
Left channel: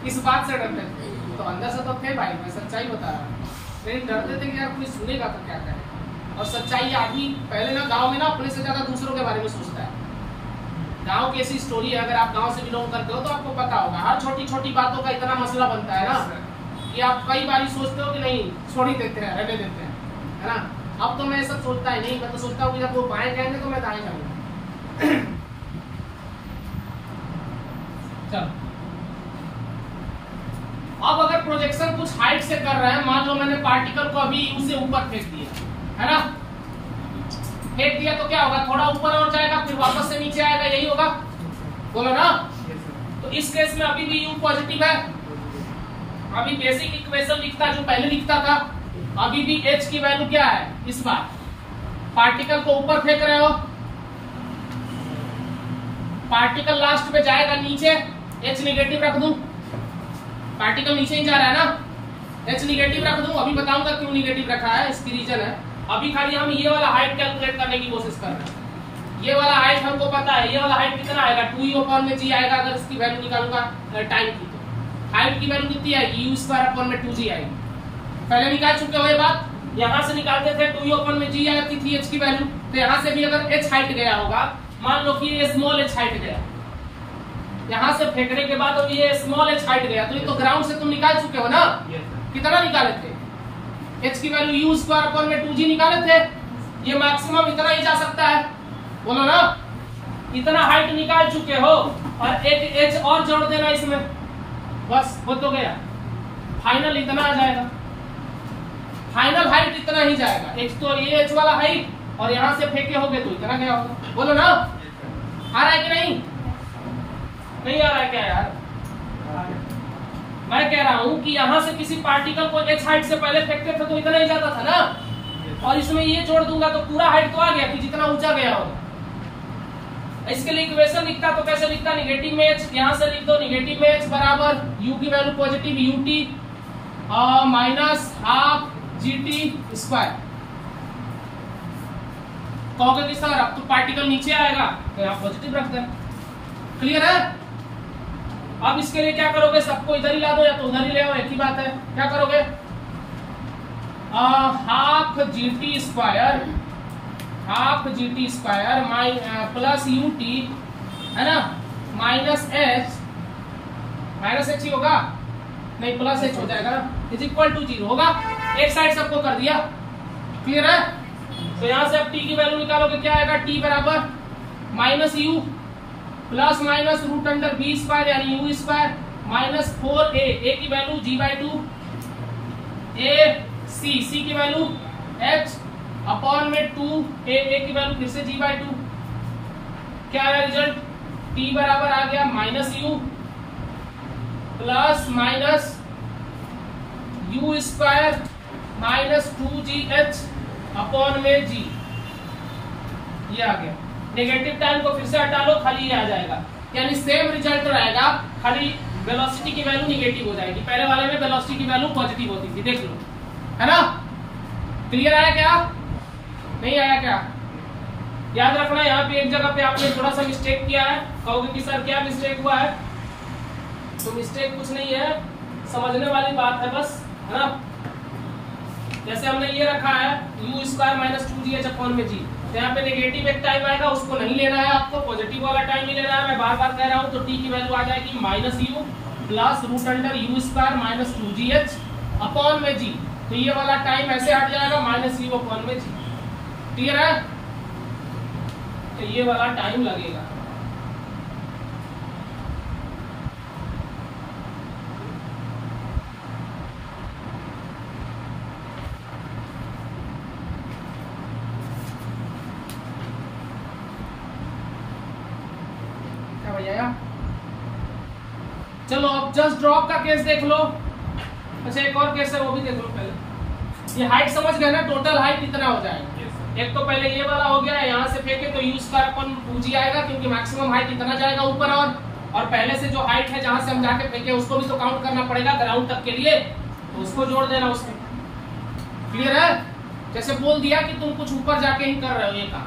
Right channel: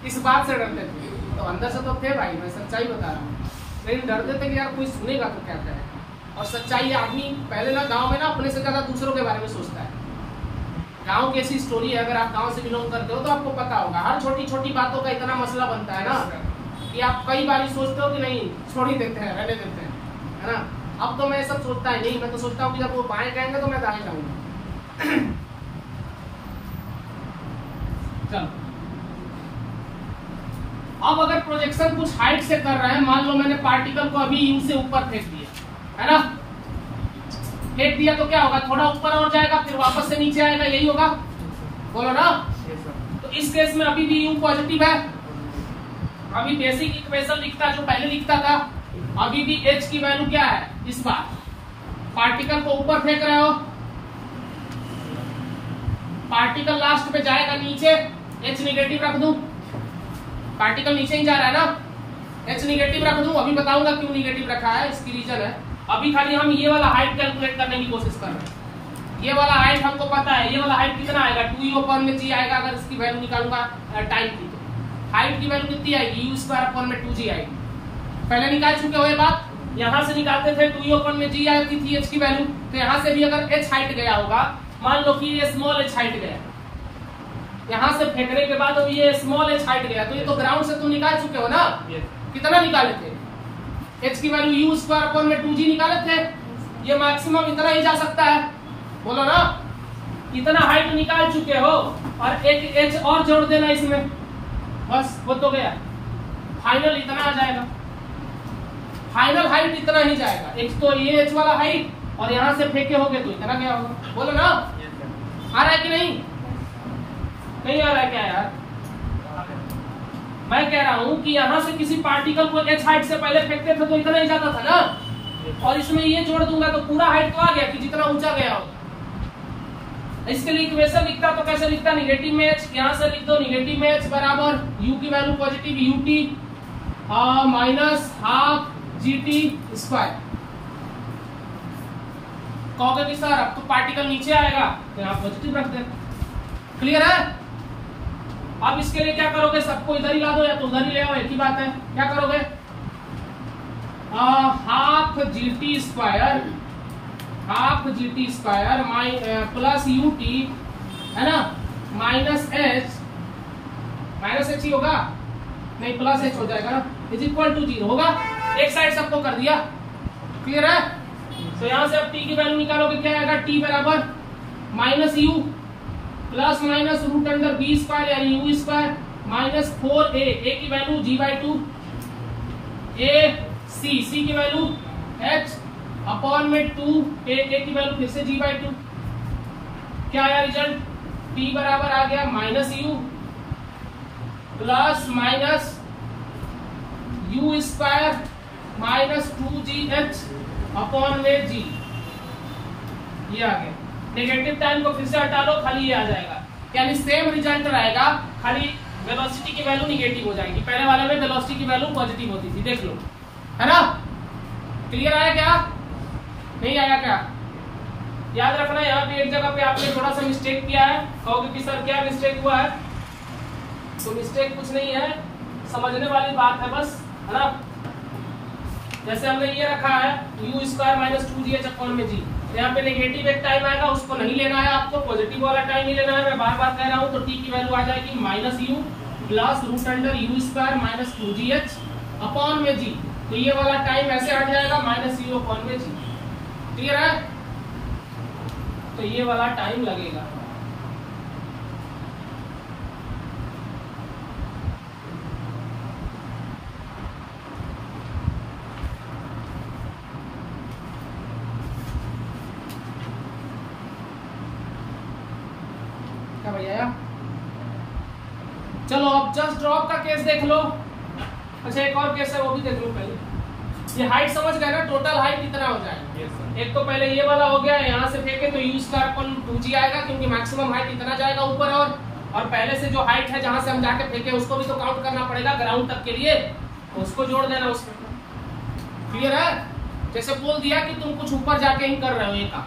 इस बात से डरते थे। तो अंदर से तो थे भाई, मैं सच्चाई बता रहा हूँ, लेकिन डरते थे कि यार कोई सुनेगा तो क्या कहे। और सच्चाई आदमी पहले ना गांव में ना अपने से ज्यादा दूसरों के बारे में सोचता है। गांव की ऐसी स्टोरी है, अगर आप गांव से बिलोंग करते हो तो आपको पता होगा, हर छोटी छोटी बातों का इतना मसला बनता है ना कि आप कई बार सोचते हो कि नहीं छोड़ ही देते हैं, रहने देते हैं, है ना। अब तो मैं सब सोचता ही नहीं, मैं तो सोचता हूँ कि जब वो बाएं कहेंगे तो मैं दाएं जाऊंगा। चलो, अब अगर प्रोजेक्शन कुछ हाइट से कर रहे हैं, मान लो मैंने पार्टिकल को अभी यू से ऊपर फेंक दिया, है ना, फेंक दिया तो क्या होगा, थोड़ा ऊपर और जाएगा फिर वापस से नीचे आएगा, यही होगा, बोलो ना। तो इस केस में अभी भी यू पॉजिटिव है, अभी बेसिक इक्वेशन लिखता जो पहले लिखता था, अभी भी h की वैल्यू क्या है, इस बार पार्टिकल को ऊपर फेंक रहे हो, पार्टिकल लास्ट में जाएगा नीचे, h निगेटिव रख दूं, पार्टिकल नीचे ही जा रहा है ना, h निगेटिव रख दूं। अभी बताऊंगा क्यों निगेटिव रखा है, इसकी रीजन है। अभी खाली हम ये वाला हाइट कैलकुलेट करने की कोशिश कर रहे हैं। ये वाला हाइट हमको पता है, ये वाला हाइट कितना आएगा, 2u/g आएगा। अगर इसकी वैल्यू निकालूंगा टाइम की, तो हाइट की वैल्यू कितनी आएगी, u²/2g आएगी। पहले निकाल चुके हो ये बात, यहाँ से निकालते थे 2u/g आती थी h की वैल्यू, तो यहाँ से भी अगर h हाइट गया होगा, मान लो कि ये स्मॉल h हाइट गया, यहाँ से फेंकने के बाद अब ये स्मॉल h हाइट गया, तो ये तो ग्राउंड से तुम निकाल चुके हो ना, कितना निकाले थे, h की वैल्यू u²/2g निकाले थे, ये मैक्सिमम इतना ही जा सकता है, बोलो ना, इतना हाइट निकाल चुके हो, और एक h और जोड़ देना इसमें, बस हो तो गया, फाइनल इतना आ जाएगा, फाइनल हाइट इतना ही जाएगा। एक तो ये h वाला हाइट, और यहाँ से फेंके होगे तो इतना गया होगा, बोलो ना, आ रहा है कि नहीं आ रहा है क्या यार। मैं कह रहा हूं कि यहाँ से किसी पार्टिकल को h हाइट से पहले फेंकते थे तो इतना ही जाता था ना, और इसमें ये जोड़ दूंगा तो पूरा हाइट तो आ गया कि जितना ऊंचा गया होगा। इसके लिए इक्वेशन लिखता तो कैसे लिखता, निगेटिव में h, यहाँ से लिख दो निगेटिव में h बराबर u की value positive ut minus half gt²। कहोगे कि सर अब तो पार्टिकल नीचे आएगा, तो यहाँ पॉजिटिव रखते हैं, क्लियर है। अब इसके लिए क्या करोगे, सबको इधर ही ला दो या तो उधर ही ले आओ, एक ही बात है। क्या करोगे, हाफ gt² प्लस ut, है ना, माइनस h ही होगा, नहीं प्लस h हो जाएगा ना, इज इक्वल टू 0 होगा। एक साइड सबको कर दिया, क्लियर है। तो यहाँ से अब t की वैल्यू निकालोगे, क्या आएगा, t बराबर minus u plus minus √b² यानी u² माइनस 4a, a की वैल्यू g/2, c की वैल्यू h/2a की वैल्यू फिर से g/2। क्या आया रिजल्ट, t बराबर आ गया minus u plus minus u² minus 2gh/g, ये आ गया। नेगेटिव टाइम को फिर से हटा लो, खाली ये आ जाएगा, यानी सेम रिजल्ट रहेगा, खाली वेलोसिटी की वैल्यू निगेटिव हो जाएगी। पहले वाले में वेलोसिटी की वैल्यू पॉजिटिव होती थी, देख लो, है ना। क्लियर आया क्या, नहीं आया क्या, याद रखना। यहाँ पे एक जगह पे आपने थोड़ा सा मिस्टेक किया है, कहोगे कि सर क्या मिस्टेक हुआ है, तो मिस्टेक कुछ नहीं है, समझने वाली बात है बस, है ना। जैसे हमने ये रखा है u² माइनस 2gh/g, तो यहाँ पे नेगेटिव एक टाइम आएगा, उसको नहीं लेना है आपको, पॉजिटिव वाला टाइम ही लेना है। मैं बार बार कह रहा हूँ, तो t की वैल्यू आ जाएगी minus u plus √u² minus 2gh/g, तो ये वाला टाइम ऐसे हट जाएगा माइनस u/g, क्लियर है। तो ये वाला टाइम लगेगा, चलो अब जस्ट ड्रॉप का केस देख लो। अच्छा एक और केस है, वो भी देख लो पहले। ये हाइट समझ गए ना, टोटल हाइट इतना हो जाएगा। एक तो पहले ये वाला हो गया, यहाँ से फेंके तो यूज कर अपन 2g आएगा, क्योंकि मैक्सिमम हाइट इतना जाएगा ऊपर, और पहले से जो हाइट है जहां से हम जाके फेंके उसको भी तो काउंट करना पड़ेगा ग्राउंड तक के लिए, तो उसको जोड़ देना उसमें। क्लियर है? जैसे बोल दिया कि तुम कुछ ऊपर जाके ही कर रहे हो ये काम,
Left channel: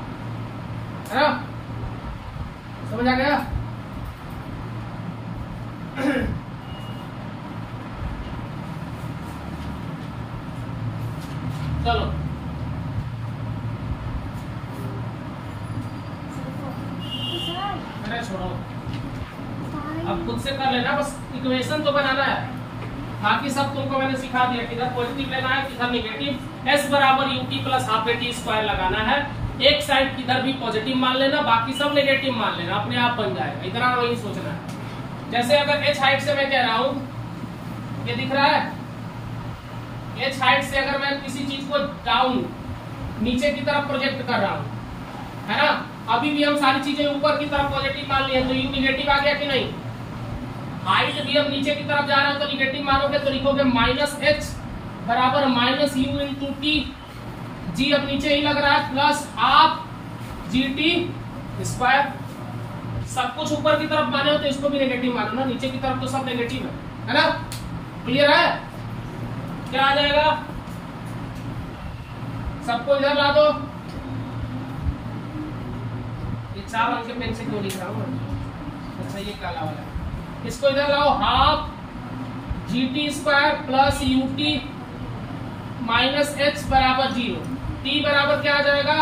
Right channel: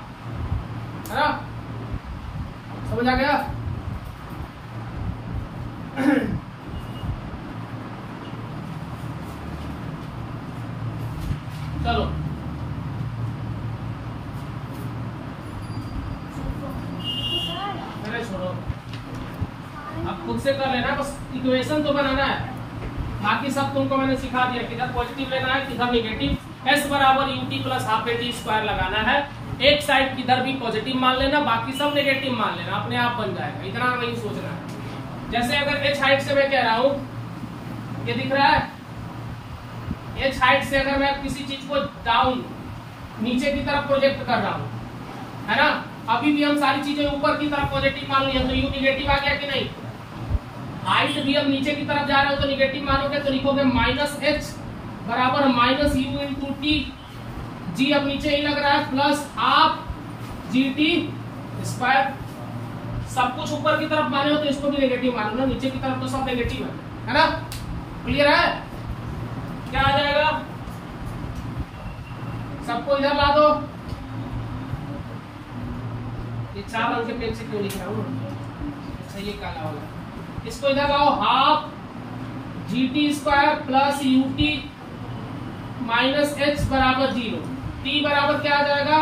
है ना? समझ आ गया? चलो अरे छोड़ो, अब खुद से कर लेना, बस इक्वेशन तो बनाना है, बाकी सब तुमको मैंने सिखा दिया। किधर पॉजिटिव लेना है किधर निगेटिव। एस बराबर UT plus half eighty square लगाना है, एक साइड किधर भी पॉजिटिव मान लेना, बाकी सब नेगेटिव मान लेना, अपने आप बन जाएगा, इतना वही सोचना है। जैसे अगर एच हाइट से मैं कह रहा हूं, ये दिख रहा है, एच हाइट से अगर मैं किसी चीज को डाउन नीचे की तरफ प्रोजेक्ट कर रहा हूं, है ना, अभी भी हम सारी चीजें ऊपर की तरफ पॉजिटिव मान लिए, तो यू निगेटिव आ गया कि नहीं? हाइट भी हम नीचे की तरफ जा रहे हो तो निगेटिव मानोगे, तो लिखोगे माइनस एच बराबर माइनस यू इंटू टी, जी अब नीचे ही लग रहा है, plus half g t square. सब कुछ ऊपर की तरफ माने हो तो इसको भी नेगेटिव मानो ना, नीचे की तरफ तो सब नेगेटिव है ना? क्लियर है? क्या आ जाएगा? सबको इधर ला दो। ये 4 अंक के पेन से क्यों लिख रहा हूँ? अच्छा ये काला वाला, इसको इधर लाओ, half g t square plus u t minus h बराबर 0, टी बराबर क्या आ जाएगा?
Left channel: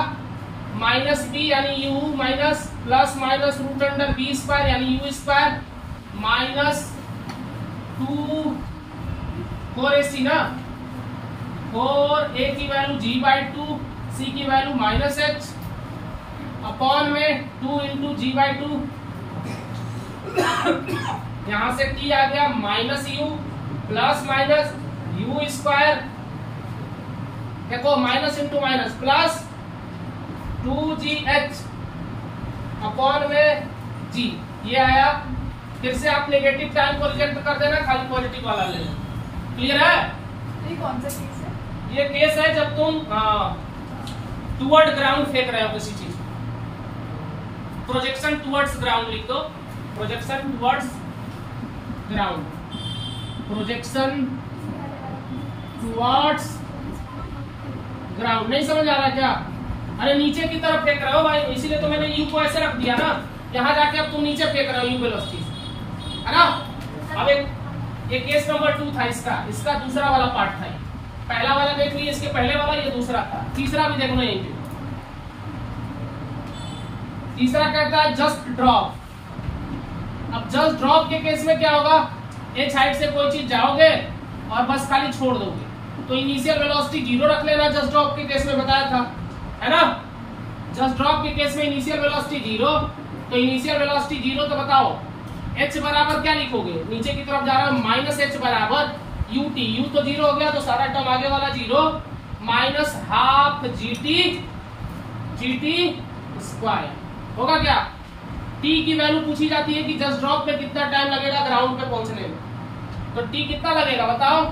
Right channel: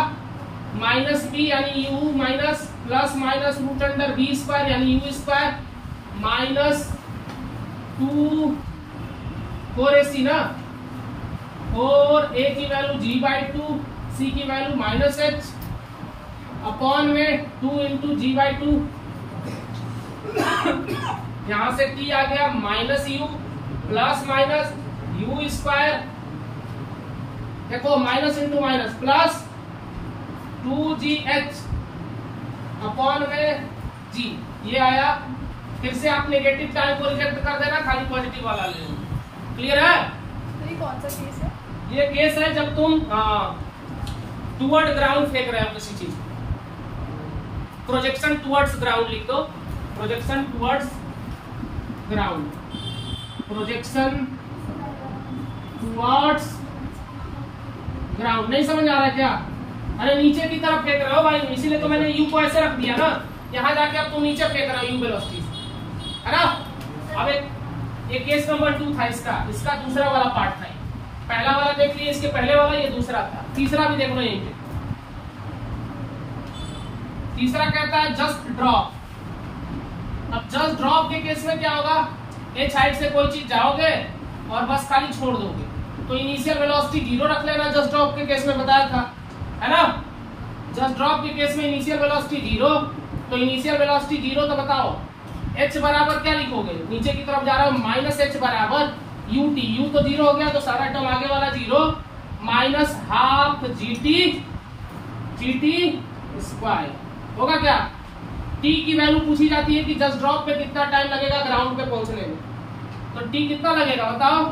माइनस बी यानी u minus plus minus root under b square यानी यू स्क्वायर माइनस 2 4ac ना, 4 a की वैल्यू g/2, c की वैल्यू माइनस एच अपॉन में 2 इंटू g/2, यहां से t आ गया minus u plus minus u square, देखो minus into minus plus 2gh upon में g, ये आया। फिर से आप नेगेटिव टाइम को रिजेक्ट कर देना, खाली पॉजिटिव वाला लेना। क्लियर है? ये कौन सा केस है? ये केस है जब तुम टुवर्ड ग्राउंड फेंक रहे हो किसी चीज, प्रोजेक्शन टुवर्ड्स ग्राउंड लिख दो, projection towards ground, projection towards ground. नहीं समझ आ रहा है क्या? अरे नीचे की तरफ फेंक रहे हो भाई, इसीलिए तो मैंने यू को ऐसे रख दिया ना, यहाँ जाके अब तुम नीचे फेंक रहे हो यू वेलोसिटी, है ना? अब एक केस नंबर 2 था इसका दूसरा वाला पार्ट था, पहला वाला देख लिया, इसके पहले वाला ये दूसरा था, तीसरा भी देखना यहीं पे। तीसरा कहता है जस्ट ड्रॉप। अब जस्ट ड्रॉप के केस में क्या होगा? एच हाइट से कोई चीज जाओगे और बस खाली छोड़ दोगे, तो इनिशियल वेलोसिटी 0 रख लेना, जस्ट ड्रॉप के केस में बताया था, है ना? जस्ट ड्रॉप के केस में इनिशियल वेलोसिटी 0, तो इनिशियल वेलोसिटी 0, तो बताओ h बराबर क्या लिखोगे? नीचे की तरफ जा रहे हो, माइनस एच बराबर यू टी, यू तो 0 हो गया तो सारा टर्म आगे वाला 0 minus half g t square होगा क्या? t की वैल्यू पूछी जाती है कि जस्ट ड्रॉप पे कितना टाइम लगेगा ग्राउंड पे पहुंचने में, तो t कितना लगेगा बताओ,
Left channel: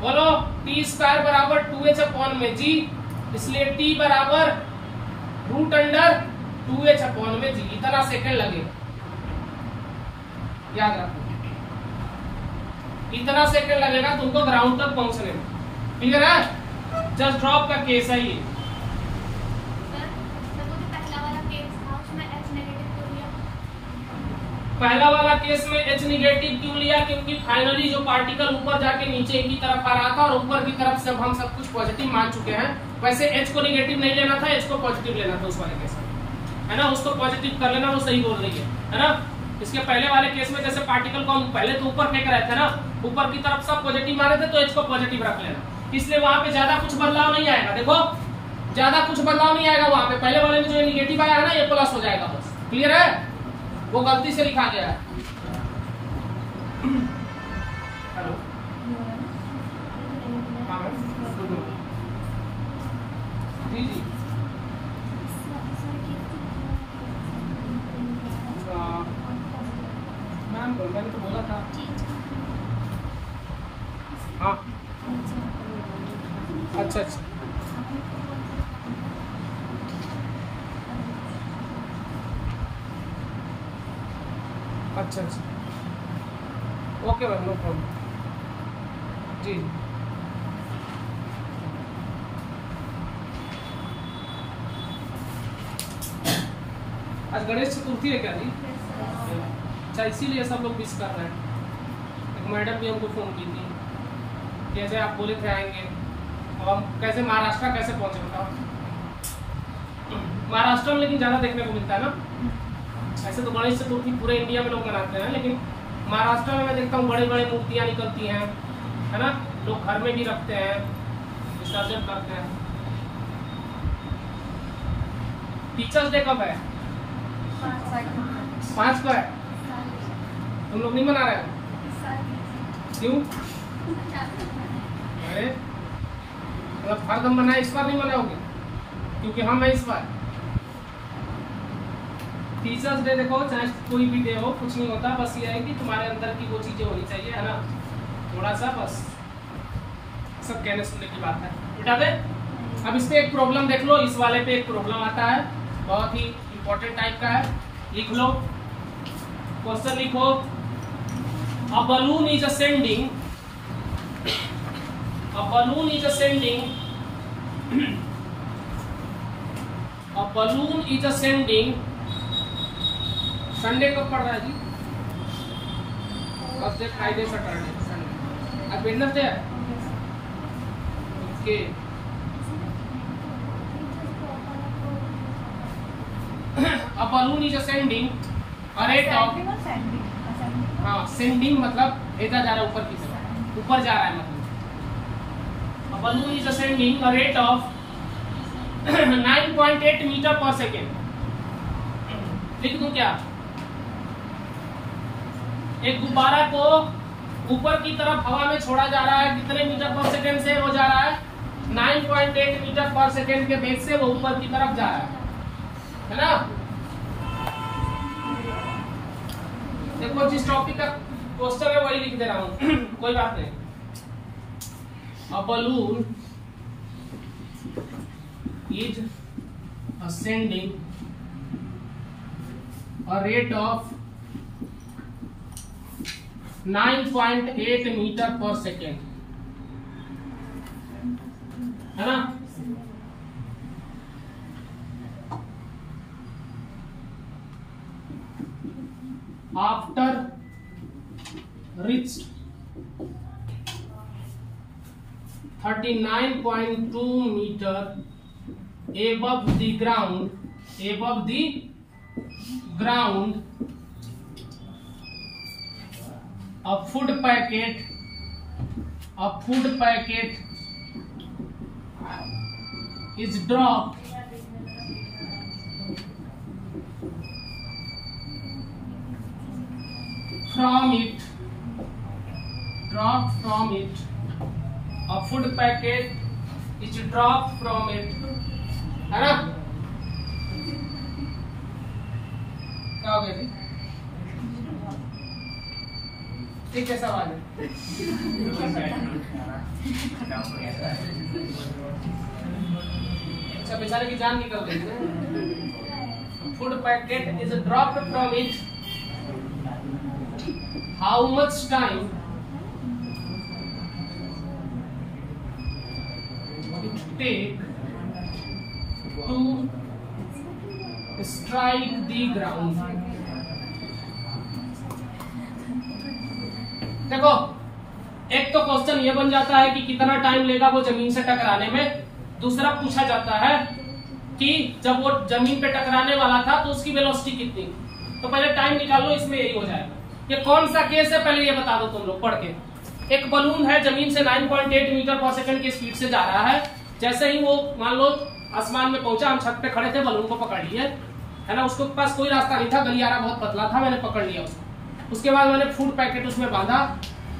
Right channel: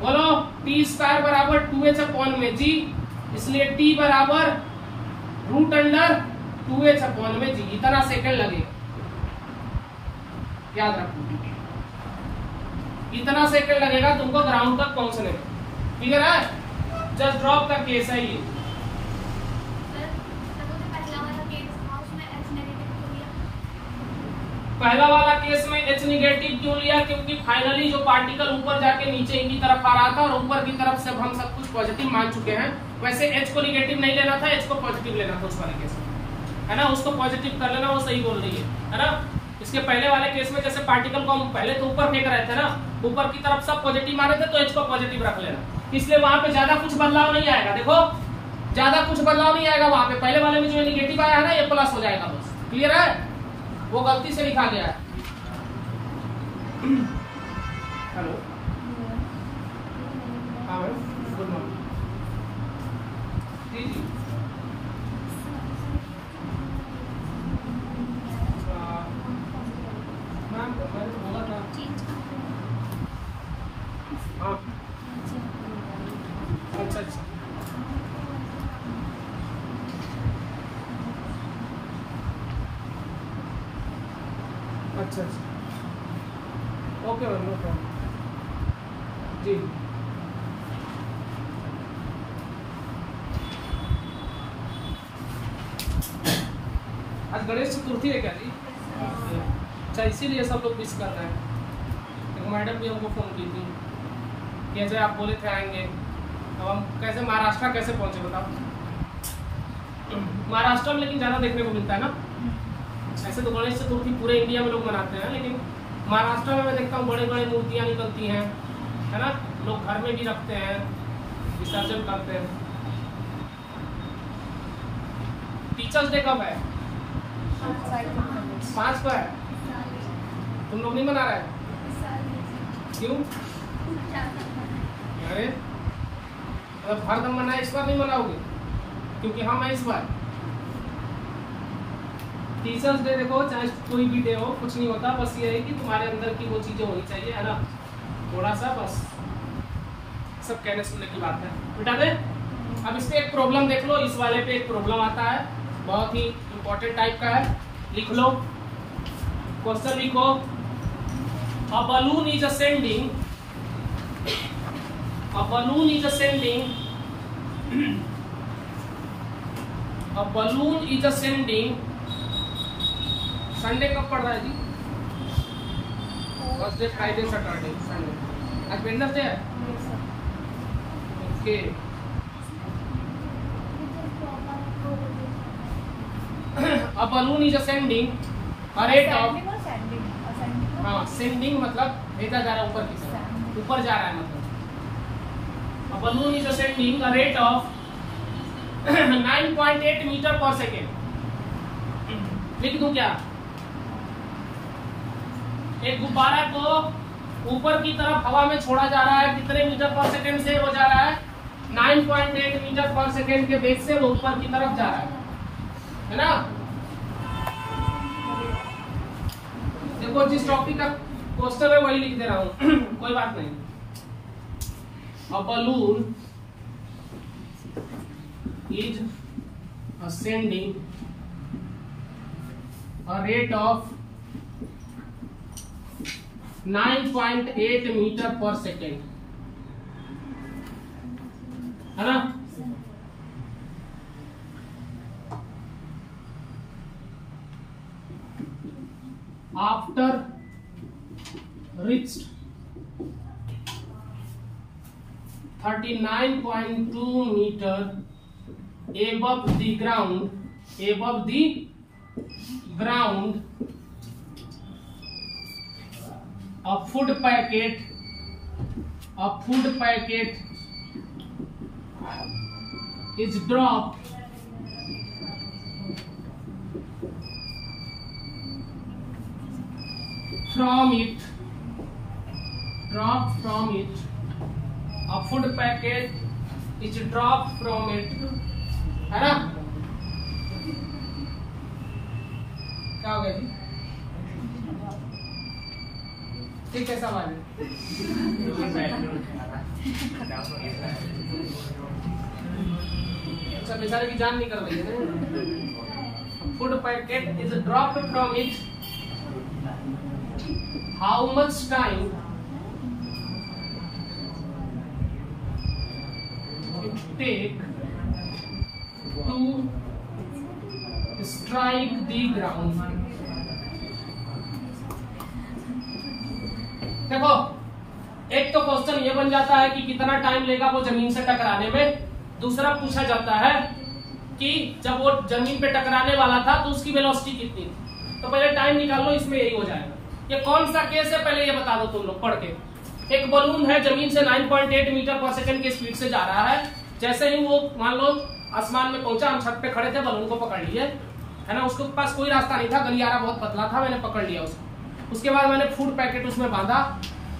बोलो। t स्क्वायर बराबर 2h अपॉन में g, इसलिए t बराबर रूट अंडर 2h अपॉन में g, इतना सेकंड लगेगा, याद रखो, इतना सेकंड लगेगा तुमको ग्राउंड तक पहुंचने में। क्लियर है? जस्ट ड्रॉप का केस है ये। पहला वाला केस में एच निगेटिव क्यों लिया? क्योंकि फाइनली जो पार्टिकल ऊपर जाके नीचे की तरफ आ रहा था और ऊपर की तरफ से हम सब कुछ पॉजिटिव मान चुके हैं, वैसे एच को निगेटिव नहीं लेना था, एच को पॉजिटिव लेना था उस वाले केस में, है ना? उसको पॉजिटिव कर लेना, वो सही बोल रही है ना? इसके पहले वाले केस में जैसे पार्टिकल को हम पहले तो ऊपर फेंक रहे थे ना, ऊपर की तरफ सब पॉजिटिव माने थे, तो एच को पॉजिटिव रख लेना, इसलिए वहां पे ज्यादा कुछ बदलाव नहीं आएगा। देखो ज्यादा कुछ बदलाव नहीं आएगा वहां पे, पहले वाले में जो निगेटिव आया है ना, ये प्लस हो जाएगा बस। क्लियर है? वो गलती से लिखा गया है। हेलो, हाँ गुड मॉर्निंग जी जी। मैंने तो बोला था। हाँ अच्छा अच्छा, अच्छा अच्छा, ओके मैम, नो प्रॉब्लम जी। आज गणेश चतुर्थी है क्या जी? अच्छा, इसीलिए सब लोग मिस कर रहे हैं। एक मैडम भी हमको फ़ोन की थी कि ऐसे आप बोले थे आएंगे, अब हम कैसे महाराष्ट्र कैसे पहुँचे बताओ। महाराष्ट्र में लेकिन ज़्यादा देखने को मिलता है ना। ऐसे तो गणेश चतुर्थी पूरे इंडिया में लोग मनाते हैं, लेकिन महाराष्ट्र में मैं देखता हूँ बड़े बड़े मूर्तियाँ निकलती हैं, है ना। लोग घर में भी रखते हैं, विसर्जन करते हैं। टीचर्स डे कब है? 5 को है। तुम लोग नहीं मना रहे? क्यों? अरे हर दम मनाए, इस बार नहीं मनाओगे? क्योंकि हम हैं इस बार। टीचर्स डे देखो, चाहे कोई भी डे हो, कुछ नहीं होता, बस ये है कि तुम्हारे अंदर की वो चीजें होनी चाहिए, है ना, थोड़ा सा, बस सब कहने सुनने की बात है। बेटा दे, अब इस पे एक प्रॉब्लम देख लो। इस वाले पे एक प्रॉब्लम आता है, बहुत ही इंपॉर्टेंट टाइप का है, लिख लो। क्वेश्चन लिखो, a balloon is ascending, a balloon is ascending, a balloon is ascending. Sunday कब पड़ रहा है जी? Thursday, Friday, Saturday, Sunday. आज वेडनेसडे है। Okay, a balloon is ascending a rate of, हाँ सेंडिंग मतलब भेजा जा रहा है ऊपर की तरफ, ऊपर जा रहा है मतलब। A balloon is ascending a rate of 9.8 metre per second. लिख दूं क्या? एक गुब्बारा को ऊपर की तरफ हवा में छोड़ा जा रहा है, कितने मीटर पर सेकेंड से वो जा रहा है? 9.8 मीटर पर सेकेंड के वेग से वो ऊपर की तरफ जा रहा है ना। देखो, जिस टॉपिक का क्वेश्चन है वही लिख दे रहा हूं कोई बात नहीं। A balloon is ascending a rate of 9.8 metre per second, है ना। After reached 39.2 meter above the ground, a food packet is dropped from it, a food packet is dropped from it, है ना। क्या हो गया जी? ठीक है, सवाल है। अच्छा, बेचारे की जान निकल रही है ना। Food packet is dropped from it, how much time it take to strike the ground। देखो, एक तो क्वेश्चन ये बन जाता है कि कितना टाइम लेगा वो जमीन से टकराने में। दूसरा पूछा जाता है कि जब वो जमीन पे टकराने वाला था तो उसकी वेलोसिटी कितनी थी। तो पहले टाइम निकाल लो, इसमें यही हो जाएगा। ये कौन सा केस है पहले ये बता दो तुम लोग पढ़ के। एक बलून है, जमीन से 9.8 मीटर पर सेकंड की स्पीड से जा रहा है। जैसे ही वो मान लो आसमान में पहुंचा, हम छत पे खड़े थे, बलून को पकड़ लिए, है ना। उसके पास कोई रास्ता नहीं था, गलियारा बहुत पतला था, मैंने पकड़ लिया उसको। उसके बाद मैंने फूड पैकेट उसमें बांधा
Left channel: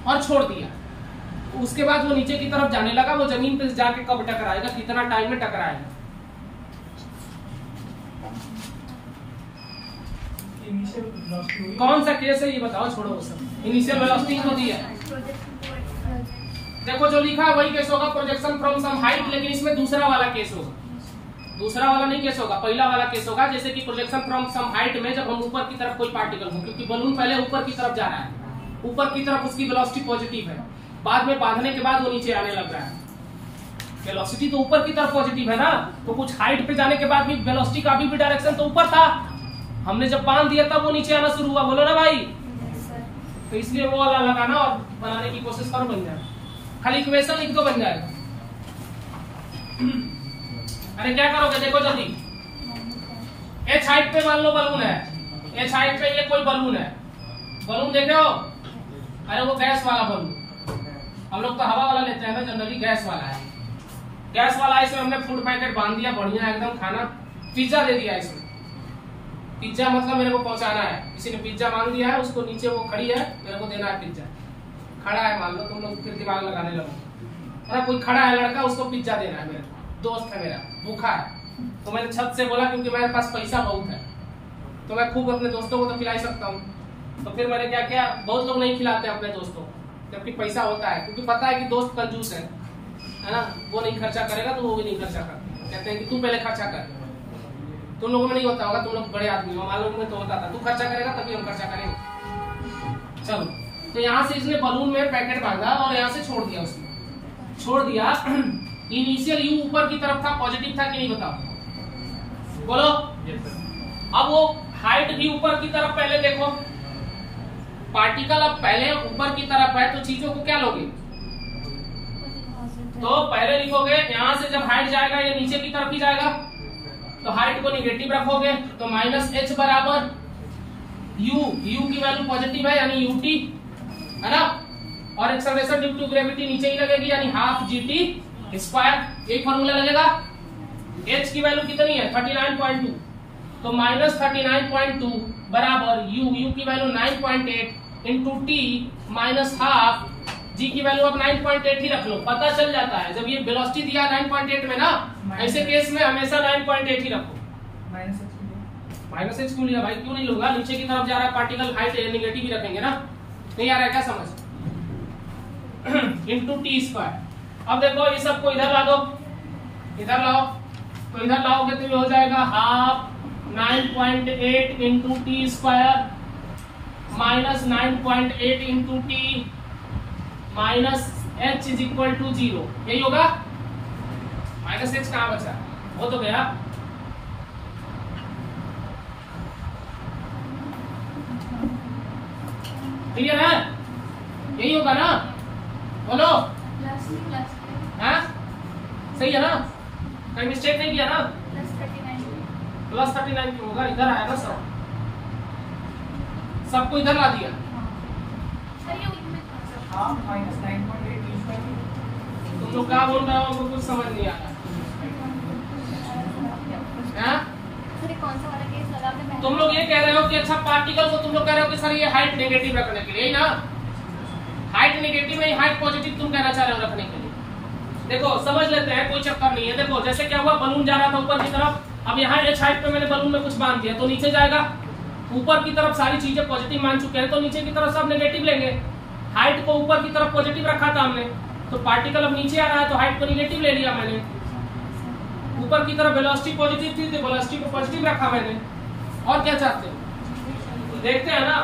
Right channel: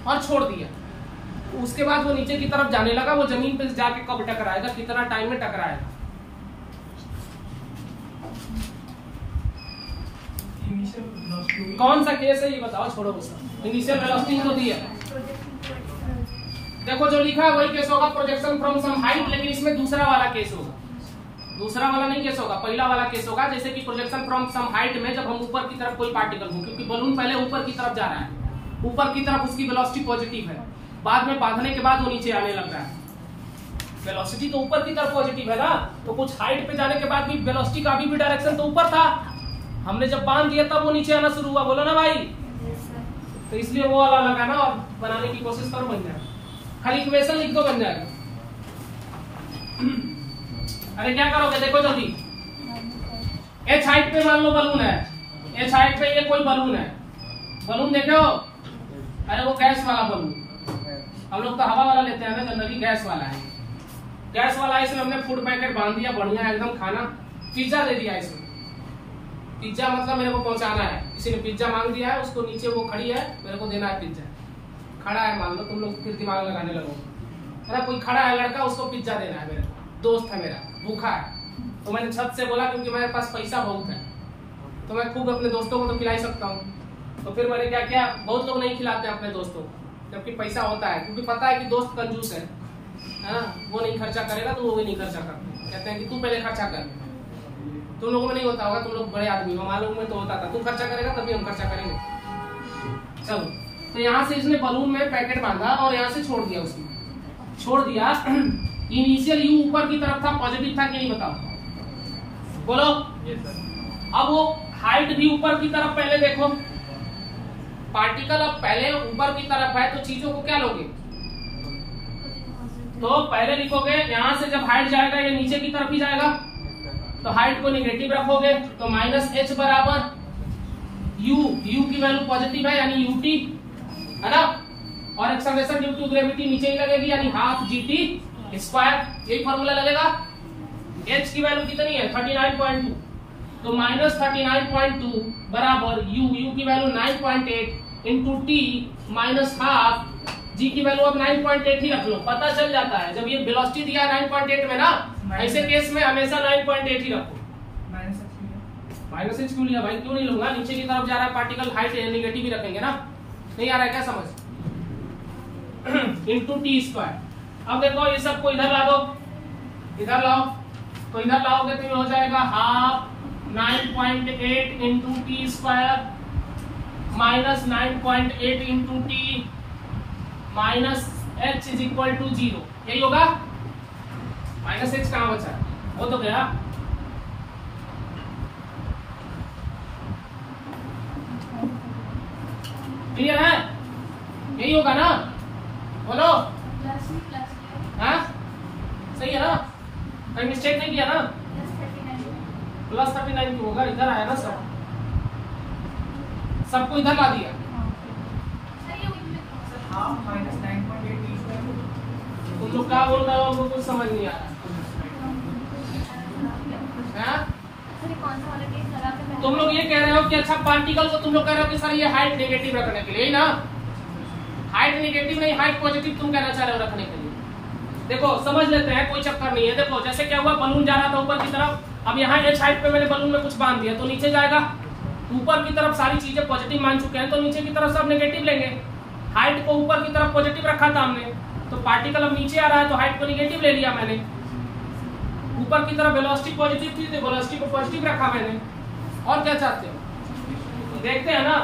और छोड़ दिया। उसके बाद वो नीचे की तरफ जाने लगा। वो जमीन पे जाके कब टकराएगा, कितना टाइम में टकराएगा? कौन सा केस है ये बताओ, छोड़ो उसका। इनिशियल वेलोसिटी तो दी है, देखो जो लिखा है वही केस होगा, प्रोजेक्शन फ्रॉम सम हाइट, लेकिन इसमें दूसरा वाला केस होगा। दूसरा वाला नहीं केस होगा, पहला वाला केस होगा। जैसे कि प्रोजेक्शन फ्रॉम सम हाइट में जब हम ऊपर की तरफ कोई पार्टिकल हो, क्योंकि बलून पहले ऊपर की तरफ जा रहा है, ऊपर की तरफ उसकी वेलोसिटी पॉजिटिव है, बाद में बांधने के बाद वो नीचे आने लग रहा है। वेलोसिटी तो ऊपर की तरफ पॉजिटिव है ना, तो कुछ हाइट पे जाने के बाद भी वेलोसिटी का अभी भी डायरेक्शन तो ऊपर था। हमने जब बांध दिया तब वो नीचे आना शुरू हुआ, बोलो ना भाई। तो इसलिए वो वाला लगाना और बनाने की कोशिश करो, बन जाए। खाली इक्वेशन लिख दो, बन जाएगा। अरे क्या करोगे, देखो जल्दी। एच हाइट पे मान लो बलून है, एच हाइट पे ये कोई बलून है, बलून देखे हो? अरे वो गैस वाला बलून, हम लोग तो हवा वाला लेते हैं ना, जनरली गैस वाला है। गैस वाला इसमें हमने फूड पैकेट बांध दिया, बढ़िया एकदम खाना, पिज्जा दे दिया इसमें। पिज्जा मतलब मेरे को पहुंचाना है, किसी ने पिज्जा मांग दिया है, उसको नीचे वो खड़ी है, मेरे को देना है पिज्जा। खड़ा है मान लो, तुम लोग फिर दिमाग लगाने लगो। अरे कोई खड़ा है लड़का, उसको पिज्जा देना है, मेरे दोस्त है मेरा, भूखा है, तो मैंने छत से बोला क्योंकि मेरे पास पैसा बहुत है तो मैं खूब अपने दोस्तों को तो खिला सकता हूँ। तो फिर मैंने क्या किया, बहुत लोग नहीं खिलाते अपने दोस्तों को जबकि पैसा होता है, क्योंकि पता है कि दोस्त कंजूस है, वो नहीं खर्चा करेगा तो वो भी नहीं खर्चा करता, कहते हैं कि तू पहले खर्चा कर। तुम लोगों में नहीं होता होगा, तुम लोग बड़े आदमी हो, हमारे लोगों में तो होता था, तू खर्चा करेगा तभी हम खर्चा करेंगे। चलो, तो यहाँ से इसने बलून में पैकेट बांधा और यहाँ से छोड़ दिया, उसमें छोड़ दिया। इनिशियल यू ऊपर की तरफ था, पॉजिटिव था कि नहीं बताओ, बोलो। अब वो हाइट भी ऊपर की तरफ, पहले देखो पार्टिकल अब पहले ऊपर की तरफ है, तो चीजों को क्या लोगे, तो पहले लिखोगे यहाँ से जब हाइट जाएगा ये नीचे की तरफ ही जाएगा, तो हाइट को निगेटिव रखोगे, तो माइनस एच बराबर यू, यू की वैल्यू पॉजिटिव है यानी यूटी है ना, और एक्सेलरेशन ड्यू टू ग्रेविटी नीचे ही लगेगी यानी हाफ जीटी स्क्वायर, यही फॉर्मूला लगेगा। एच की वैल्यू कितनी है 39.2, तो माइनस 39.2 बराबर यू, यू की value 9.8 into t minus half, g की वैल्यू अब 9.8 ही रख लो, पता चल जाता है जब ये वेलोसिटी दिया 9.8 में ना, ऐसे केस में हमेशा 9.8 ही रखो। माइनस एच क्यों लिया भाई, क्यों नहीं लूंगा, नीचे की तरफ जा रहा है पार्टिकल, हाइट निगेटिव ही रखेंगे ना, नहीं आ रहा है क्या समझ, इंटू टी स्क्वायर। अब देखो ये सब को इधर ला दो, इधर लाओ, तो इधर लाओगे तो ये हो जाएगा half 9.8 into t square minus 9.8 into t minus h is equal to 0, यही होगा। माइनस एच कहाँ बचा, वो तो गया। क्लियर है, यही होगा ना, बोलो। हाँ सही है ना, कहीं मिस्टेक नहीं किया ना, प्लस 39 क्यों होगा, इधर आया ना सब, सबको इधर ला दिया। तुम लोग क्या बोल रहे हो, हमको कुछ समझ नहीं आ रहा। तुम लोग ये कह रहे हो कि अच्छा पार्टिकल को तुम लोग कह रहे हो कि सर ये हाइट नेगेटिव रखने के लिए ना, हाइट नेगेटिव नहीं हाइट पॉजिटिव तुम कहना चाह रहे हो रखने के लिए। देखो समझ लेते हैं, कोई चक्कर नहीं है। देखो जैसे क्या हुआ, बलून जा रहा था ऊपर की तरफ, अब यहाँ एच हाइट पे मैंने बलून में कुछ बांध दिया तो नीचे जाएगा, ऊपर की तरफ सारी चीजें पॉजिटिव मान चुके हैं तो नीचे की तरफ सब नेगेटिव लेंगे। हाइट को ऊपर की तरफ पॉजिटिव रखा था हमने, तो पार्टिकल अब नीचे आ रहा है तो हाइट को निगेटिव ले लिया मैंने। ऊपर की तरफ वेलोसिटी पॉजिटिव थी तो वेलोसिटी को पॉजिटिव रखा मैंने। और क्या चाहते हो, देखते हैं ना,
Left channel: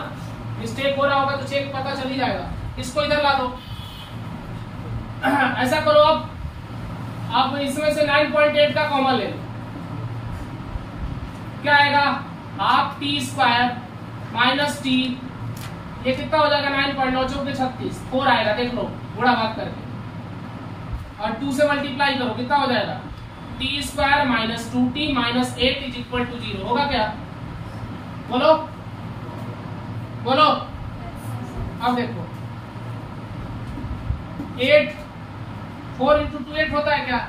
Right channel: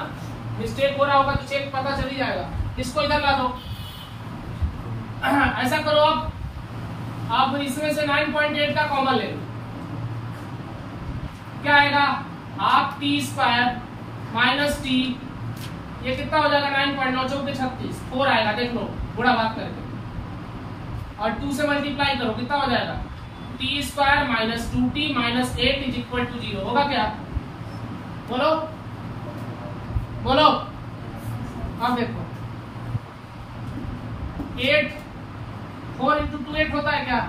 मिस्टेक हो रहा होगा तो चेक पता चल ही जाएगा। इसको इधर ला दो, ऐसा करो अब आप इसमें से 9.8 का कॉमन ले लो, क्या आएगा half T square minus T, ये कितना हो जाएगा 9.9 चौके 36, 4 आएगा, देख लो थोड़ा भाग करके, और 2 से मल्टीप्लाई करो कितना हो जाएगा t square minus 2t minus 8 is equal to 0 होगा क्या, बोलो बोलो। अब देखो 8 4 इंटू 2 8 होता है क्या,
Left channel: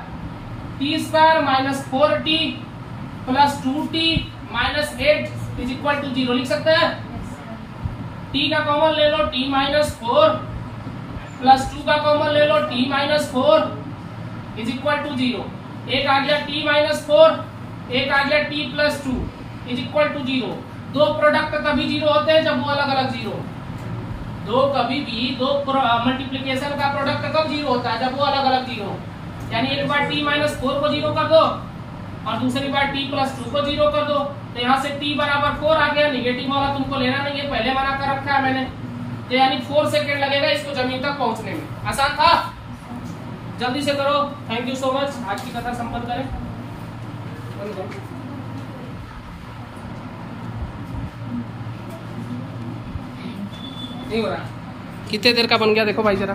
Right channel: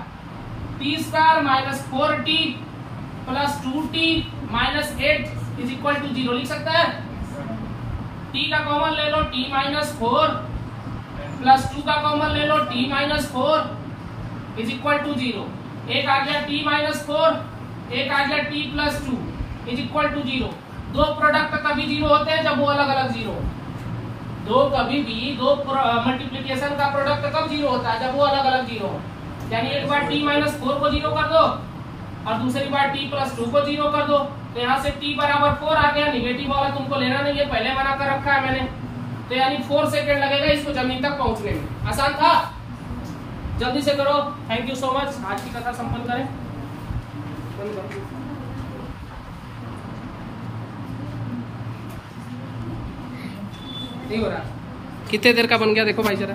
t square minus 4t plus 2t minus 8 is equal to 0 लिख सकते हैं। t का कॉमन ले लो, t माइनस 4 प्लस 2 का कॉमन ले लो, t minus 4 is equal to 0। एक आ गया t माइनस 4, एक आ गया t plus 2 is equal to 0। दो प्रोडक्ट कभी 0 होते हैं जब वो अलग अलग 0, दो कभी भी दो मल्टीप्लिकेशन का प्रोडक्ट कब 0 होता है जब वो अलग अलग 0, यानी एक बार t माइनस 4 को 0 कर दो और दूसरी बार t + 2 को 0 कर दो, तो यहाँ से t = 4 आ गया। निगेटिव वाला तुमको लेना नहीं है, पहले बना कर रखा है मैंने। तो यानी 4 सेकेंड लगेगा इसको जमीन तक पहुंचने में। आसान था, जल्दी से करो। Thank you so much. आज की कथा संपन्न करें। नहीं हो रहा, कितने देर का बन गया देखो भाई जरा।